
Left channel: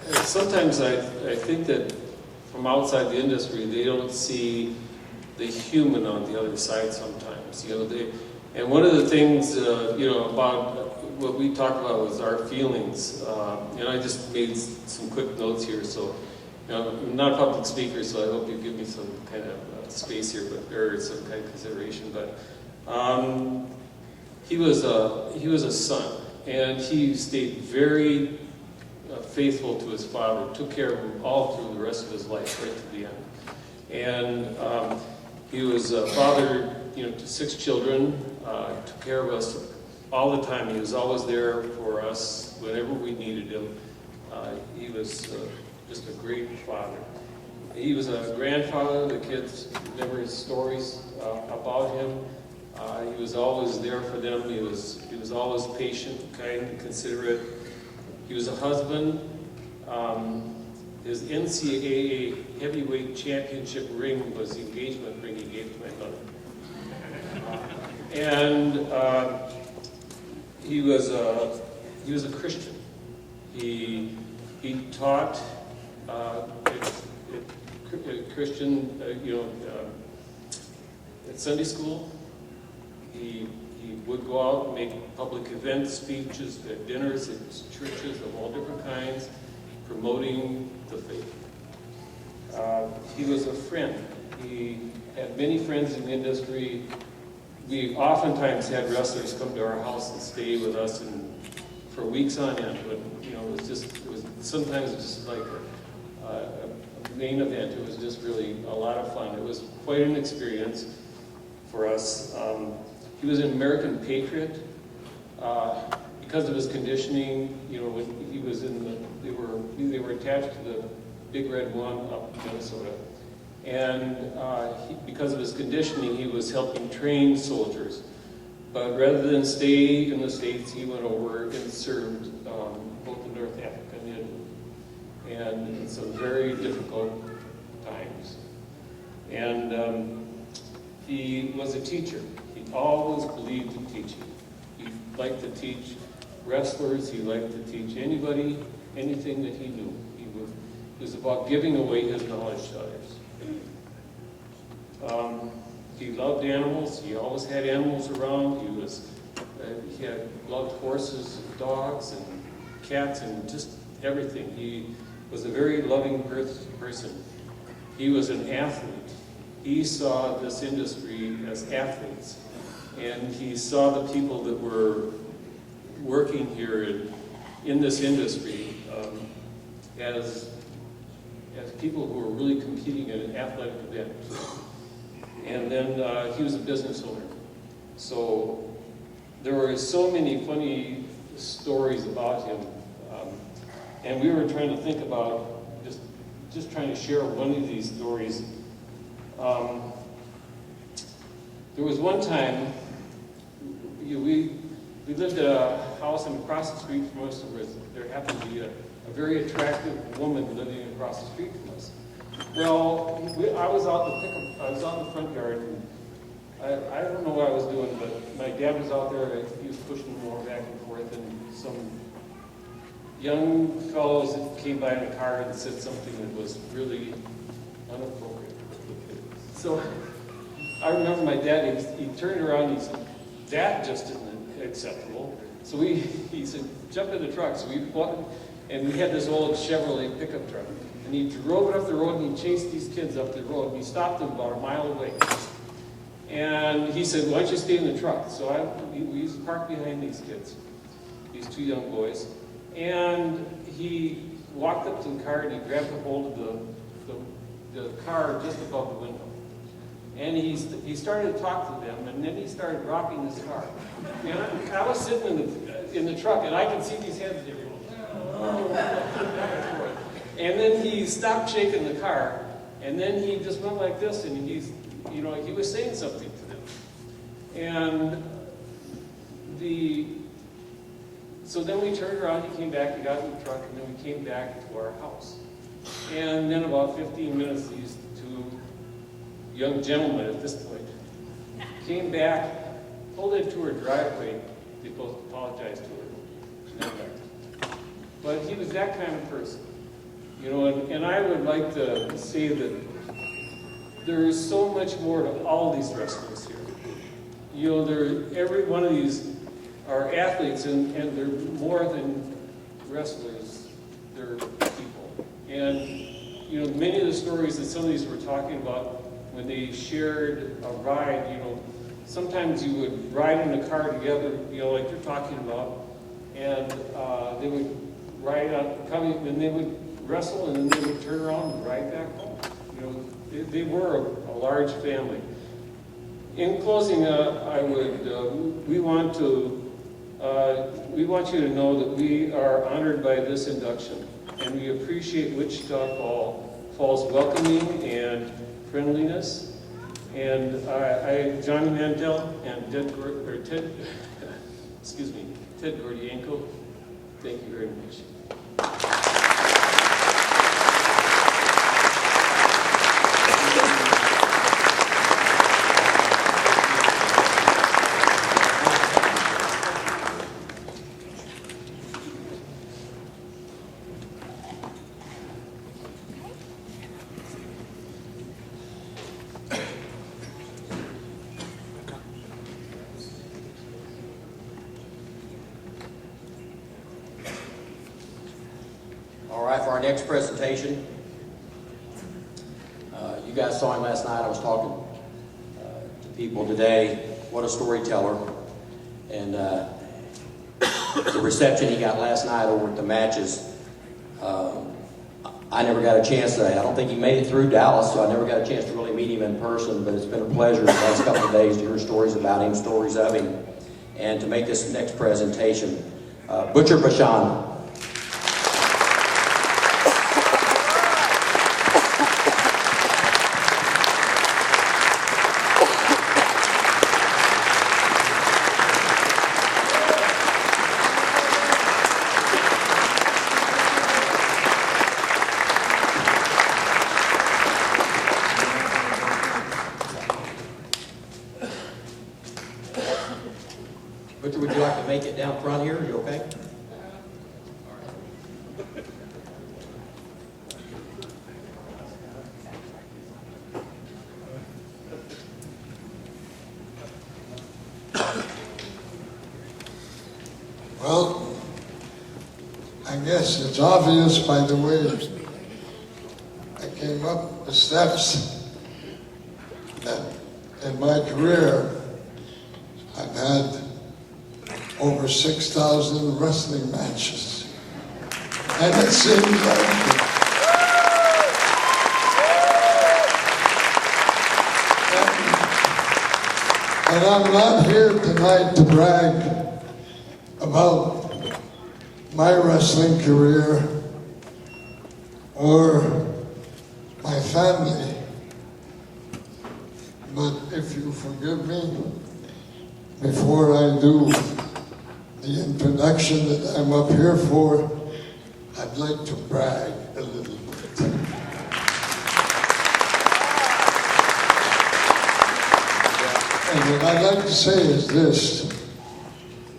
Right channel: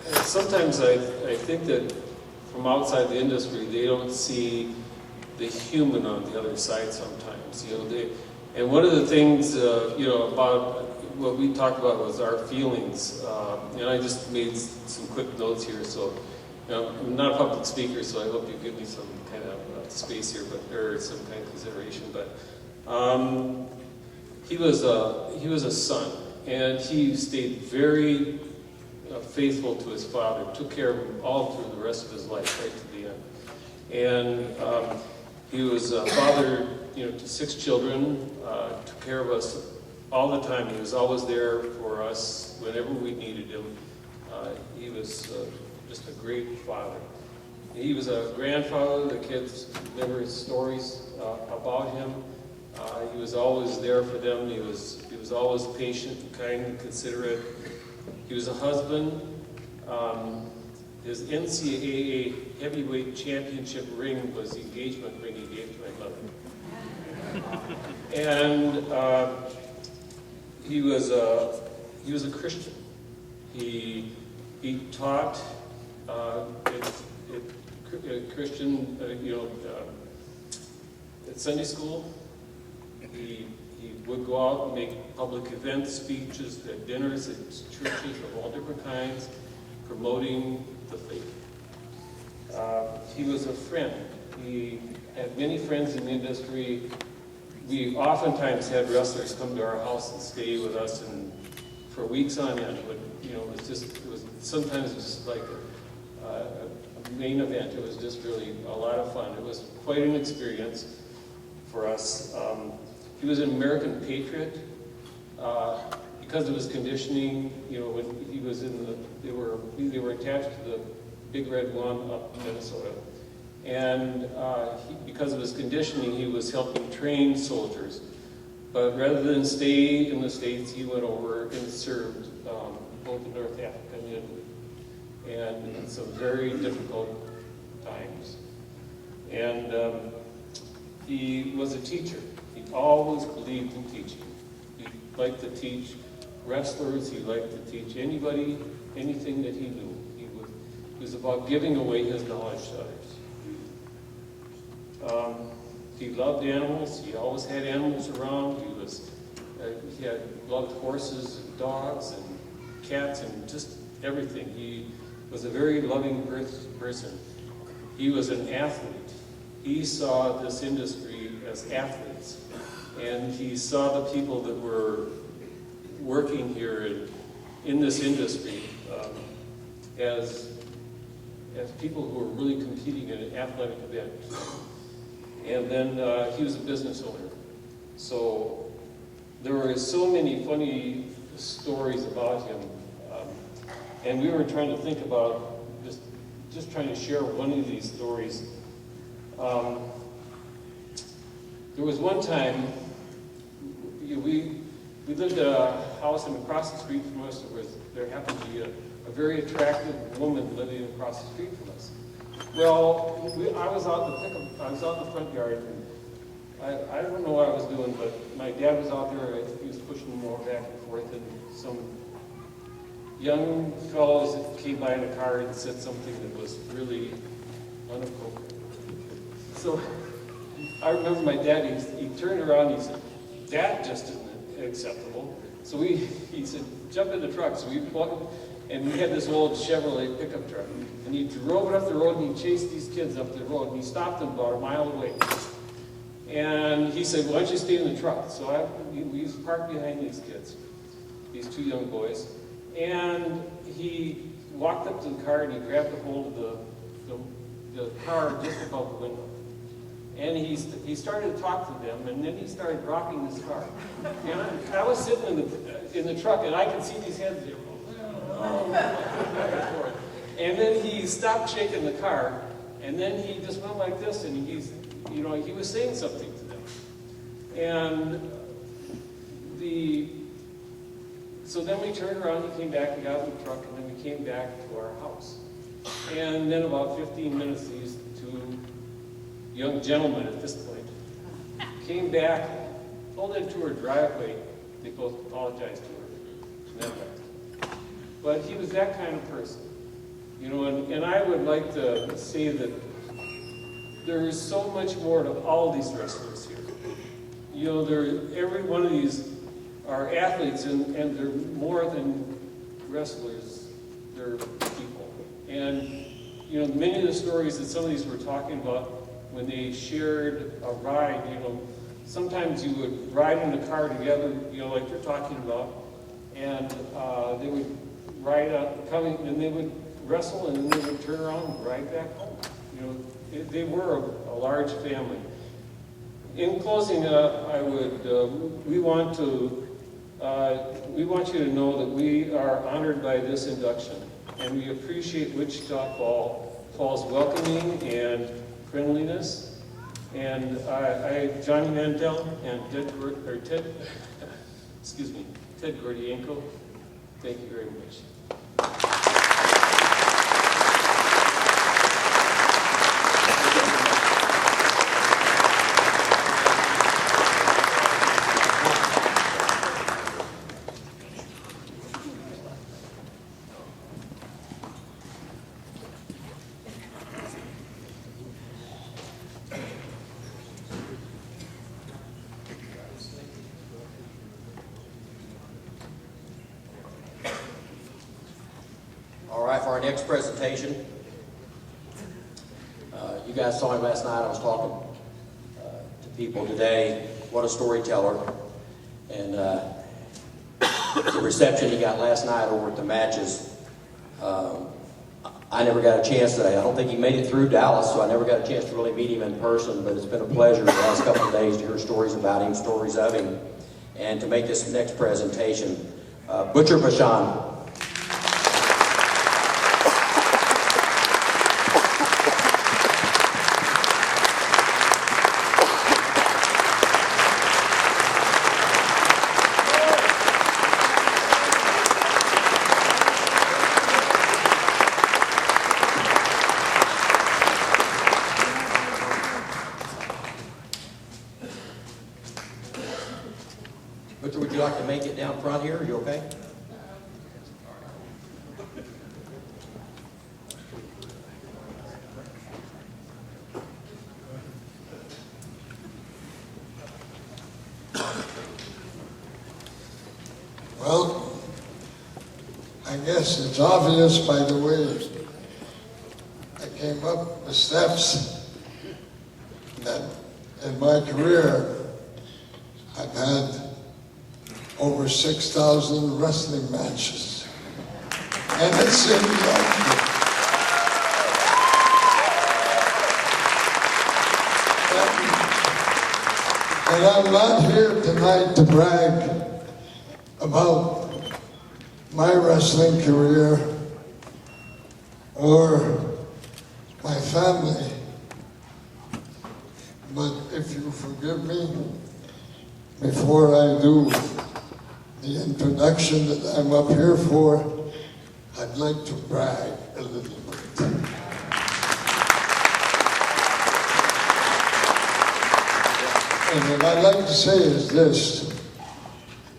sometimes I think that from outside the industry, they don't see the human on the other side sometimes. And one of the things, about what we talked about was our feelings. And I just made some quick notes here. So, I'm not a public speaker, so I hope you give me some kind of space here, or some kind of consideration. But he was a son, and he stayed very faithful to his father, took care of him all through the rest of his life, right to the end. And he was a father, to 6 children, took care of us all the time. He was always there for us whenever we needed him. He was just a great father. He was a grandfather. The kids remember his stories about him. He was always there for them. He was always patient, kind, and considerate. He was a husband. His NCAA heavyweight championship ring was the engagement ring he gave to my mother. And he was a Christian. He taught Christian, at Sunday school. He would go out and make public events, speeches, at dinners, at churches of all different kinds, promoting the faith. He was a friend. He had many friends in the industry. We oftentimes had wrestlers come to our house and stay with us for weeks on end, but sometimes it was just like a main event. It was just really a lot of fun. It was quite an experience for us. He was an American patriot because of his conditioning. When he was they were attached to the Big Red One up in Minnesota, and because of his conditioning, he was helping train soldiers. But rather than stay in the States, he went over and served both in North Africa and in some very difficult times. And he was a teacher. He always believed in teaching. He liked to teach wrestlers. He liked to teach anybody anything that he knew. It was about giving away his knowledge to others. He loved animals. He always had animals around. He loved horses and dogs and cats and just everything. He was a very loving person. He was an athlete. he saw this industry as athletes, and he saw the people that were working here in this industry as people who were really competing in an athletic event. And then he was a business owner. So there were so many funny stories about him. And we were trying to think about just trying to share one of these stories. There was one time, we lived at a house, and across the street from us there happened to be a very attractive woman living across the street from us. Well, I was out in the front yard, and I don't know what I was doing, but my dad was out there. He was pushing more back and forth, and some young fellows that came by in a car and said something that was really inappropriate. So I remember my dad, he turned around and he said, "That just isn't acceptable." So he said, "Jump in the truck." So we bought, and we had this old Chevrolet pickup truck. And he drove it up the road, and he chased these kids up the road, and he stopped them about a mile away. And he said, "Why don't you stay in the truck?" So we parked behind these kids, these two young boys. And he walked up to the car, and he grabbed a hold of the car just above the window. And he started to talk to them, and then he started rocking his car. And I was sitting in the truck, and I could see these heads there going, back and forth. And then he stopped shaking the car, and then he just went like this, and he was saying something to them. And so then we turned around, he came back, he got in the truck, and then we came back to our house. And then about 15 minutes, these two young gentlemen at this point came back, pulled into her driveway. They both apologized to her, and then left. But he was that kind of person. And I would like to say that there is so much more to all these wrestlers here. Every one of these are athletes, and they're more than wrestlers. They're people. And, many of the stories that some of these were talking about when they shared a ride, sometimes you would ride in a car together, like you're talking about, and they would ride out, and they would wrestle, and then they would turn around and ride back home. They were a large family. In closing, we want you to know that we are honored by this induction, and we appreciate Wichita Falls' welcoming and friendliness. And Johnny Mandel and Ted Gordienko, thank you very much. All right, for our next presentation, you guys saw him last night. I was talking to people today. What a storyteller. And the reception he got last night over at the matches, I never got a chance to, I don't think he made it through Dallas, so I never got a chance to really meet him in person, but it's been a pleasure the last couple of days to hear stories about him, stories of him, and to make this next presentation. Butcher Bashan. Butcher, would you like to make it down front here? Are you okay? Well, I guess it's obvious by the way I came up the steps. that in my career, I've had over 6,000 wrestling matches. And it seems like and I'm not here tonight to brag about my wrestling career or my family. But if you forgive me, before I do the introduction that I'm up here for, I'd like to brag a little bit. And what I'd like to say is this,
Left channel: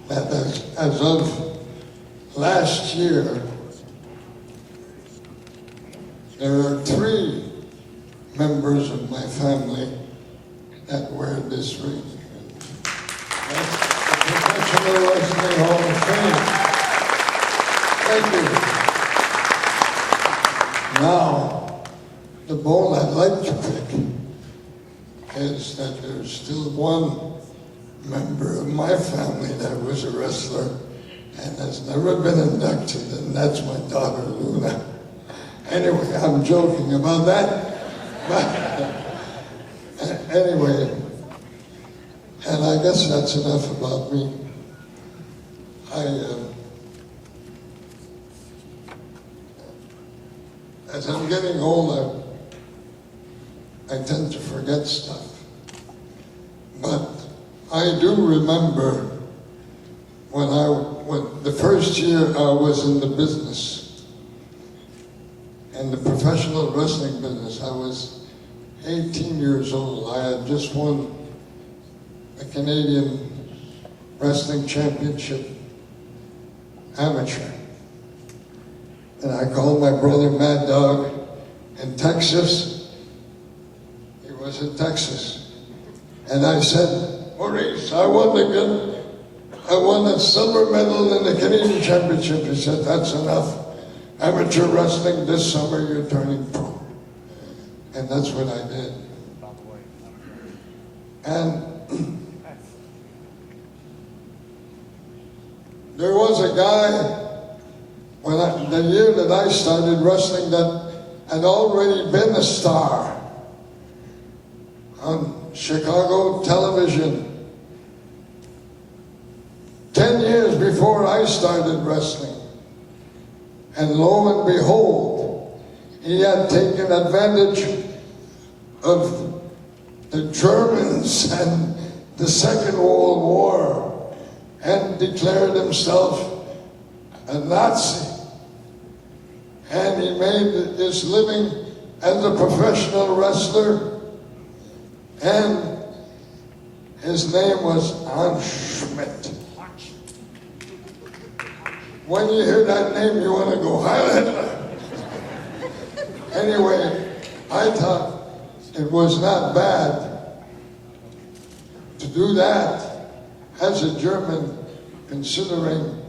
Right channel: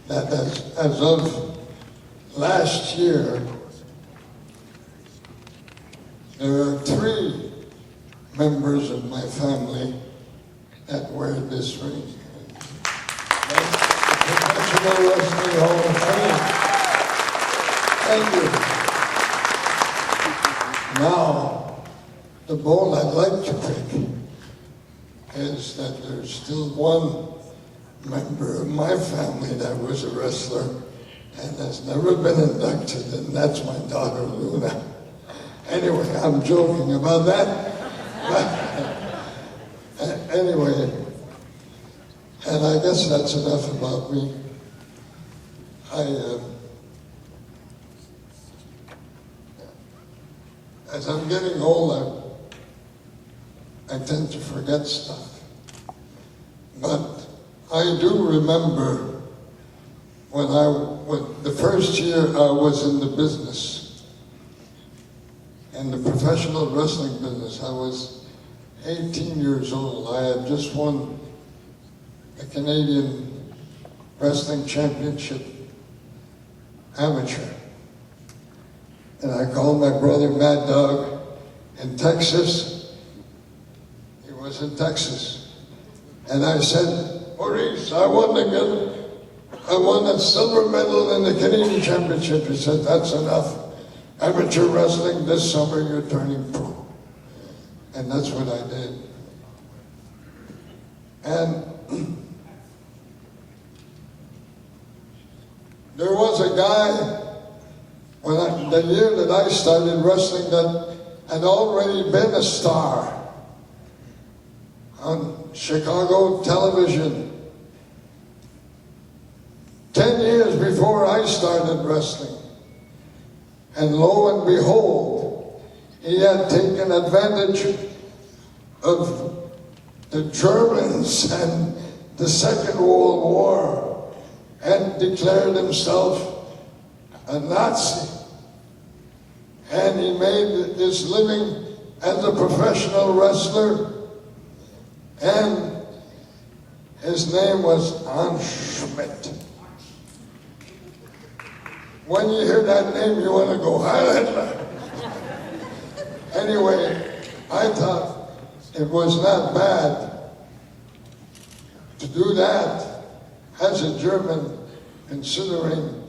that as of last year, there are 3 members of my family that wear this ring. That's the Professional Wrestling Hall of Fame. Thank you. Now, the bone I'd like to pick is that there's still one member of my family that was a wrestler and has never been inducted, and that's my daughter, Luna. Anyway, I'm joking about that. But anyway, and I guess that's enough about me. As I'm getting older, I tend to forget stuff. But I do remember when the first year I was in the business, in the professional wrestling business. I was 18 years old. I had just won the Canadian Wrestling Championship amateur. And I called my brother Mad Dog in Texas. He was in Texas. And I said, Maurice, I won a silver medal in the Canadian Championship. He said, that's enough. Amateur wrestling, this summer you're turning pro. And that's what I did. And there was a guy, the year that I started wrestling, that had already been a star on Chicago television. 10 years before I started wrestling. And lo and behold, he had taken advantage of the Germans and the Second World War and declared himself a Nazi. And he made his living as a professional wrestler. And his name was Schmidt. When you hear that name, you want to go, Heil Hitler. Anyway, I thought it was not bad to do that as a German, considering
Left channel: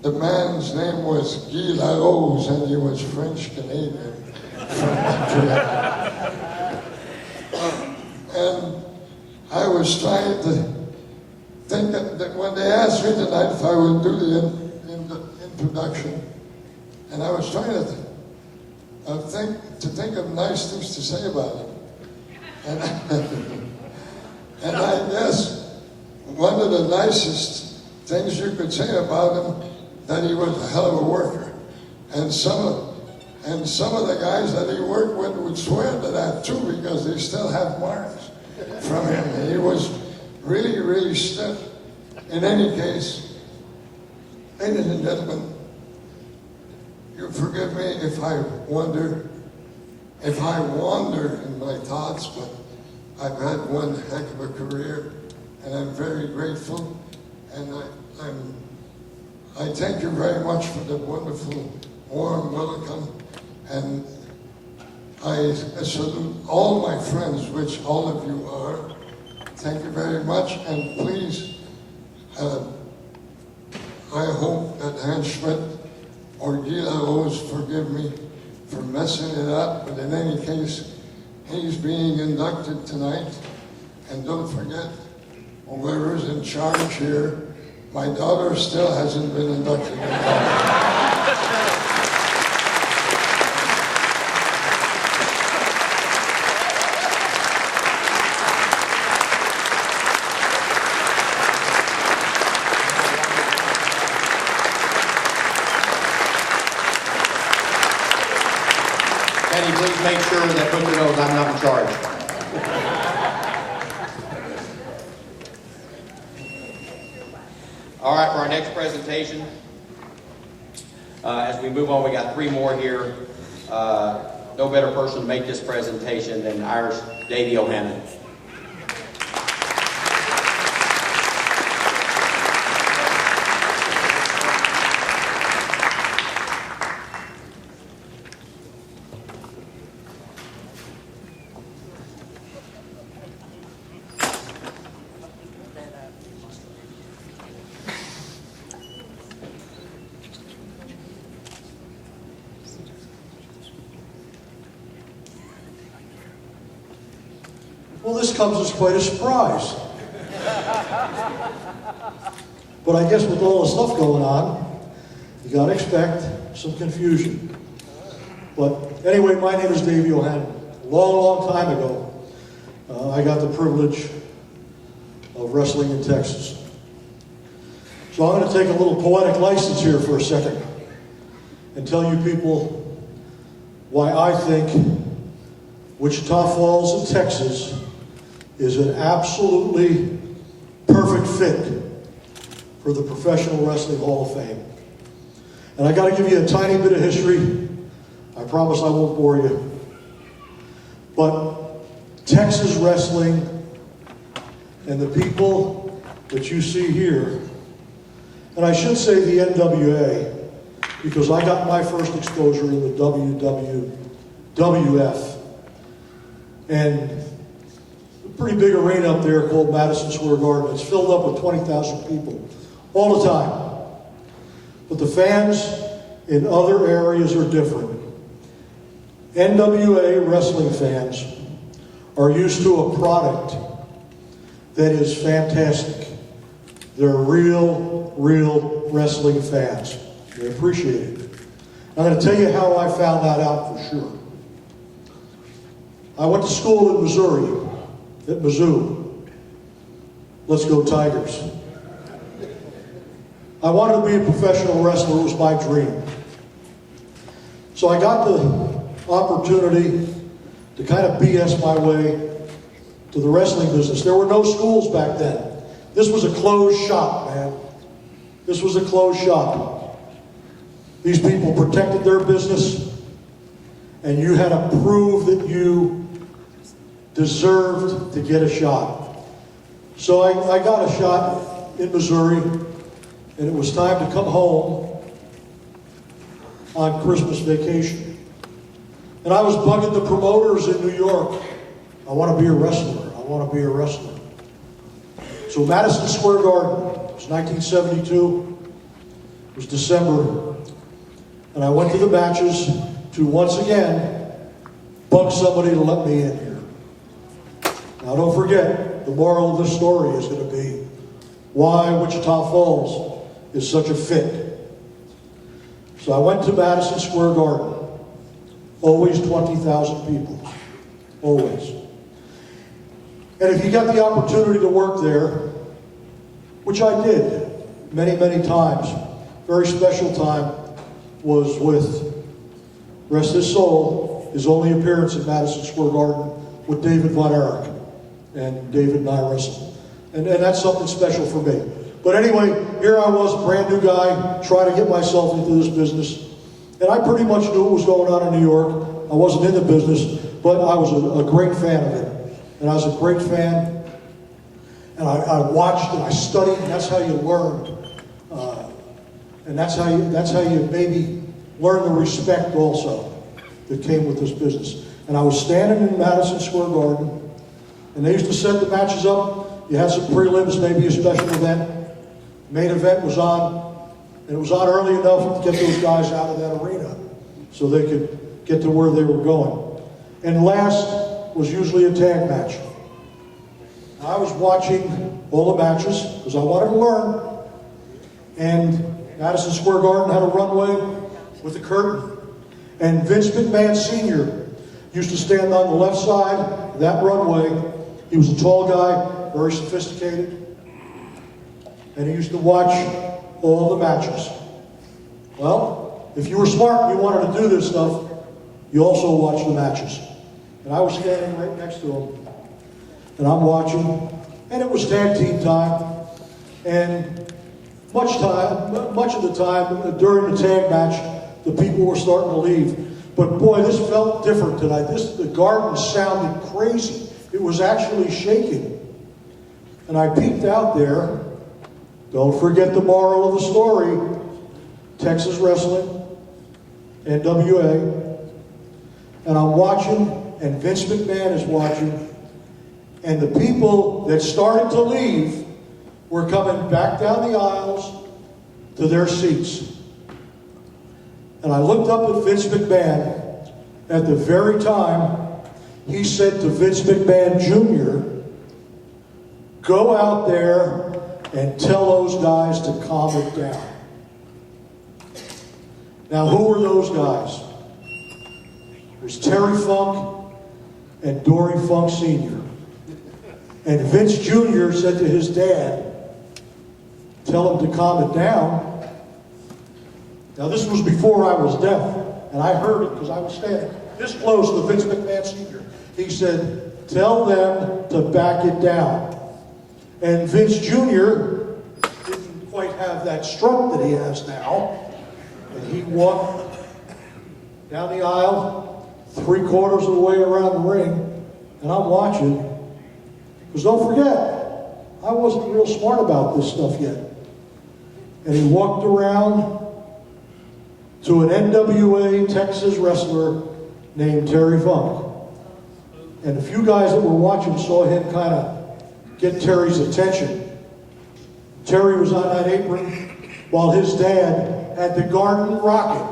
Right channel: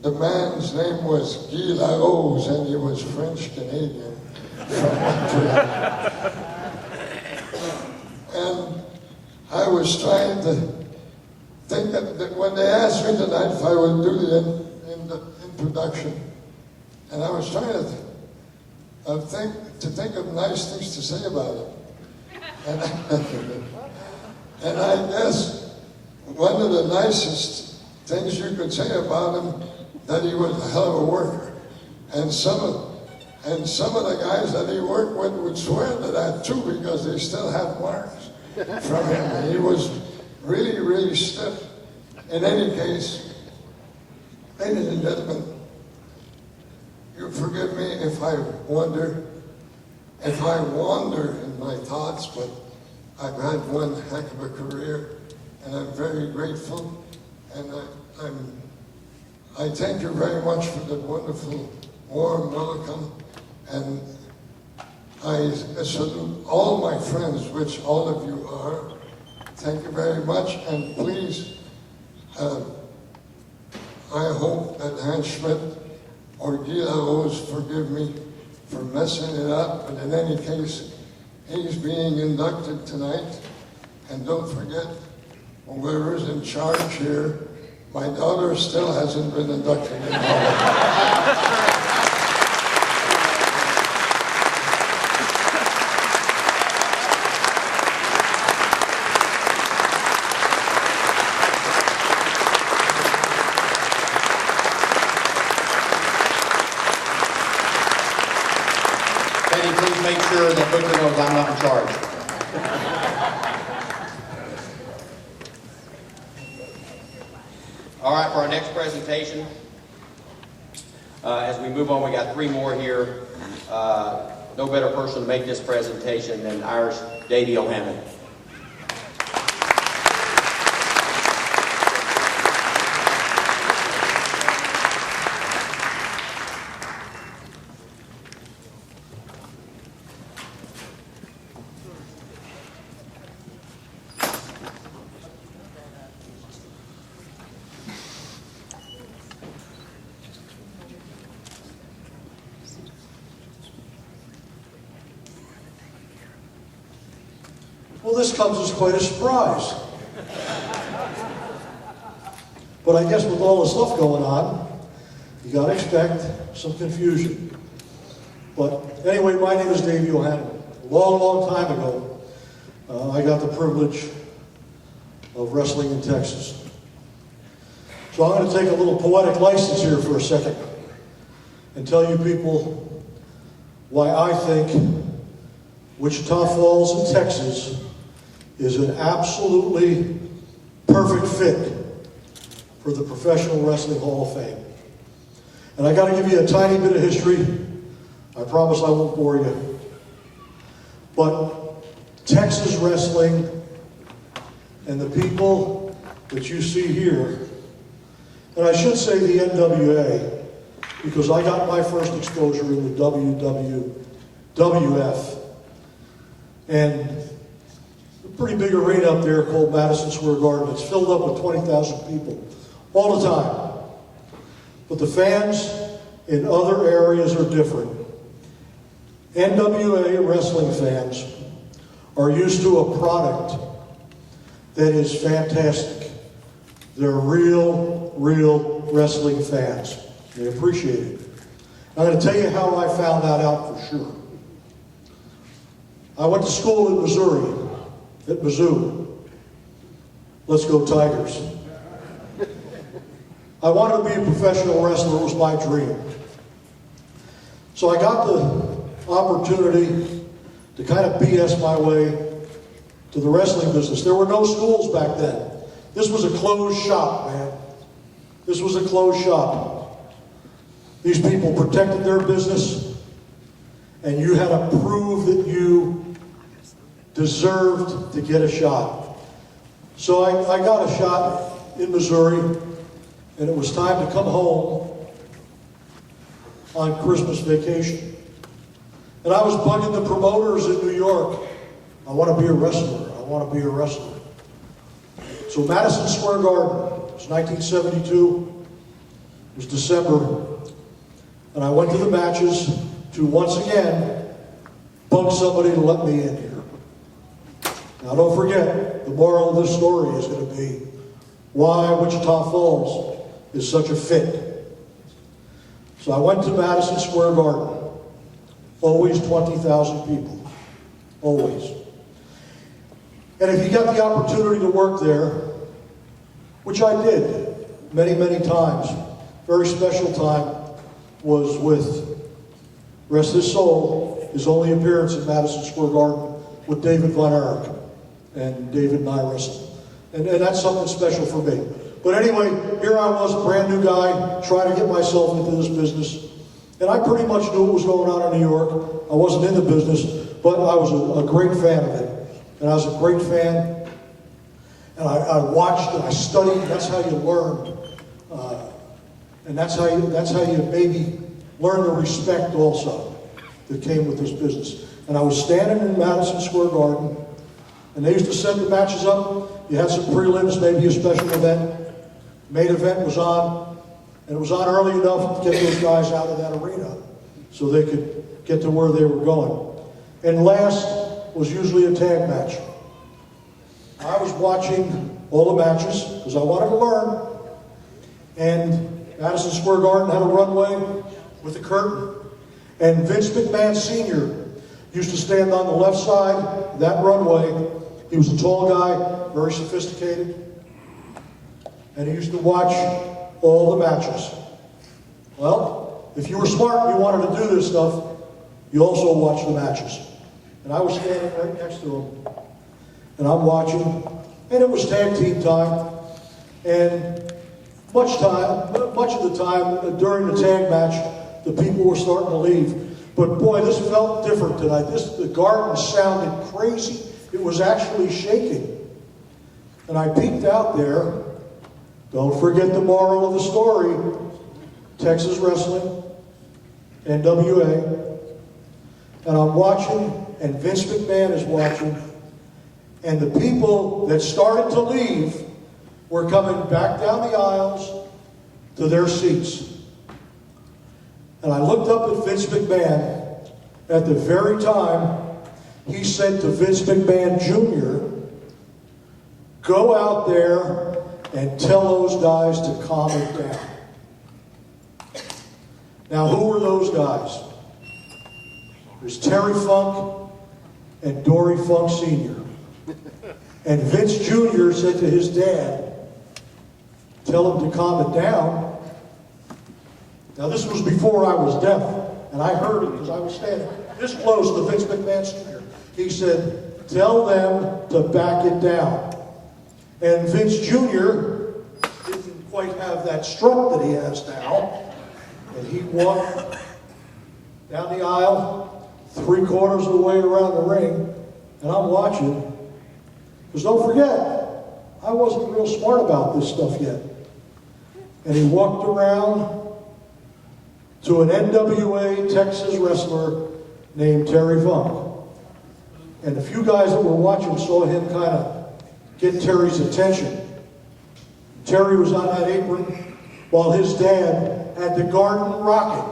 the man's name was Guy Larose and he was French-Canadian from Montreal. And I was trying to think that when they asked me tonight if I would do the introduction, and I was trying to think of nice things to say about him. And I guess one of the nicest things you could say about him, that he was a hell of a worker. And some of the guys that he worked with would swear to that too, because they still have marks from him. And he was really, really stiff. In any case, ladies and gentlemen, you forgive me if I wander in my thoughts, but I've had one heck of a career, and I'm very grateful. And I thank you very much for the wonderful, warm welcome. And I salute all my friends, which all of you are. Thank you very much, and please, I hope that Hans Schmidt or Guy Larose forgive me for messing it up, but in any case, he's being inducted tonight. And don't forget, whoever's in charge here, my daughter still hasn't been inducted in the Hall of Fame. Penny, please make sure that Booker knows I'm not in charge. All right, for our next presentation, as we move on, we got 3 more here. No better person to make this presentation than Irish Davey O'Hannon. Well, this comes as quite a surprise. But I guess with all the stuff going on, you gotta expect some confusion. But anyway, my name is Davey O'Hannon. A long, long time ago, I got the privilege of wrestling in Texas. So I'm going to take a little poetic license here for a second and tell you people why I think Wichita Falls in Texas is an absolutely perfect fit for the Professional Wrestling Hall of Fame. And I got to give you a tiny bit of history. I promise I won't bore you. But Texas wrestling and the people that you see here, and I should say the NWA, because I got my first exposure in the WWF, and a pretty big arena up there called Madison Square Garden. It's filled up with 20,000 people all the time. But the fans in other areas are different. NWA wrestling fans are used to a product that is fantastic. They're real wrestling fans. They appreciate it. I'm going to tell you how I found that out for sure. I went to school in Missouri, at Mizzou. Let's go Tigers. I wanted to be a professional wrestler. It was my dream. So I got the opportunity to kind of BS my way to the wrestling business. There were no schools back then. This was a closed shop, man. This was a closed shop. These people protected their business, and you had to prove that you deserved to get a shot. So I got a shot in Missouri, and it was time to come home on Christmas vacation. And I was bugging the promoters in New York. I want to be a wrestler. I want to be a wrestler. So Madison Square Garden, it was 1972. It was December. And I went to the matches to once again bug somebody to let me in here. Now don't forget, the moral of this story is going to be why Wichita Falls is such a fit. So I went to Madison Square Garden. Always 20,000 people. Always. And if you got the opportunity to work there, which I did many times, very special time was with, rest his soul, his only appearance in Madison Square Garden with David Von Erich. And David and I wrestled. And that's something special for me. But anyway, here I was, a brand new guy, trying to get myself into this business. And I pretty much knew what was going on in New York. I wasn't in the business, but I was a great fan of it. And I was a great fan. And I watched and I studied, and that's how you learned. And that's how you maybe learn the respect also that came with this business. And I was standing in Madison Square Garden, and they used to set the matches up. You had some prelims, maybe a special event. Main event was on, and it was on early enough to get those guys out of that arena so they could get to where they were going. And last was usually a tag match. I was watching all the matches because I wanted to learn. And Madison Square Garden had a runway with a curtain. And Vince McMahon Sr. used to stand on the left side of that runway. He was a tall guy, very sophisticated. And he used to watch all the matches. Well, if you were smart and you wanted to do this stuff, you also watched the matches. And I was standing right next to him. And I'm watching, and it was tag team time. And much of the time during the tag match, the people were starting to leave. But boy, this felt different tonight. The garden sounded crazy. It was actually shaking. And I peeked out there. Don't forget the moral of the story. Texas Wrestling, NWA. And I'm watching, and Vince McMahon is watching. And the people that started to leave were coming back down the aisles to their seats. And I looked up at Vince McMahon at the very time he said to Vince McMahon Jr., go out there and tell those guys to calm it down. Now, who were those guys? It was Terry Funk and Dory Funk Sr. And Vince Jr. said to his dad, tell him to calm it down. Now, this was before I was deaf, and I heard it because I was standing this close to Vince McMahon Sr. He said, tell them to back it down. And Vince Jr. didn't quite have that strut that he has now. And he walked down the aisle, 3/4 of the way around the ring, and I'm watching. Because don't forget, I wasn't real smart about this stuff yet. And he walked around to an NWA Texas wrestler named Terry Funk. And a few guys that were watching saw him kind of get Terry's attention. Terry was on that apron while his dad had the garden rocking.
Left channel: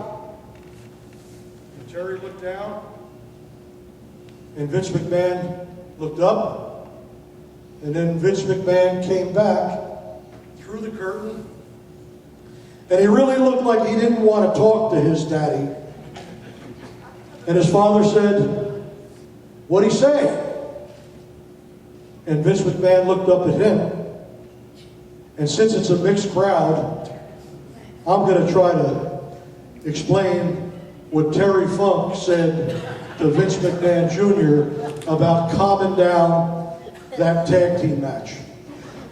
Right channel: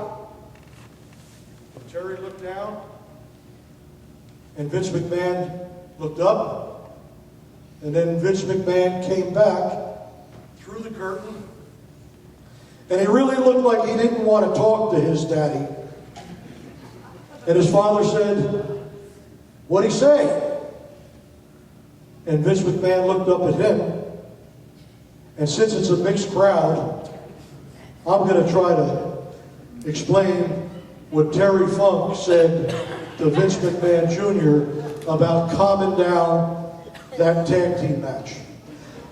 And Terry looked down, and Vince McMahon looked up, and then Vince McMahon came back through the curtain, and he really looked like he didn't want to talk to his daddy. And his father said, what'd he say? And Vince McMahon looked up at him. And since it's a mixed crowd, I'm going to try to explain what Terry Funk said to Vince McMahon Jr. about calming down that tag team match.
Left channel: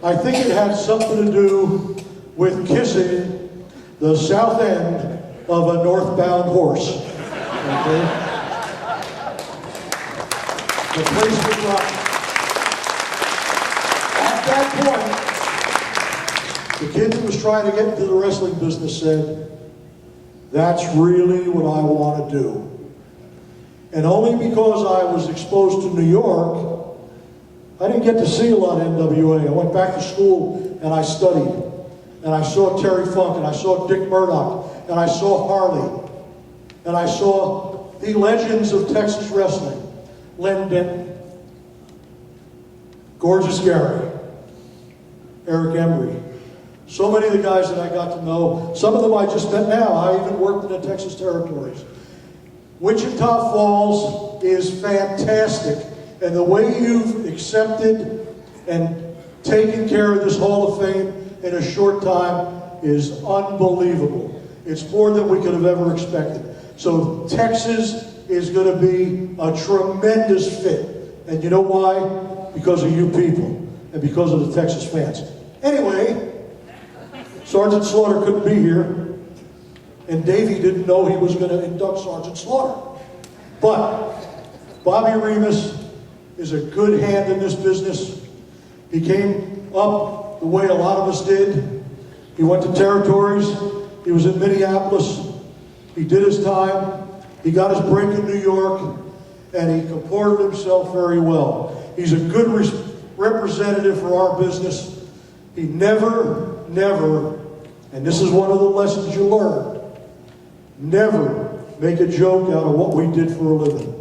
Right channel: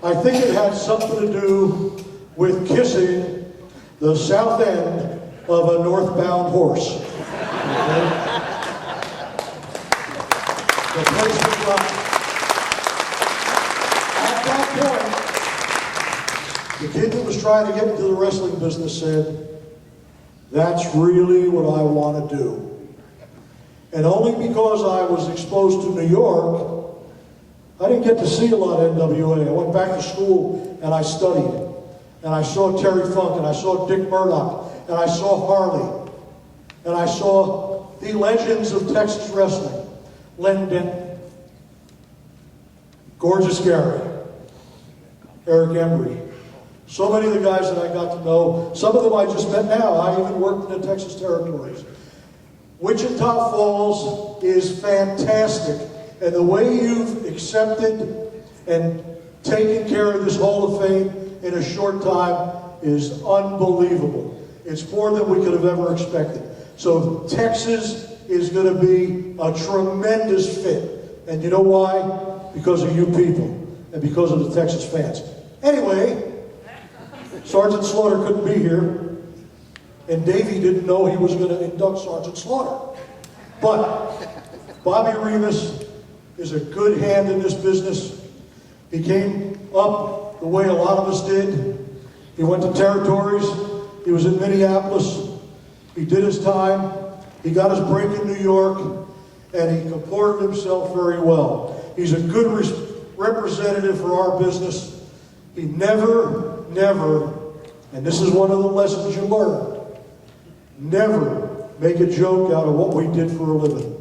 I think it had something to do with kissing the south end of a northbound horse. Okay? The place was rocking. At that point, the kid that was trying to get into the wrestling business said, that's really what I want to do. And only because I was exposed to New York, I didn't get to see a lot of NWA. I went back to school and I studied. And I saw Terry Funk, and I saw Dick Murdoch, and I saw Harley, and I saw the legends of Texas wrestling. Len Denton, Gorgeous Gary, Eric Embry. So many of the guys that I got to know, some of them I just met now. I even worked in the Texas territories. Wichita Falls is fantastic. And the way you've accepted and taken care of this Hall of Fame in a short time is unbelievable. It's more than we could have ever expected. So Texas is going to be a tremendous fit. And you know why? Because of you people and because of the Texas fans. Anyway, Sergeant Slaughter couldn't be here, and Davey didn't know he was going to induct Sergeant Slaughter. But Bobby Remus is a good hand in this business. He came up the way a lot of us did. He went to territories. He was in Minneapolis. He did his time. He got his break in New York, and he comported himself very well. He's a good representative for our business. He never, and this is one of the lessons you learn, never make a joke out of what we did for a living.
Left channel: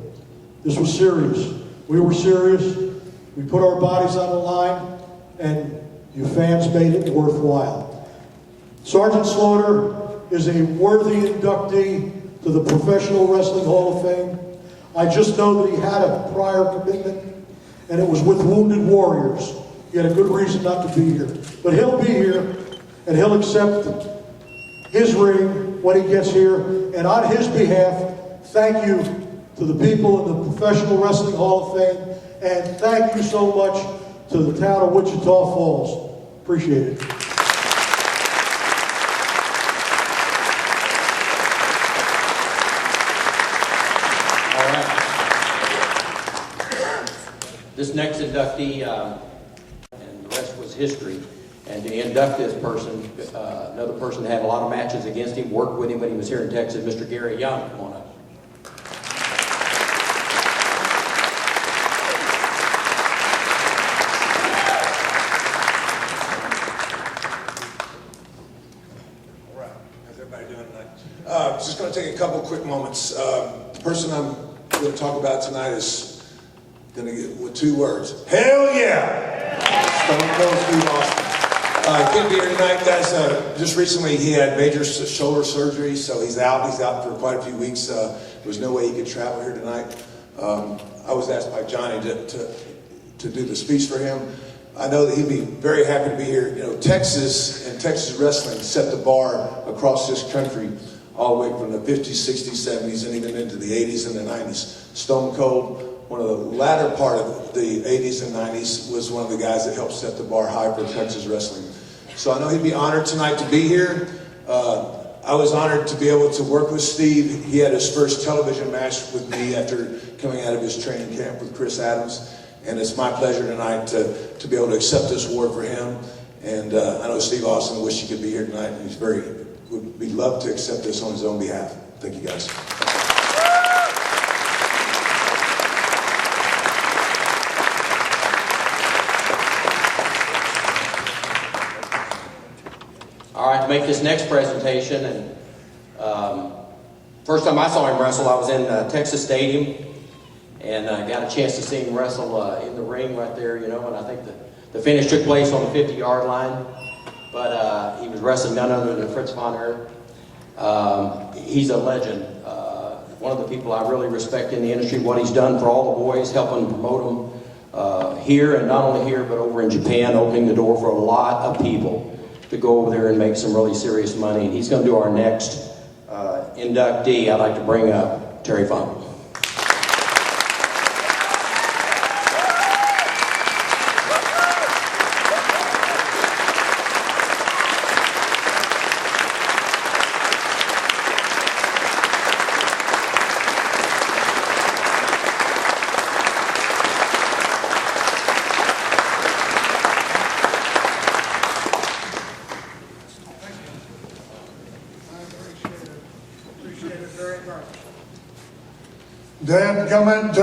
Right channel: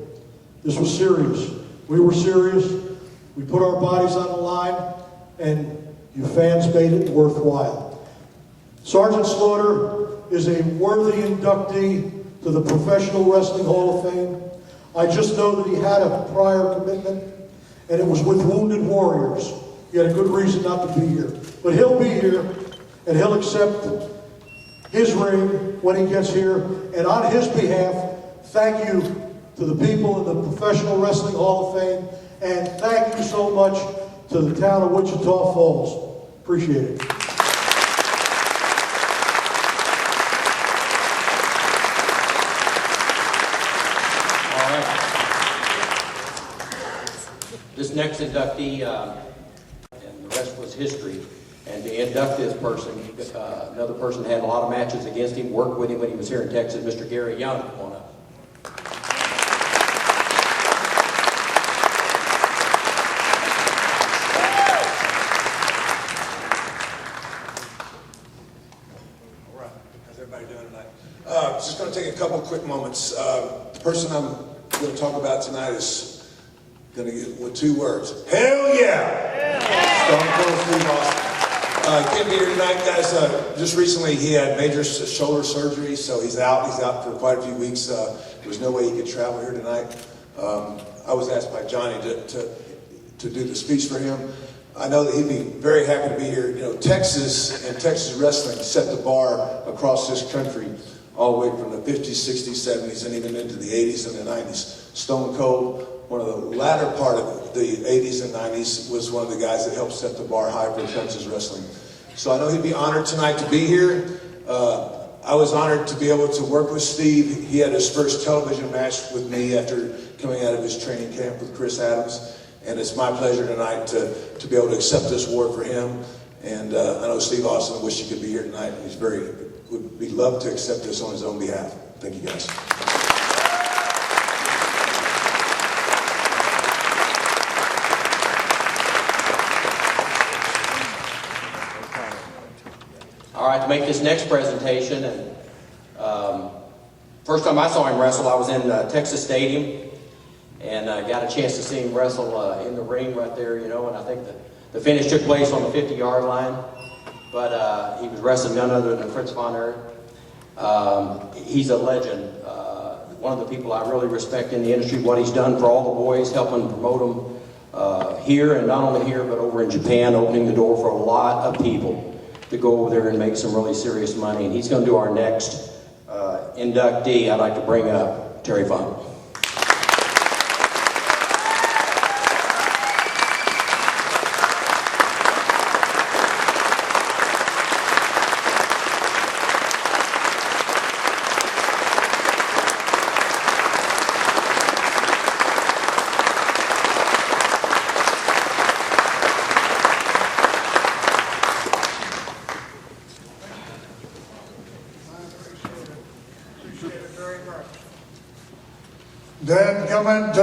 This was serious. We were serious. We put our bodies on the line, and you fans made it worthwhile. Sergeant Slaughter is a worthy inductee to the Professional Wrestling Hall of Fame. I just know that he had a prior commitment, and it was with Wounded Warriors. He had a good reason not to be here. But he'll be here, and he'll accept his ring when he gets here. And on his behalf, thank you to the people in the Professional Wrestling Hall of Fame, and thank you so much to the town of Wichita Falls. Appreciate it. All right. This next inductee, and the rest was history. And to induct this person, another person had a lot of matches against him, worked with him when he was here in Texas, Mr. Gary Young. Come on up. Just going to take a couple quick moments. The person I'm going to talk about tonight is going to get with 2 words. Hell yeah! Stone Cold Steve Austin. He can't be here tonight, guys. Just recently he had major shoulder surgery, so he's out. He's out for quite a few weeks. There was no way he could travel here tonight. I was asked by Johnny to do the speech for him. I know that he'd be very happy to be here. You know, Texas and Texas wrestling set the bar across this country all the way from the 50s, 60s, 70s, and even into the 80s and the 90s. Stone Cold, one of the latter part of the 80s and 90s, was one of the guys that helped set the bar high for Texas wrestling. So I know he'd be honored tonight to be here. I was honored to be able to work with Steve. He had his first television match with me after coming out of his training camp with Chris Adams. And it's my pleasure tonight to be able to accept this award for him. And I know Steve Austin wished he could be here tonight, and would be love to accept this on his own behalf. Thank you, guys. All right, to make this next presentation, and first time I saw him wrestle, I was in Texas Stadium, and I got a chance to see him wrestle in the ring right there, you know, and I think the finish took place on the 50-yard line. But he was wrestling none other than Fritz von Erich. He's a legend. One of the people I really respect in the industry, what he's done for all the boys, helping promote them here, and not only here, but over in Japan, opening the door for a lot of people to go over there and make some really serious money. And he's going to do our next inductee. I'd like to bring up Terry Funk. Dadgummit,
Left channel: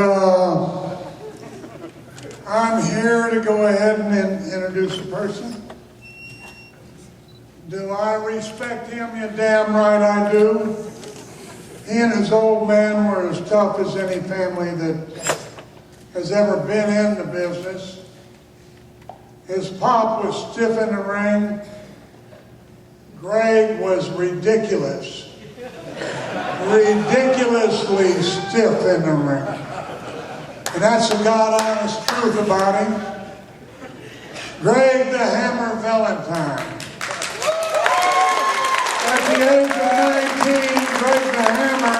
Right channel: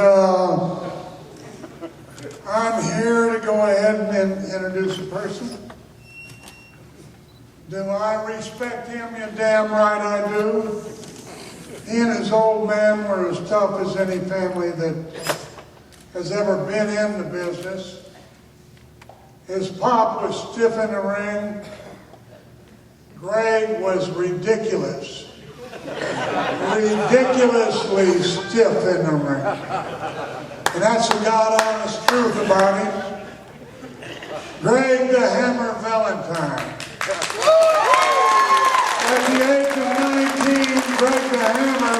I'm here to go ahead and introduce a person. Do I respect him? You damn right I do. He and his old man were as tough as any family that has ever been in the business. His pop was stiff in the ring. Greg was ridiculous. Ridiculously stiff in the ring. And that's the God honest truth about him. Greg the Hammer Valentine. At the age of 19, Greg the Hammer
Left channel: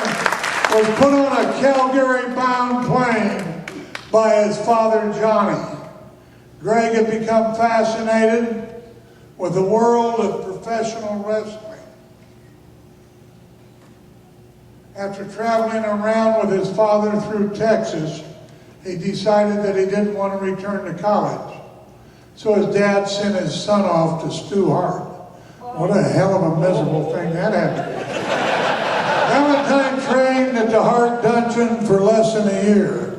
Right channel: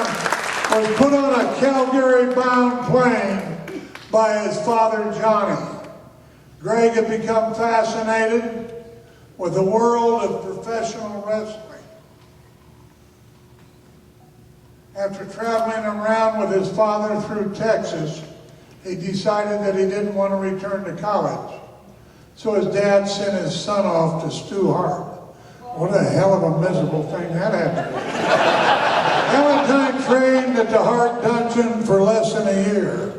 was put on a Calgary-bound plane by his father Johnny. Greg had become fascinated with the world of professional wrestling. After traveling around with his father through Texas, he decided that he didn't want to return to college. So his dad sent his son off to Stu Hart. What a hell of a miserable thing that had to be. Valentine trained at the Hart Dungeon for less than a year.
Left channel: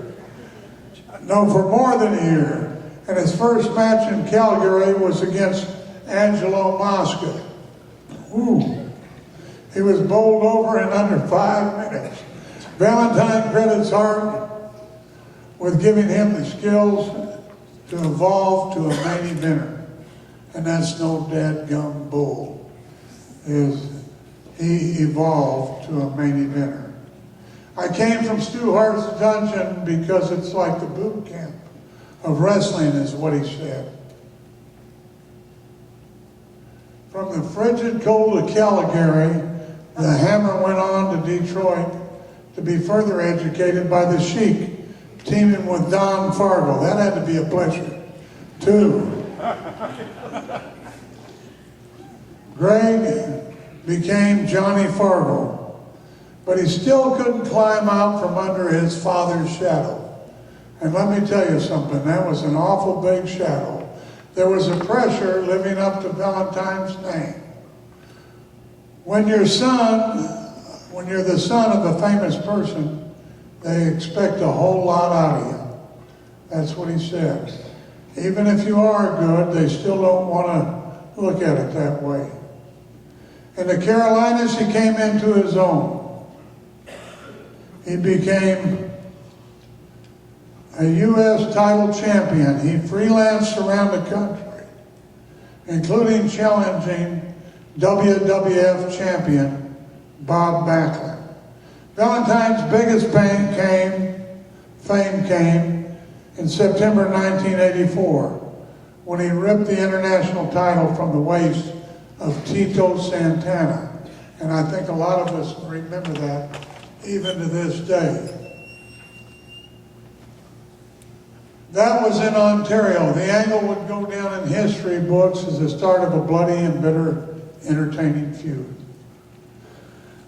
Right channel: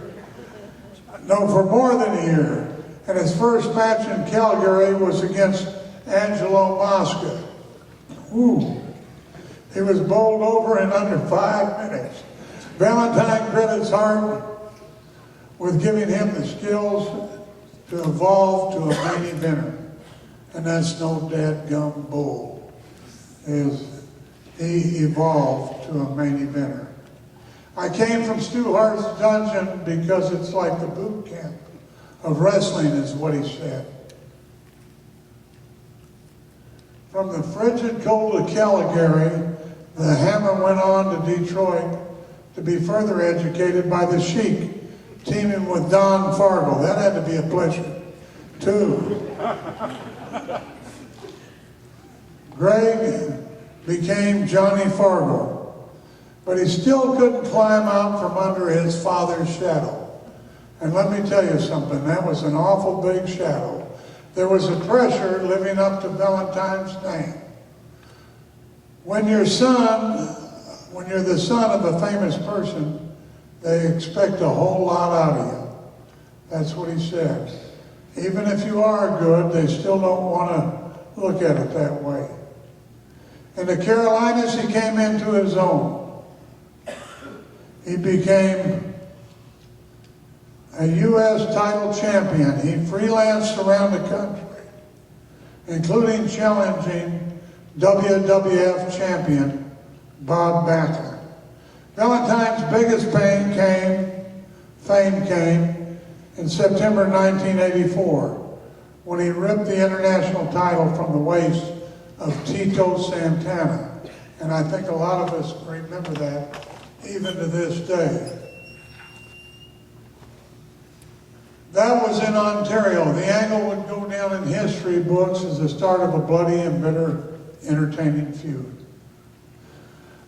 No, for more than a year. And his first match in Calgary was against Angelo Mosca. Ooh. He was bowled over in under 5 minutes. Valentine credits Hart with giving him the skills to evolve to a main eventer. And that's no dadgum bull. He evolved to a main eventer. I came from Stu Hart's dungeon because it's like the boot camp of wrestling, is what he said. From the frigid cold of Calgary, the Hammer went on to Detroit to be further educated by the Sheik, teaming with Don Fargo. That had to be a pleasure, too. Greg became Johnny Fargo, but he still couldn't climb out from under his father's shadow. And let me tell you something, that was an awful big shadow. There was a pressure living up to Valentine's name. When you're the son of a famous person, they expect a whole lot out of you. That's what he said. Even if you are good, they still don't want to look at it that way. In the Carolinas, he came into his own. He became a U.S. title champion. He freelanced around the country, including challenging WWF champion Bob Backlund. Valentine's biggest fame came in September 1984, when he ripped the international title from the waist of Tito Santana. And I think a lot of us remember that even to this day. That was in Ontario. The angle would go down in history books as the start of a bloody and bitter entertaining feud.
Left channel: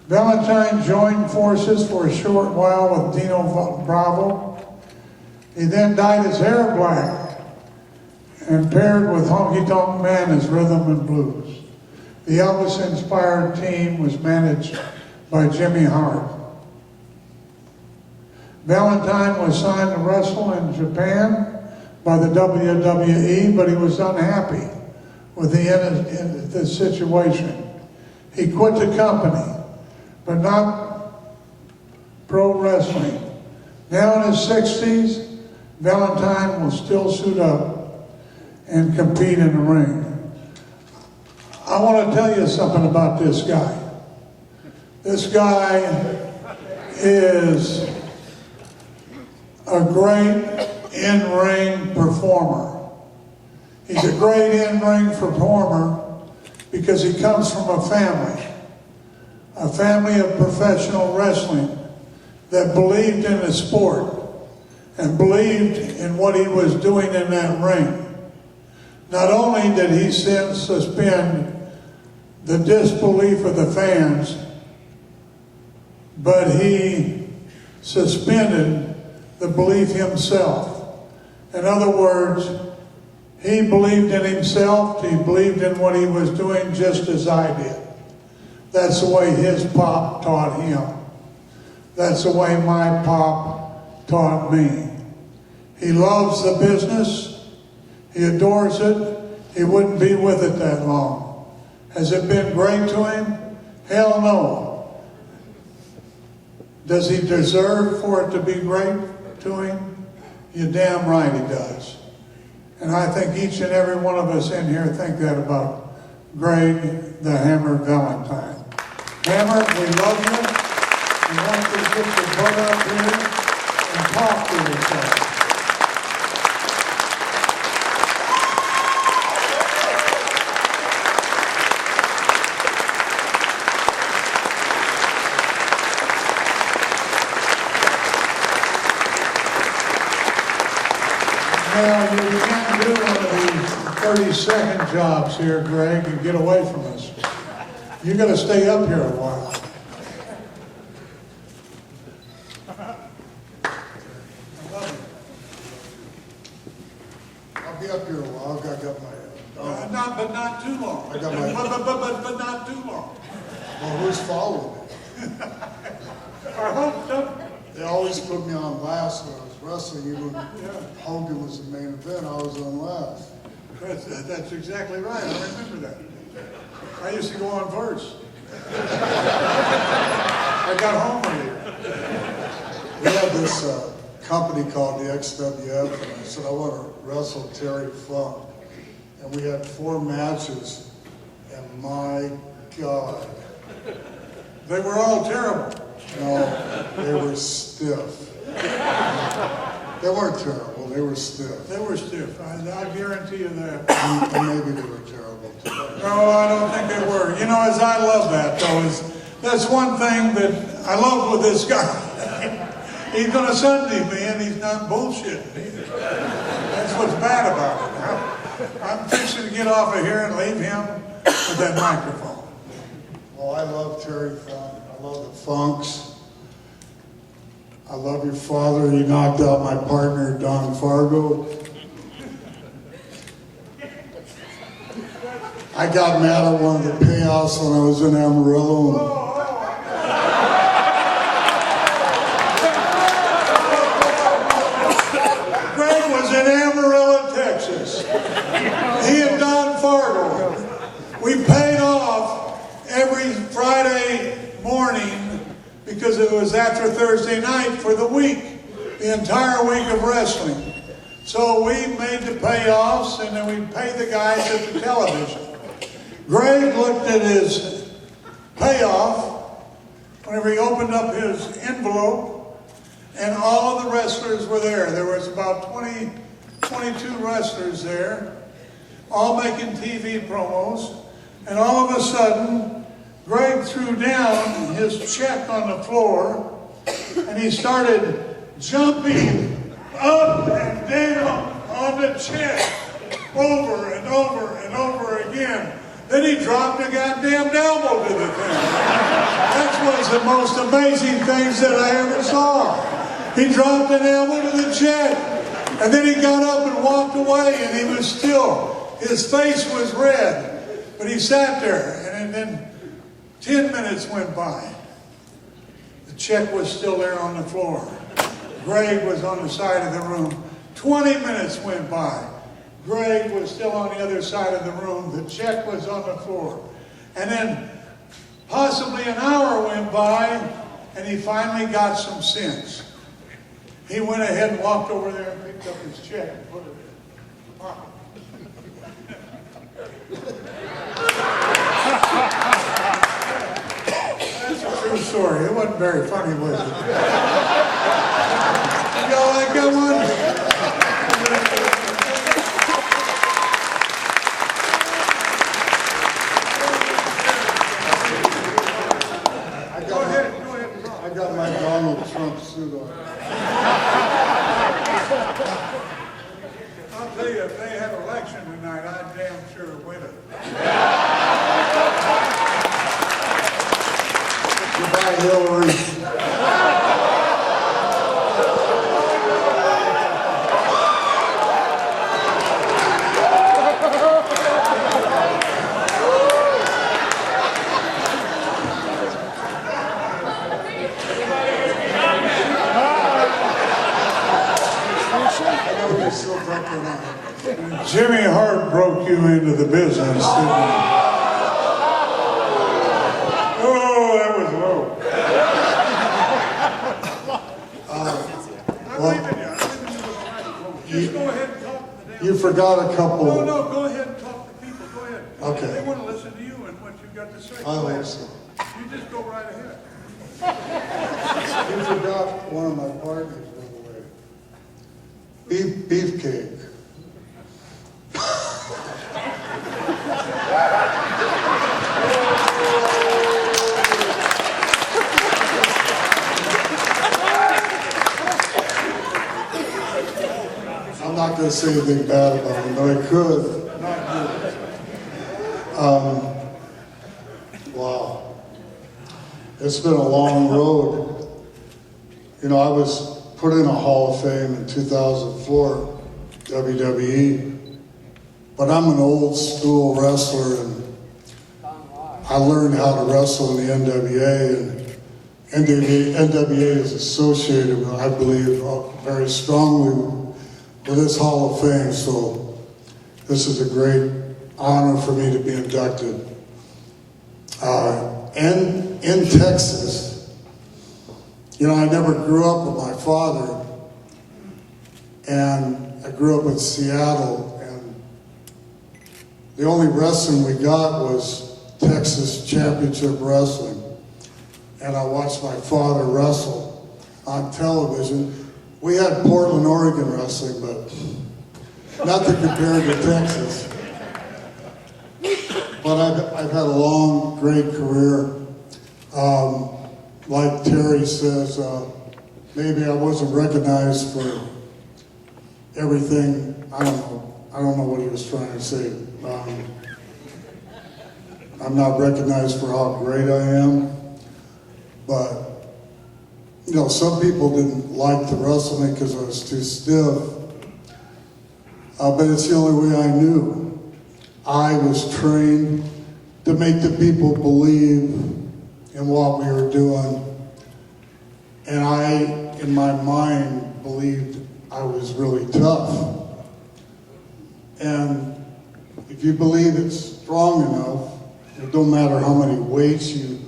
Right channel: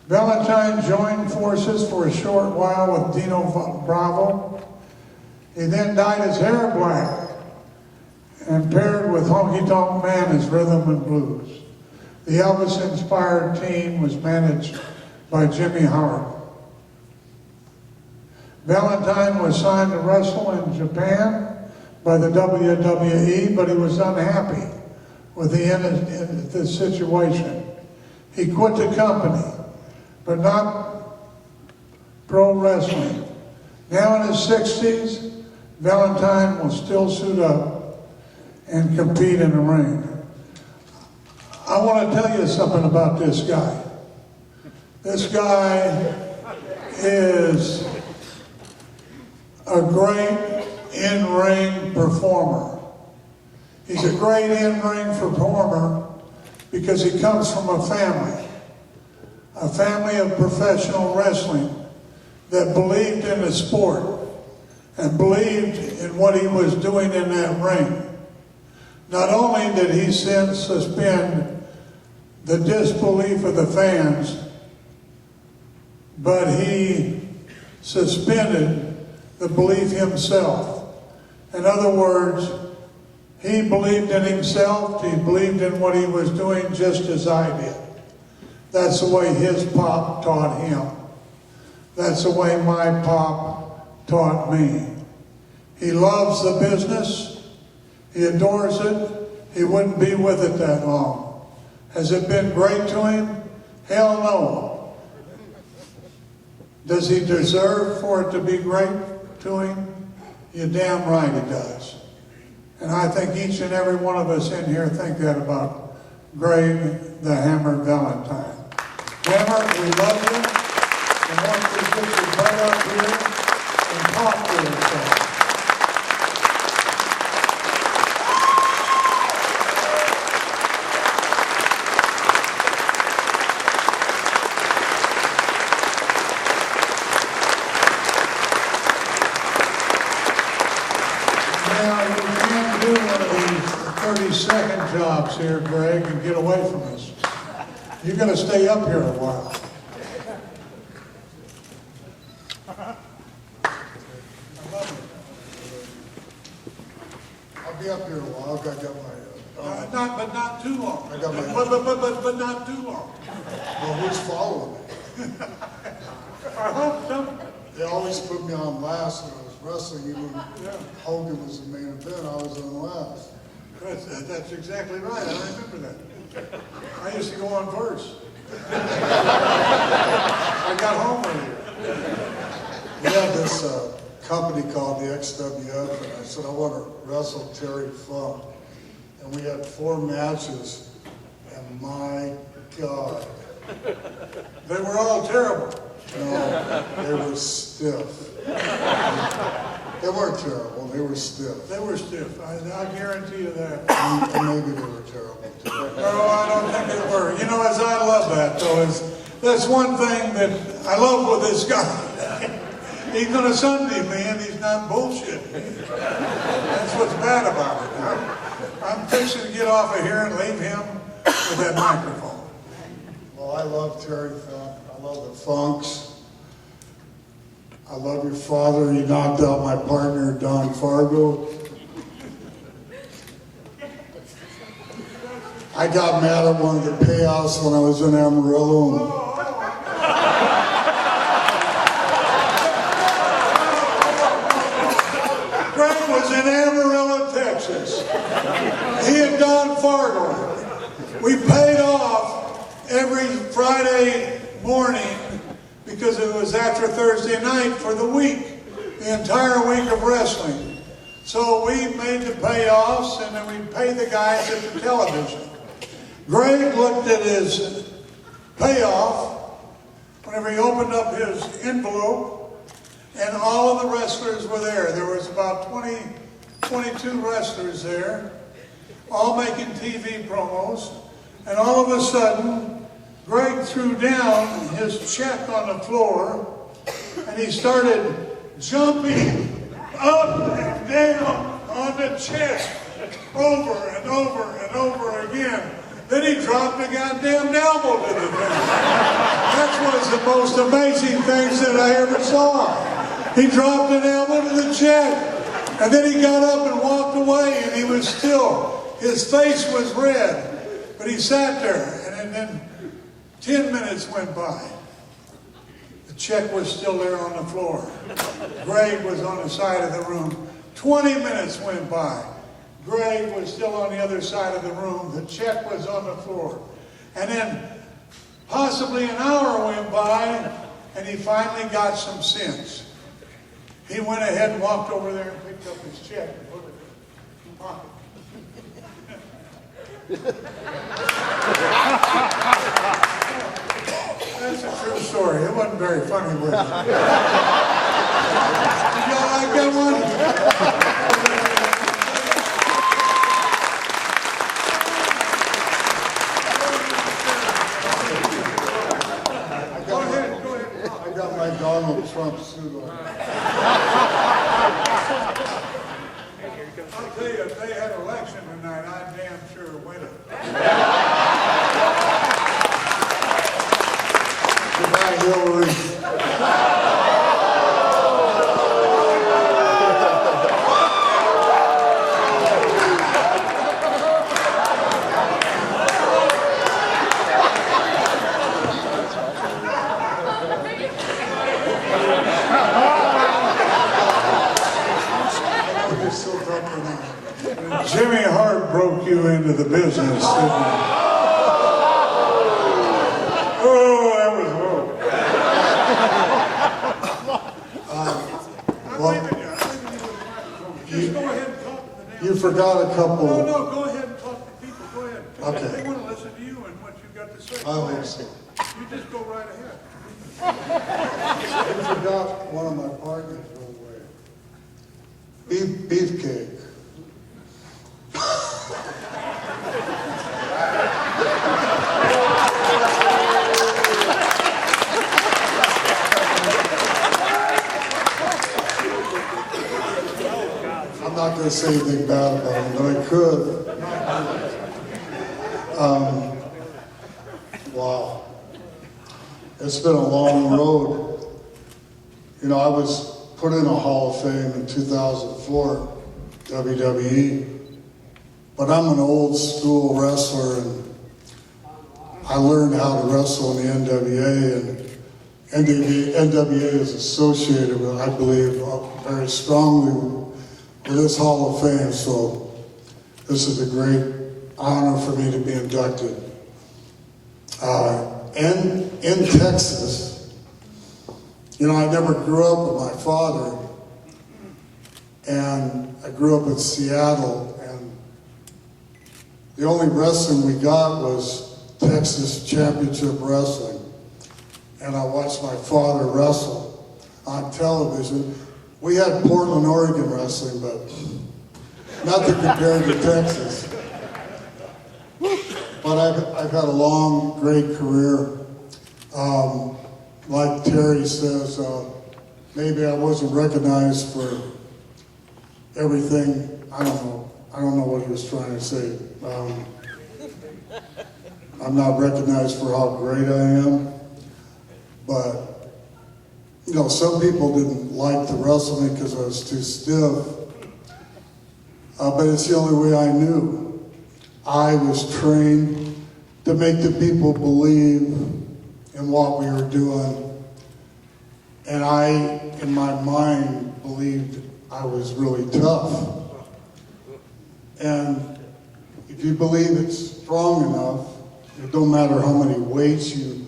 Valentine joined forces for a short while with Dino Bravo. He then dyed his hair black and paired with Honky Tonk Man as rhythm and blues. The Elvis-inspired team was managed by Jimmy Hart. Valentine was signed to wrestle in Japan by the WWE, but he was unhappy with the situation. He quit the company, but not pro wrestling. Now in his 60s, Valentine will still suit up and compete in the ring. I want to tell you something about this guy. This guy is a great in-ring performer. He's a great in-ring performer because he comes from a family of professional wrestling that believed in the sport and believed in what he was doing in that ring. Not only did he suspend the disbelief of the fans, but he suspended the belief himself. In other words, he believed in himself, he believed in what he was doing just as I did. That's the way his pop taught him. That's the way my pop taught me. He loves the business, he adores it, he wouldn't be with it that long. Has it been great to him? Hell no. Does he deserve for it to be great to him? You're damn right he does. And I think each and every one of us in here think that about Greg the Hammer Valentine. Hammer, we love you. And want you to put your butt up here and talk to yourself. Now, you can't do one of these 30-second jobs here, Greg, and get away from us. You're going to stay up here a while. I'll be up here a while. I got my... But not too long. I got my... But not too long. Well, who's following me? I hope so. They always put me on last when I was wrestling. Even when Hogan was the main event, I was on last. That's exactly right. I remember that. I used to go on first. I got home earlier. We had this company called the XWF, and I said, I want to wrestle Terry Funk. And we had 4 matches, and my God, they were all terrible. No, they were stiff. They weren't terrible, they were stiff. They were stiff, I guarantee you that. And maybe they were terrible too. No, I don't think they were. You know, as I love that though, that's one thing that I love with this guy. He's going to Sunday me and he's not bullshit. That's what's bad about it. I'm fixing to get off of here and leave him with that microphone. Well, I love Terry Funk. I love the Funks. I love your father. He knocked out my partner, Don Fargo. I got mad at one of the payoffs when I was in Amarillo. Greg was in Amarillo, Texas. He and Don Fargo. We paid off every Friday morning because it was after Thursday night for the week, the entire week of wrestling. So we made the payoffs and then we paid the guys at the television. Greg looked at his payoff whenever he opened up his envelope, and all of the wrestlers were there. There was about 22 wrestlers there, all making TV promos, and all of a sudden, Greg threw down his check on the floor, and he started jumping up and down on the check over and over and over again. Then he dropped a goddamn elbow to the thing. That was the most amazing things that I ever saw. He dropped an elbow to the check, and then he got up and walked away, and he was still, his face was red, but he sat there, and then 10 minutes went by. The check was still there on the floor. Greg was on the side of the room. 20 minutes went by. Greg was still on the other side of the room. The check was on the floor. And then possibly an hour went by, and he finally got some sense. He went ahead and walked over there and picked up his check and put it in his pocket. That's a true story. It wasn't very funny, was it? Did y'all like that one? Go ahead. I got my Donald Trump suit on. I'll tell you, if they had election tonight, I'd damn sure win it. Goodbye, Hillary. Jimmy Hart broke you into the business, didn't he? Oh, that was low. I'm leaving you with the microphone. Just go ahead and talk to the damn. You forgot a couple. No, go ahead and talk to people. Go ahead. Okay. They want to listen to you and what you've got to say. I hope so. You just go right ahead. You forgot one of my partners one way. Beefcake. I'm not going to say anything bad about him, but I could. Wow. It's been a long road. You know, I was put in a Hall of Fame in 2004, WWE, but I'm an old school wrestler, and I learned how to wrestle in the NWA, and NWA is associated with, I believe, very strongly with this Hall of Fame, so this is a great honor for me to be inducted. And in Texas, you know, I never grew up with my father, And I grew up in Seattle, and the only wrestling we got was Texas Championship Wrestling. And I watched my father wrestle on television. We had Portland, Oregon wrestling, but nothing compared to Texas. But I've had a long, great career. Like Terry says, maybe I wasn't recognized for everything. I don't know what he was trying to say. I'm not recognized for how great I am, but you know, some people didn't like to wrestle me because I was too stiff. But it's the only way I knew. I was trained to make the people believe in what we were doing. And I, in my mind, believed I was really tough. And if you believe it's strong enough, it don't matter how many weights you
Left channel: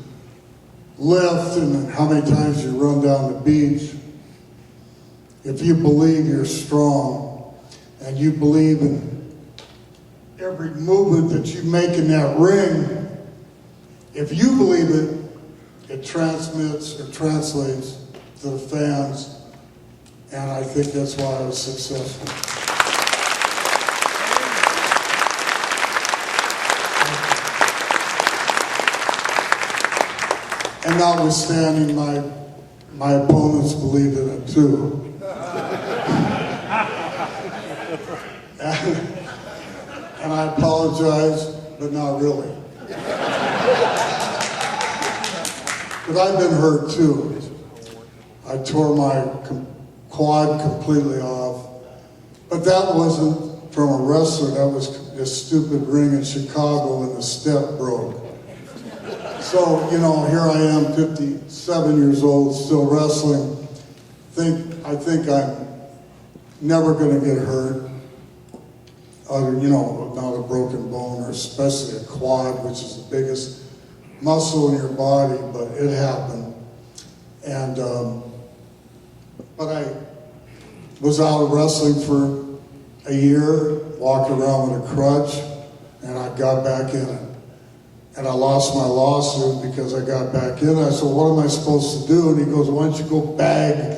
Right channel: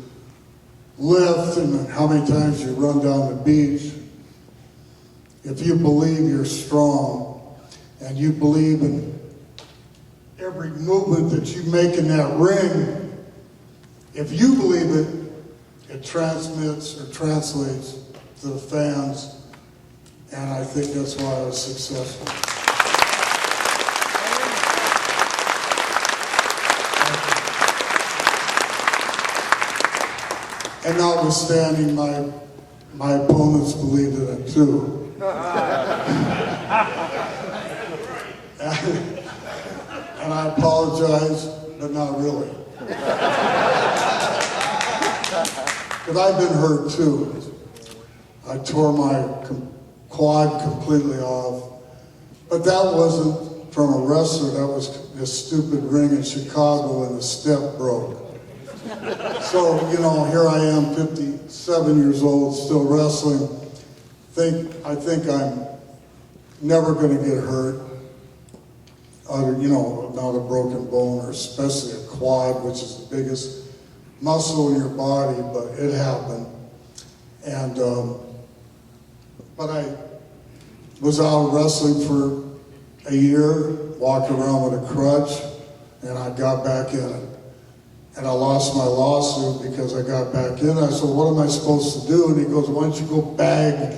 lift and how many times you run down the beach. If you believe you're strong and you believe in every movement that you make in that ring, if you believe it, it transmits or translates to the fans, and I think that's why I was successful. And notwithstanding, my opponents believed in it too. And I apologize, but not really. But I've been hurt too. I tore my quad completely off. But that wasn't from a wrestler, that was a stupid ring in Chicago and the step broke. So, you know, here I am, 57 years old, still wrestling. I think I'm never gonna get hurt. You know, not a broken bone, or especially a quad, which is the biggest muscle in your body, but it happened. And, but I was out of wrestling for a year, walked around with a crutch, and I got back in it. And I lost my lawsuit because I got back in it. I said, well, what am I supposed to do? And he goes, why don't you go bag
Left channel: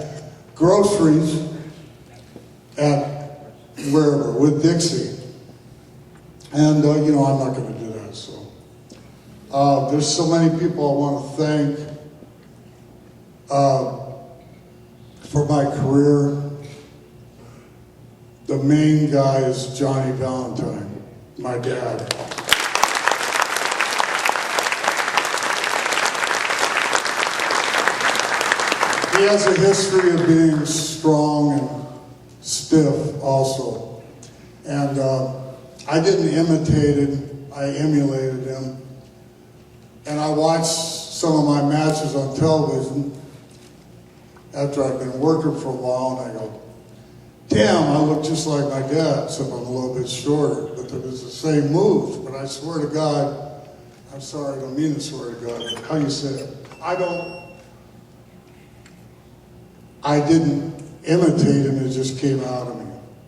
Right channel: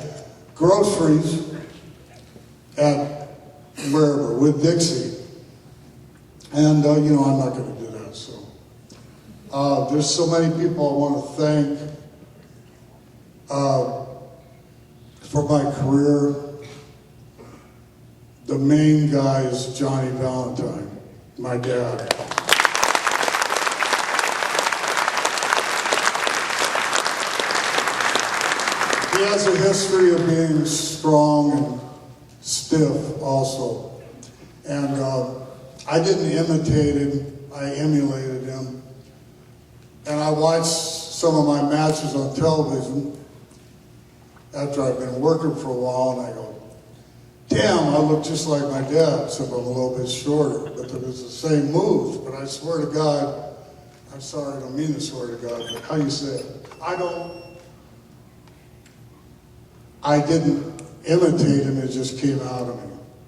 groceries at wherever, with Dixie. And, you know, I'm not going to do that, so. There's so many people I want to thank for my career. The main guy is Johnny Valentine, my dad. He has a history of being strong and stiff also. And I didn't imitate him, I emulated him. And I watched some of my matches on television after I'd been working for a while, and I go, damn, I look just like my dad, except I'm a little bit shorter. But it was the same moves. But I swear to God, I'm sorry, I don't mean to swear to God, but how you say it? I didn't imitate him, it just came out of me.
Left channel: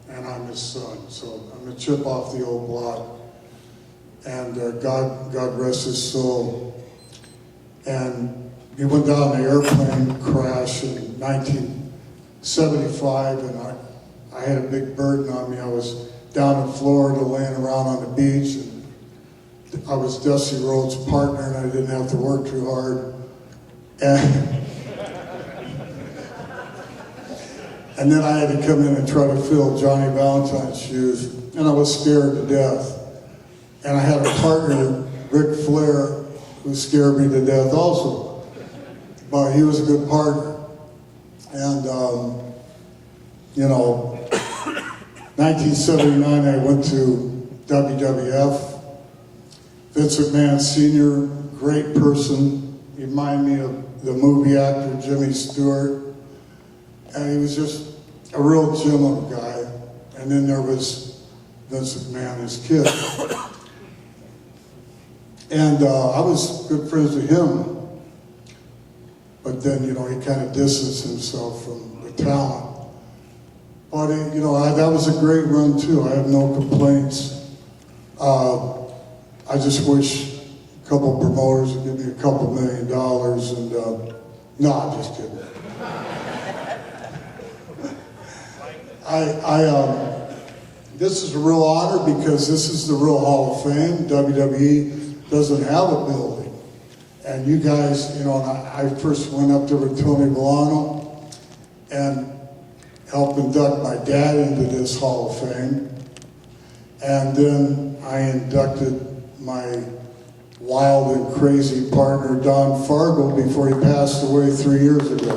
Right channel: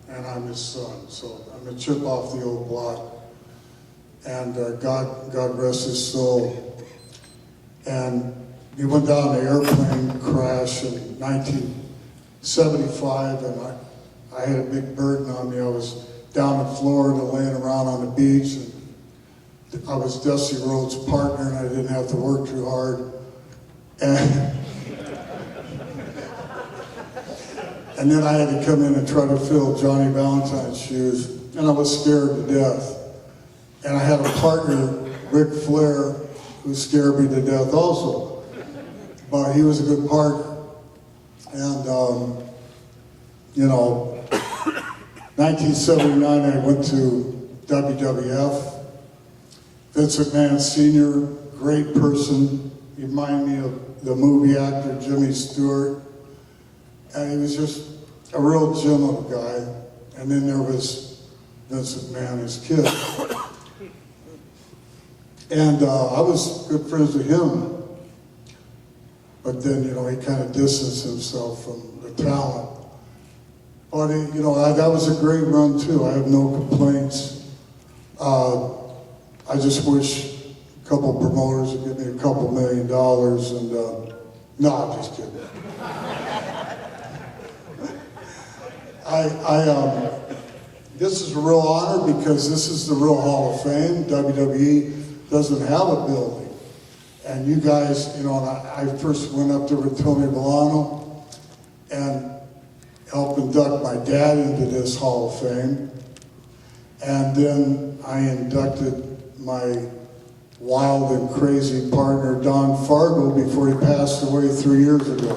And I'm his son, so I'm a chip off the old block. And God rest his soul. And he went down an airplane crash in 1975, and I had a big burden on me. I was down in Florida laying around on the beach, and I was Dusty Rhodes' partner, and I didn't have to work too hard. And then I had to come in and try to fill Johnny Valentine's shoes, and I was scared to death. And I had a partner, Ric Flair, who scared me to death also. But he was a good partner. And, you know, 1979, I went to WWF. Vince McMahon Sr., great person. He reminded me of the movie actor Jimmy Stewart. And he was just a real gem of a guy. And then there was Vince McMahon, his kid. And I was good friends with him. But then, you know, he kind of distanced himself from the talent. But, that was a great run too. I have no complaints. I just wish a couple promoters would give me a couple $1 million and, no, I'm just kidding. This is a real honor because this is the real Hall of Fame. WWE doesn't have a building. And you guys, and I first went up there with Tony Milano and helped induct my dad into this Hall of Fame. And then I inducted my wild and crazy partner, Don Fargo, before he passed away 3 years ago.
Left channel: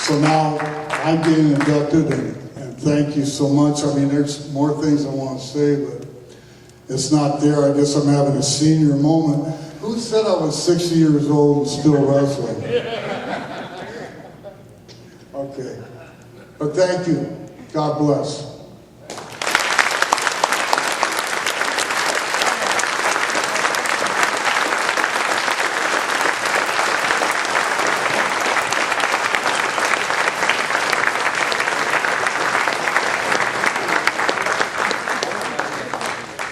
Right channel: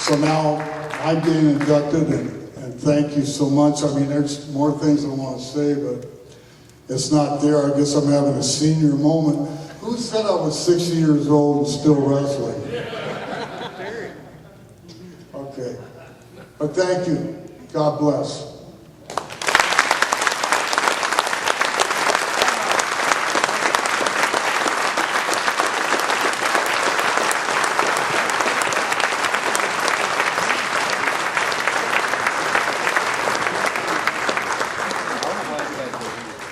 So now I'm getting inducted, and thank you so much. I mean, there's more things I want to say, but it's not there. I guess I'm having a senior moment. Who said I was 60 years old and still wrestling? Okay. But thank you. God bless.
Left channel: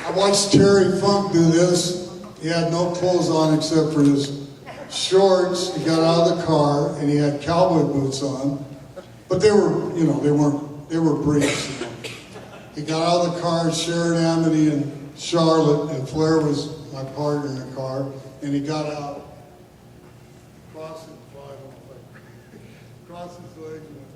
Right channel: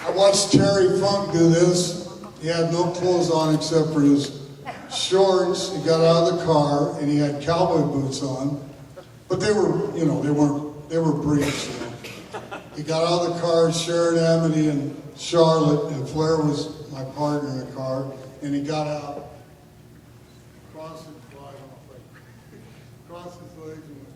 I watched Terry Funk do this. He had no clothes on except for his shorts. He got out of the car and he had cowboy boots on. But they were, they were briefs. He got out of the car, Sharon Amity and Charlotte, and Flair was my partner in the car, and he got out, crossed his, crossed his legs and went.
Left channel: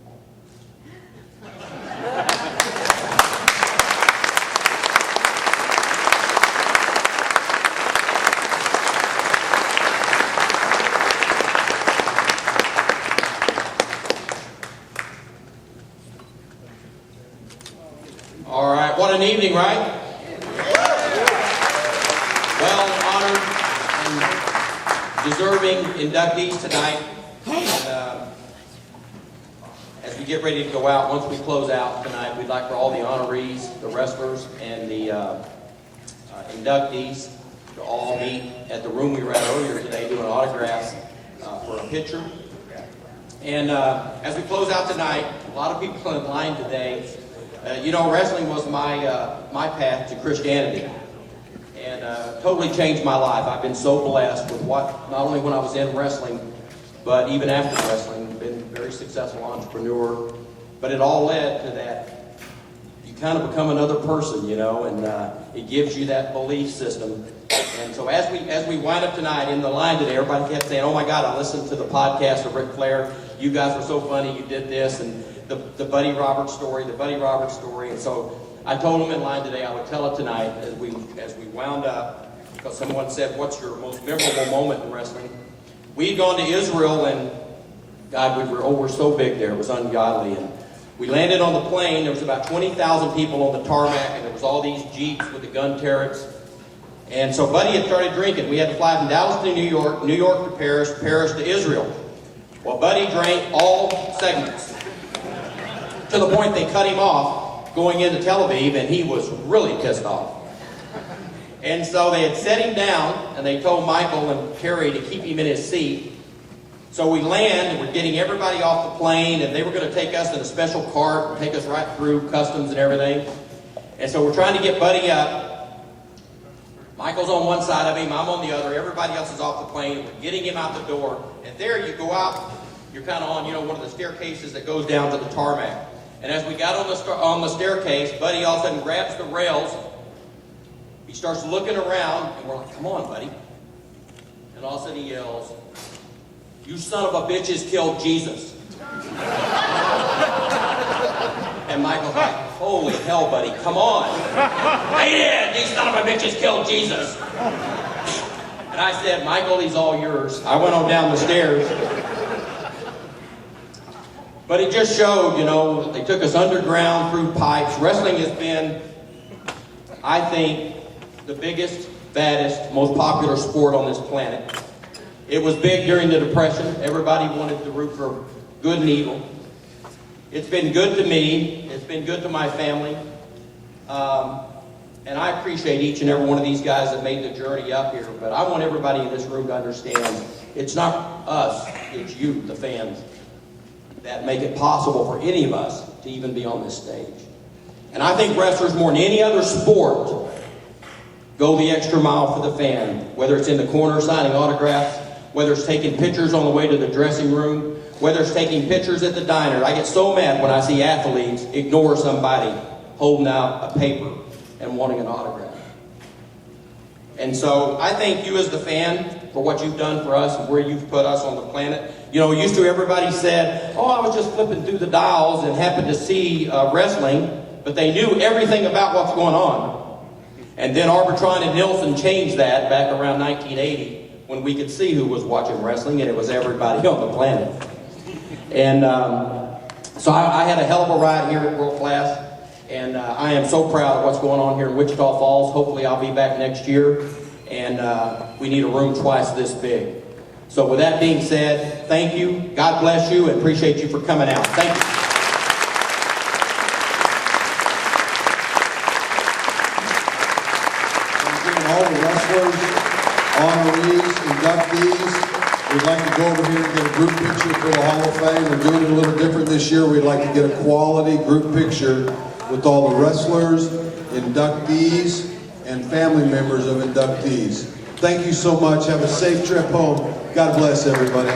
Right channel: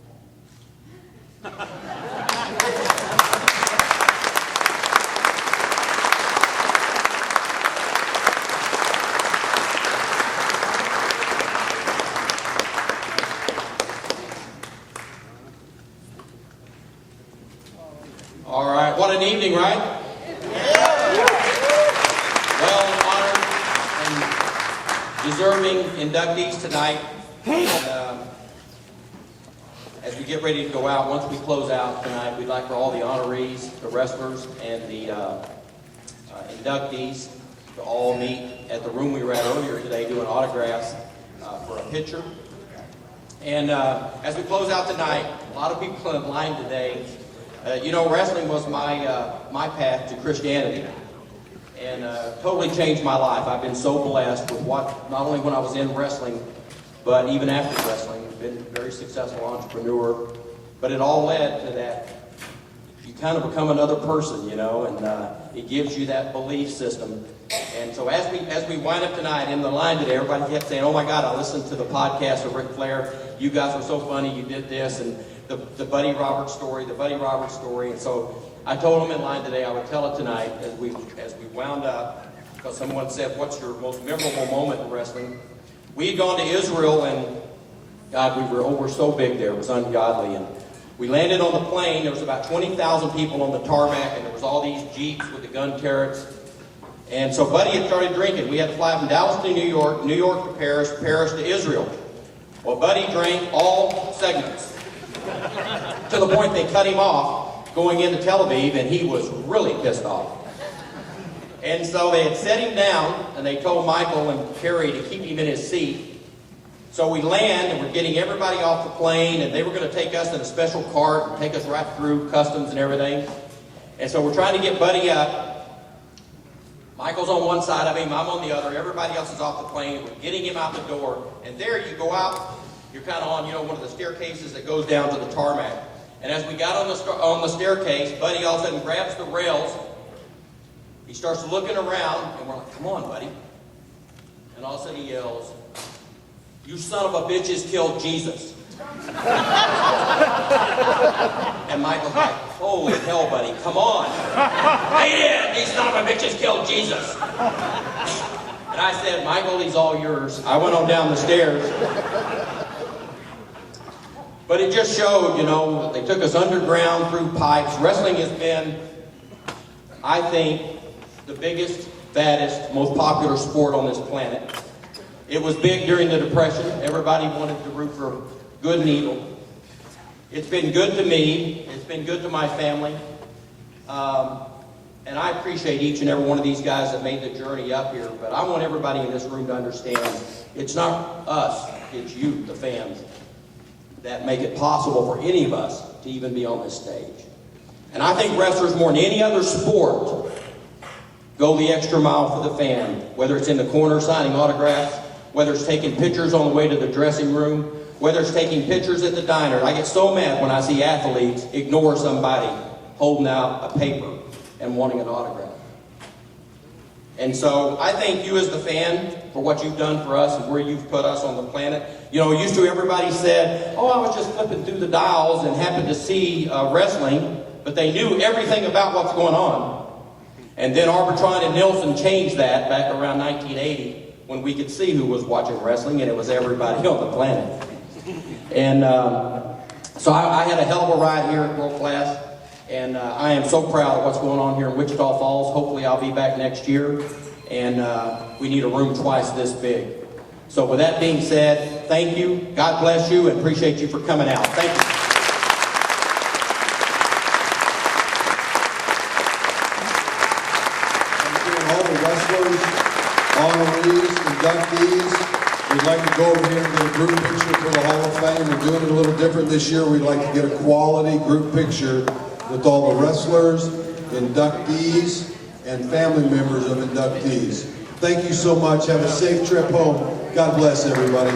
All right, what an evening, right? Well honored and deserving inductees tonight. And as we get ready to go out, once we close out tonight, we'd like for all the honorees, the wrestlers, and the inductees to all meet at the room we were at earlier today doing autographs for a picture. And as we close out tonight, a lot of people in line today. Wrestling was my path to Christianity, and totally changed my life. I've been so blessed with what, not only when I was in wrestling, but even after wrestling. Been a very successful entrepreneur, but it all led to that. You kind of become another person, and it gives you that belief system. And so as we wind up tonight in the line today, everybody kept saying, "Oh my God, I listened to the podcast of Ric Flair. You guys were so funny. You did this and the Buddy Roberts story, And so I told them in line today I would tell it tonight as we wound up, because someone said, "What's your most memorable moment in wrestling?" We had gone to Israel, and God, we were so big there, it was ungodly. And we landed on the plane. There was about 20,000 people on the tarmac, and there was all these Jeeps with the gun turrets. And so Buddy had started drinking. We had to fly from Dallas to New York, New York to Paris, Paris to Israel. Well, Buddy drank all segments, to the point they cut him off going into Tel Aviv, and he was really pissed off. And so they had set him down, and they told Michael and Terry to keep him in his seat. So we land, and we're getting everybody off the plane, and they were going to take us in a special cart and take us right through customs and everything. And so we're trying to get Buddy up. Michael's on one side of him, I'm on the other. Everybody else is off the plane. We're getting him out the door. And there you go out. You're kind of on, one of the staircases that goes down to the tarmac. And as we got on the staircase, Buddy all of a sudden grabs the rails. He starts looking around, and we're like, "Come on, Buddy." And all of a sudden he yells, "You son of a bitches killed Jesus." And Michael's like, "Holy hell, Buddy, come on." "They did! These son of a bitches killed Jesus." And I said, "Michael, he's all yours." I went on down the stairs. But it just showed, they took us underground through pipes. Wrestling has been, I think, the biggest, baddest, most popular sport on this planet. It was big during the Depression. Everybody wanted to root for good and evil. It's been good to me. It's been good to my family. And I appreciate each and every one of these guys that made the journey up here, but I want everybody in this room to understand it's not us, it's you, the fans, that make it possible for any of us to even be on this stage. And I think wrestlers, more than any other sport, go the extra mile for the fan, whether it's in the corner signing autographs, whether it's taking pictures on the way to the dressing room, whether it's taking pictures at the diner. I get so mad when I see athletes ignore somebody holding out a paper and wanting an autograph. And so I thank you as the fan for what you've done for us and where you've put us on the planet. You know, used to everybody said, oh, I was just flipping through the dials and happened to see wrestling, but they knew everything about what's going on. And then Arbitron and Nielsen changed that back around 1980 when we could see who was watching wrestling, and it was everybody on the planet. And so I had a hell of a ride here at World Class. And I am so proud of what's going on here in Wichita Falls. Hopefully I'll be back next year. And we need a room twice this big. So with that being said, thank you. God bless you and appreciate you for coming out. Thank you. And all the wrestlers, honorees, inductees, we'd like to go over here and get a group picture for the Hall of Fame. We're doing it a little different this year. We'd like to get a quality group picture with all the wrestlers, inductees, and family members of inductees. Thank you so much. Have a safe trip home. God bless everybody.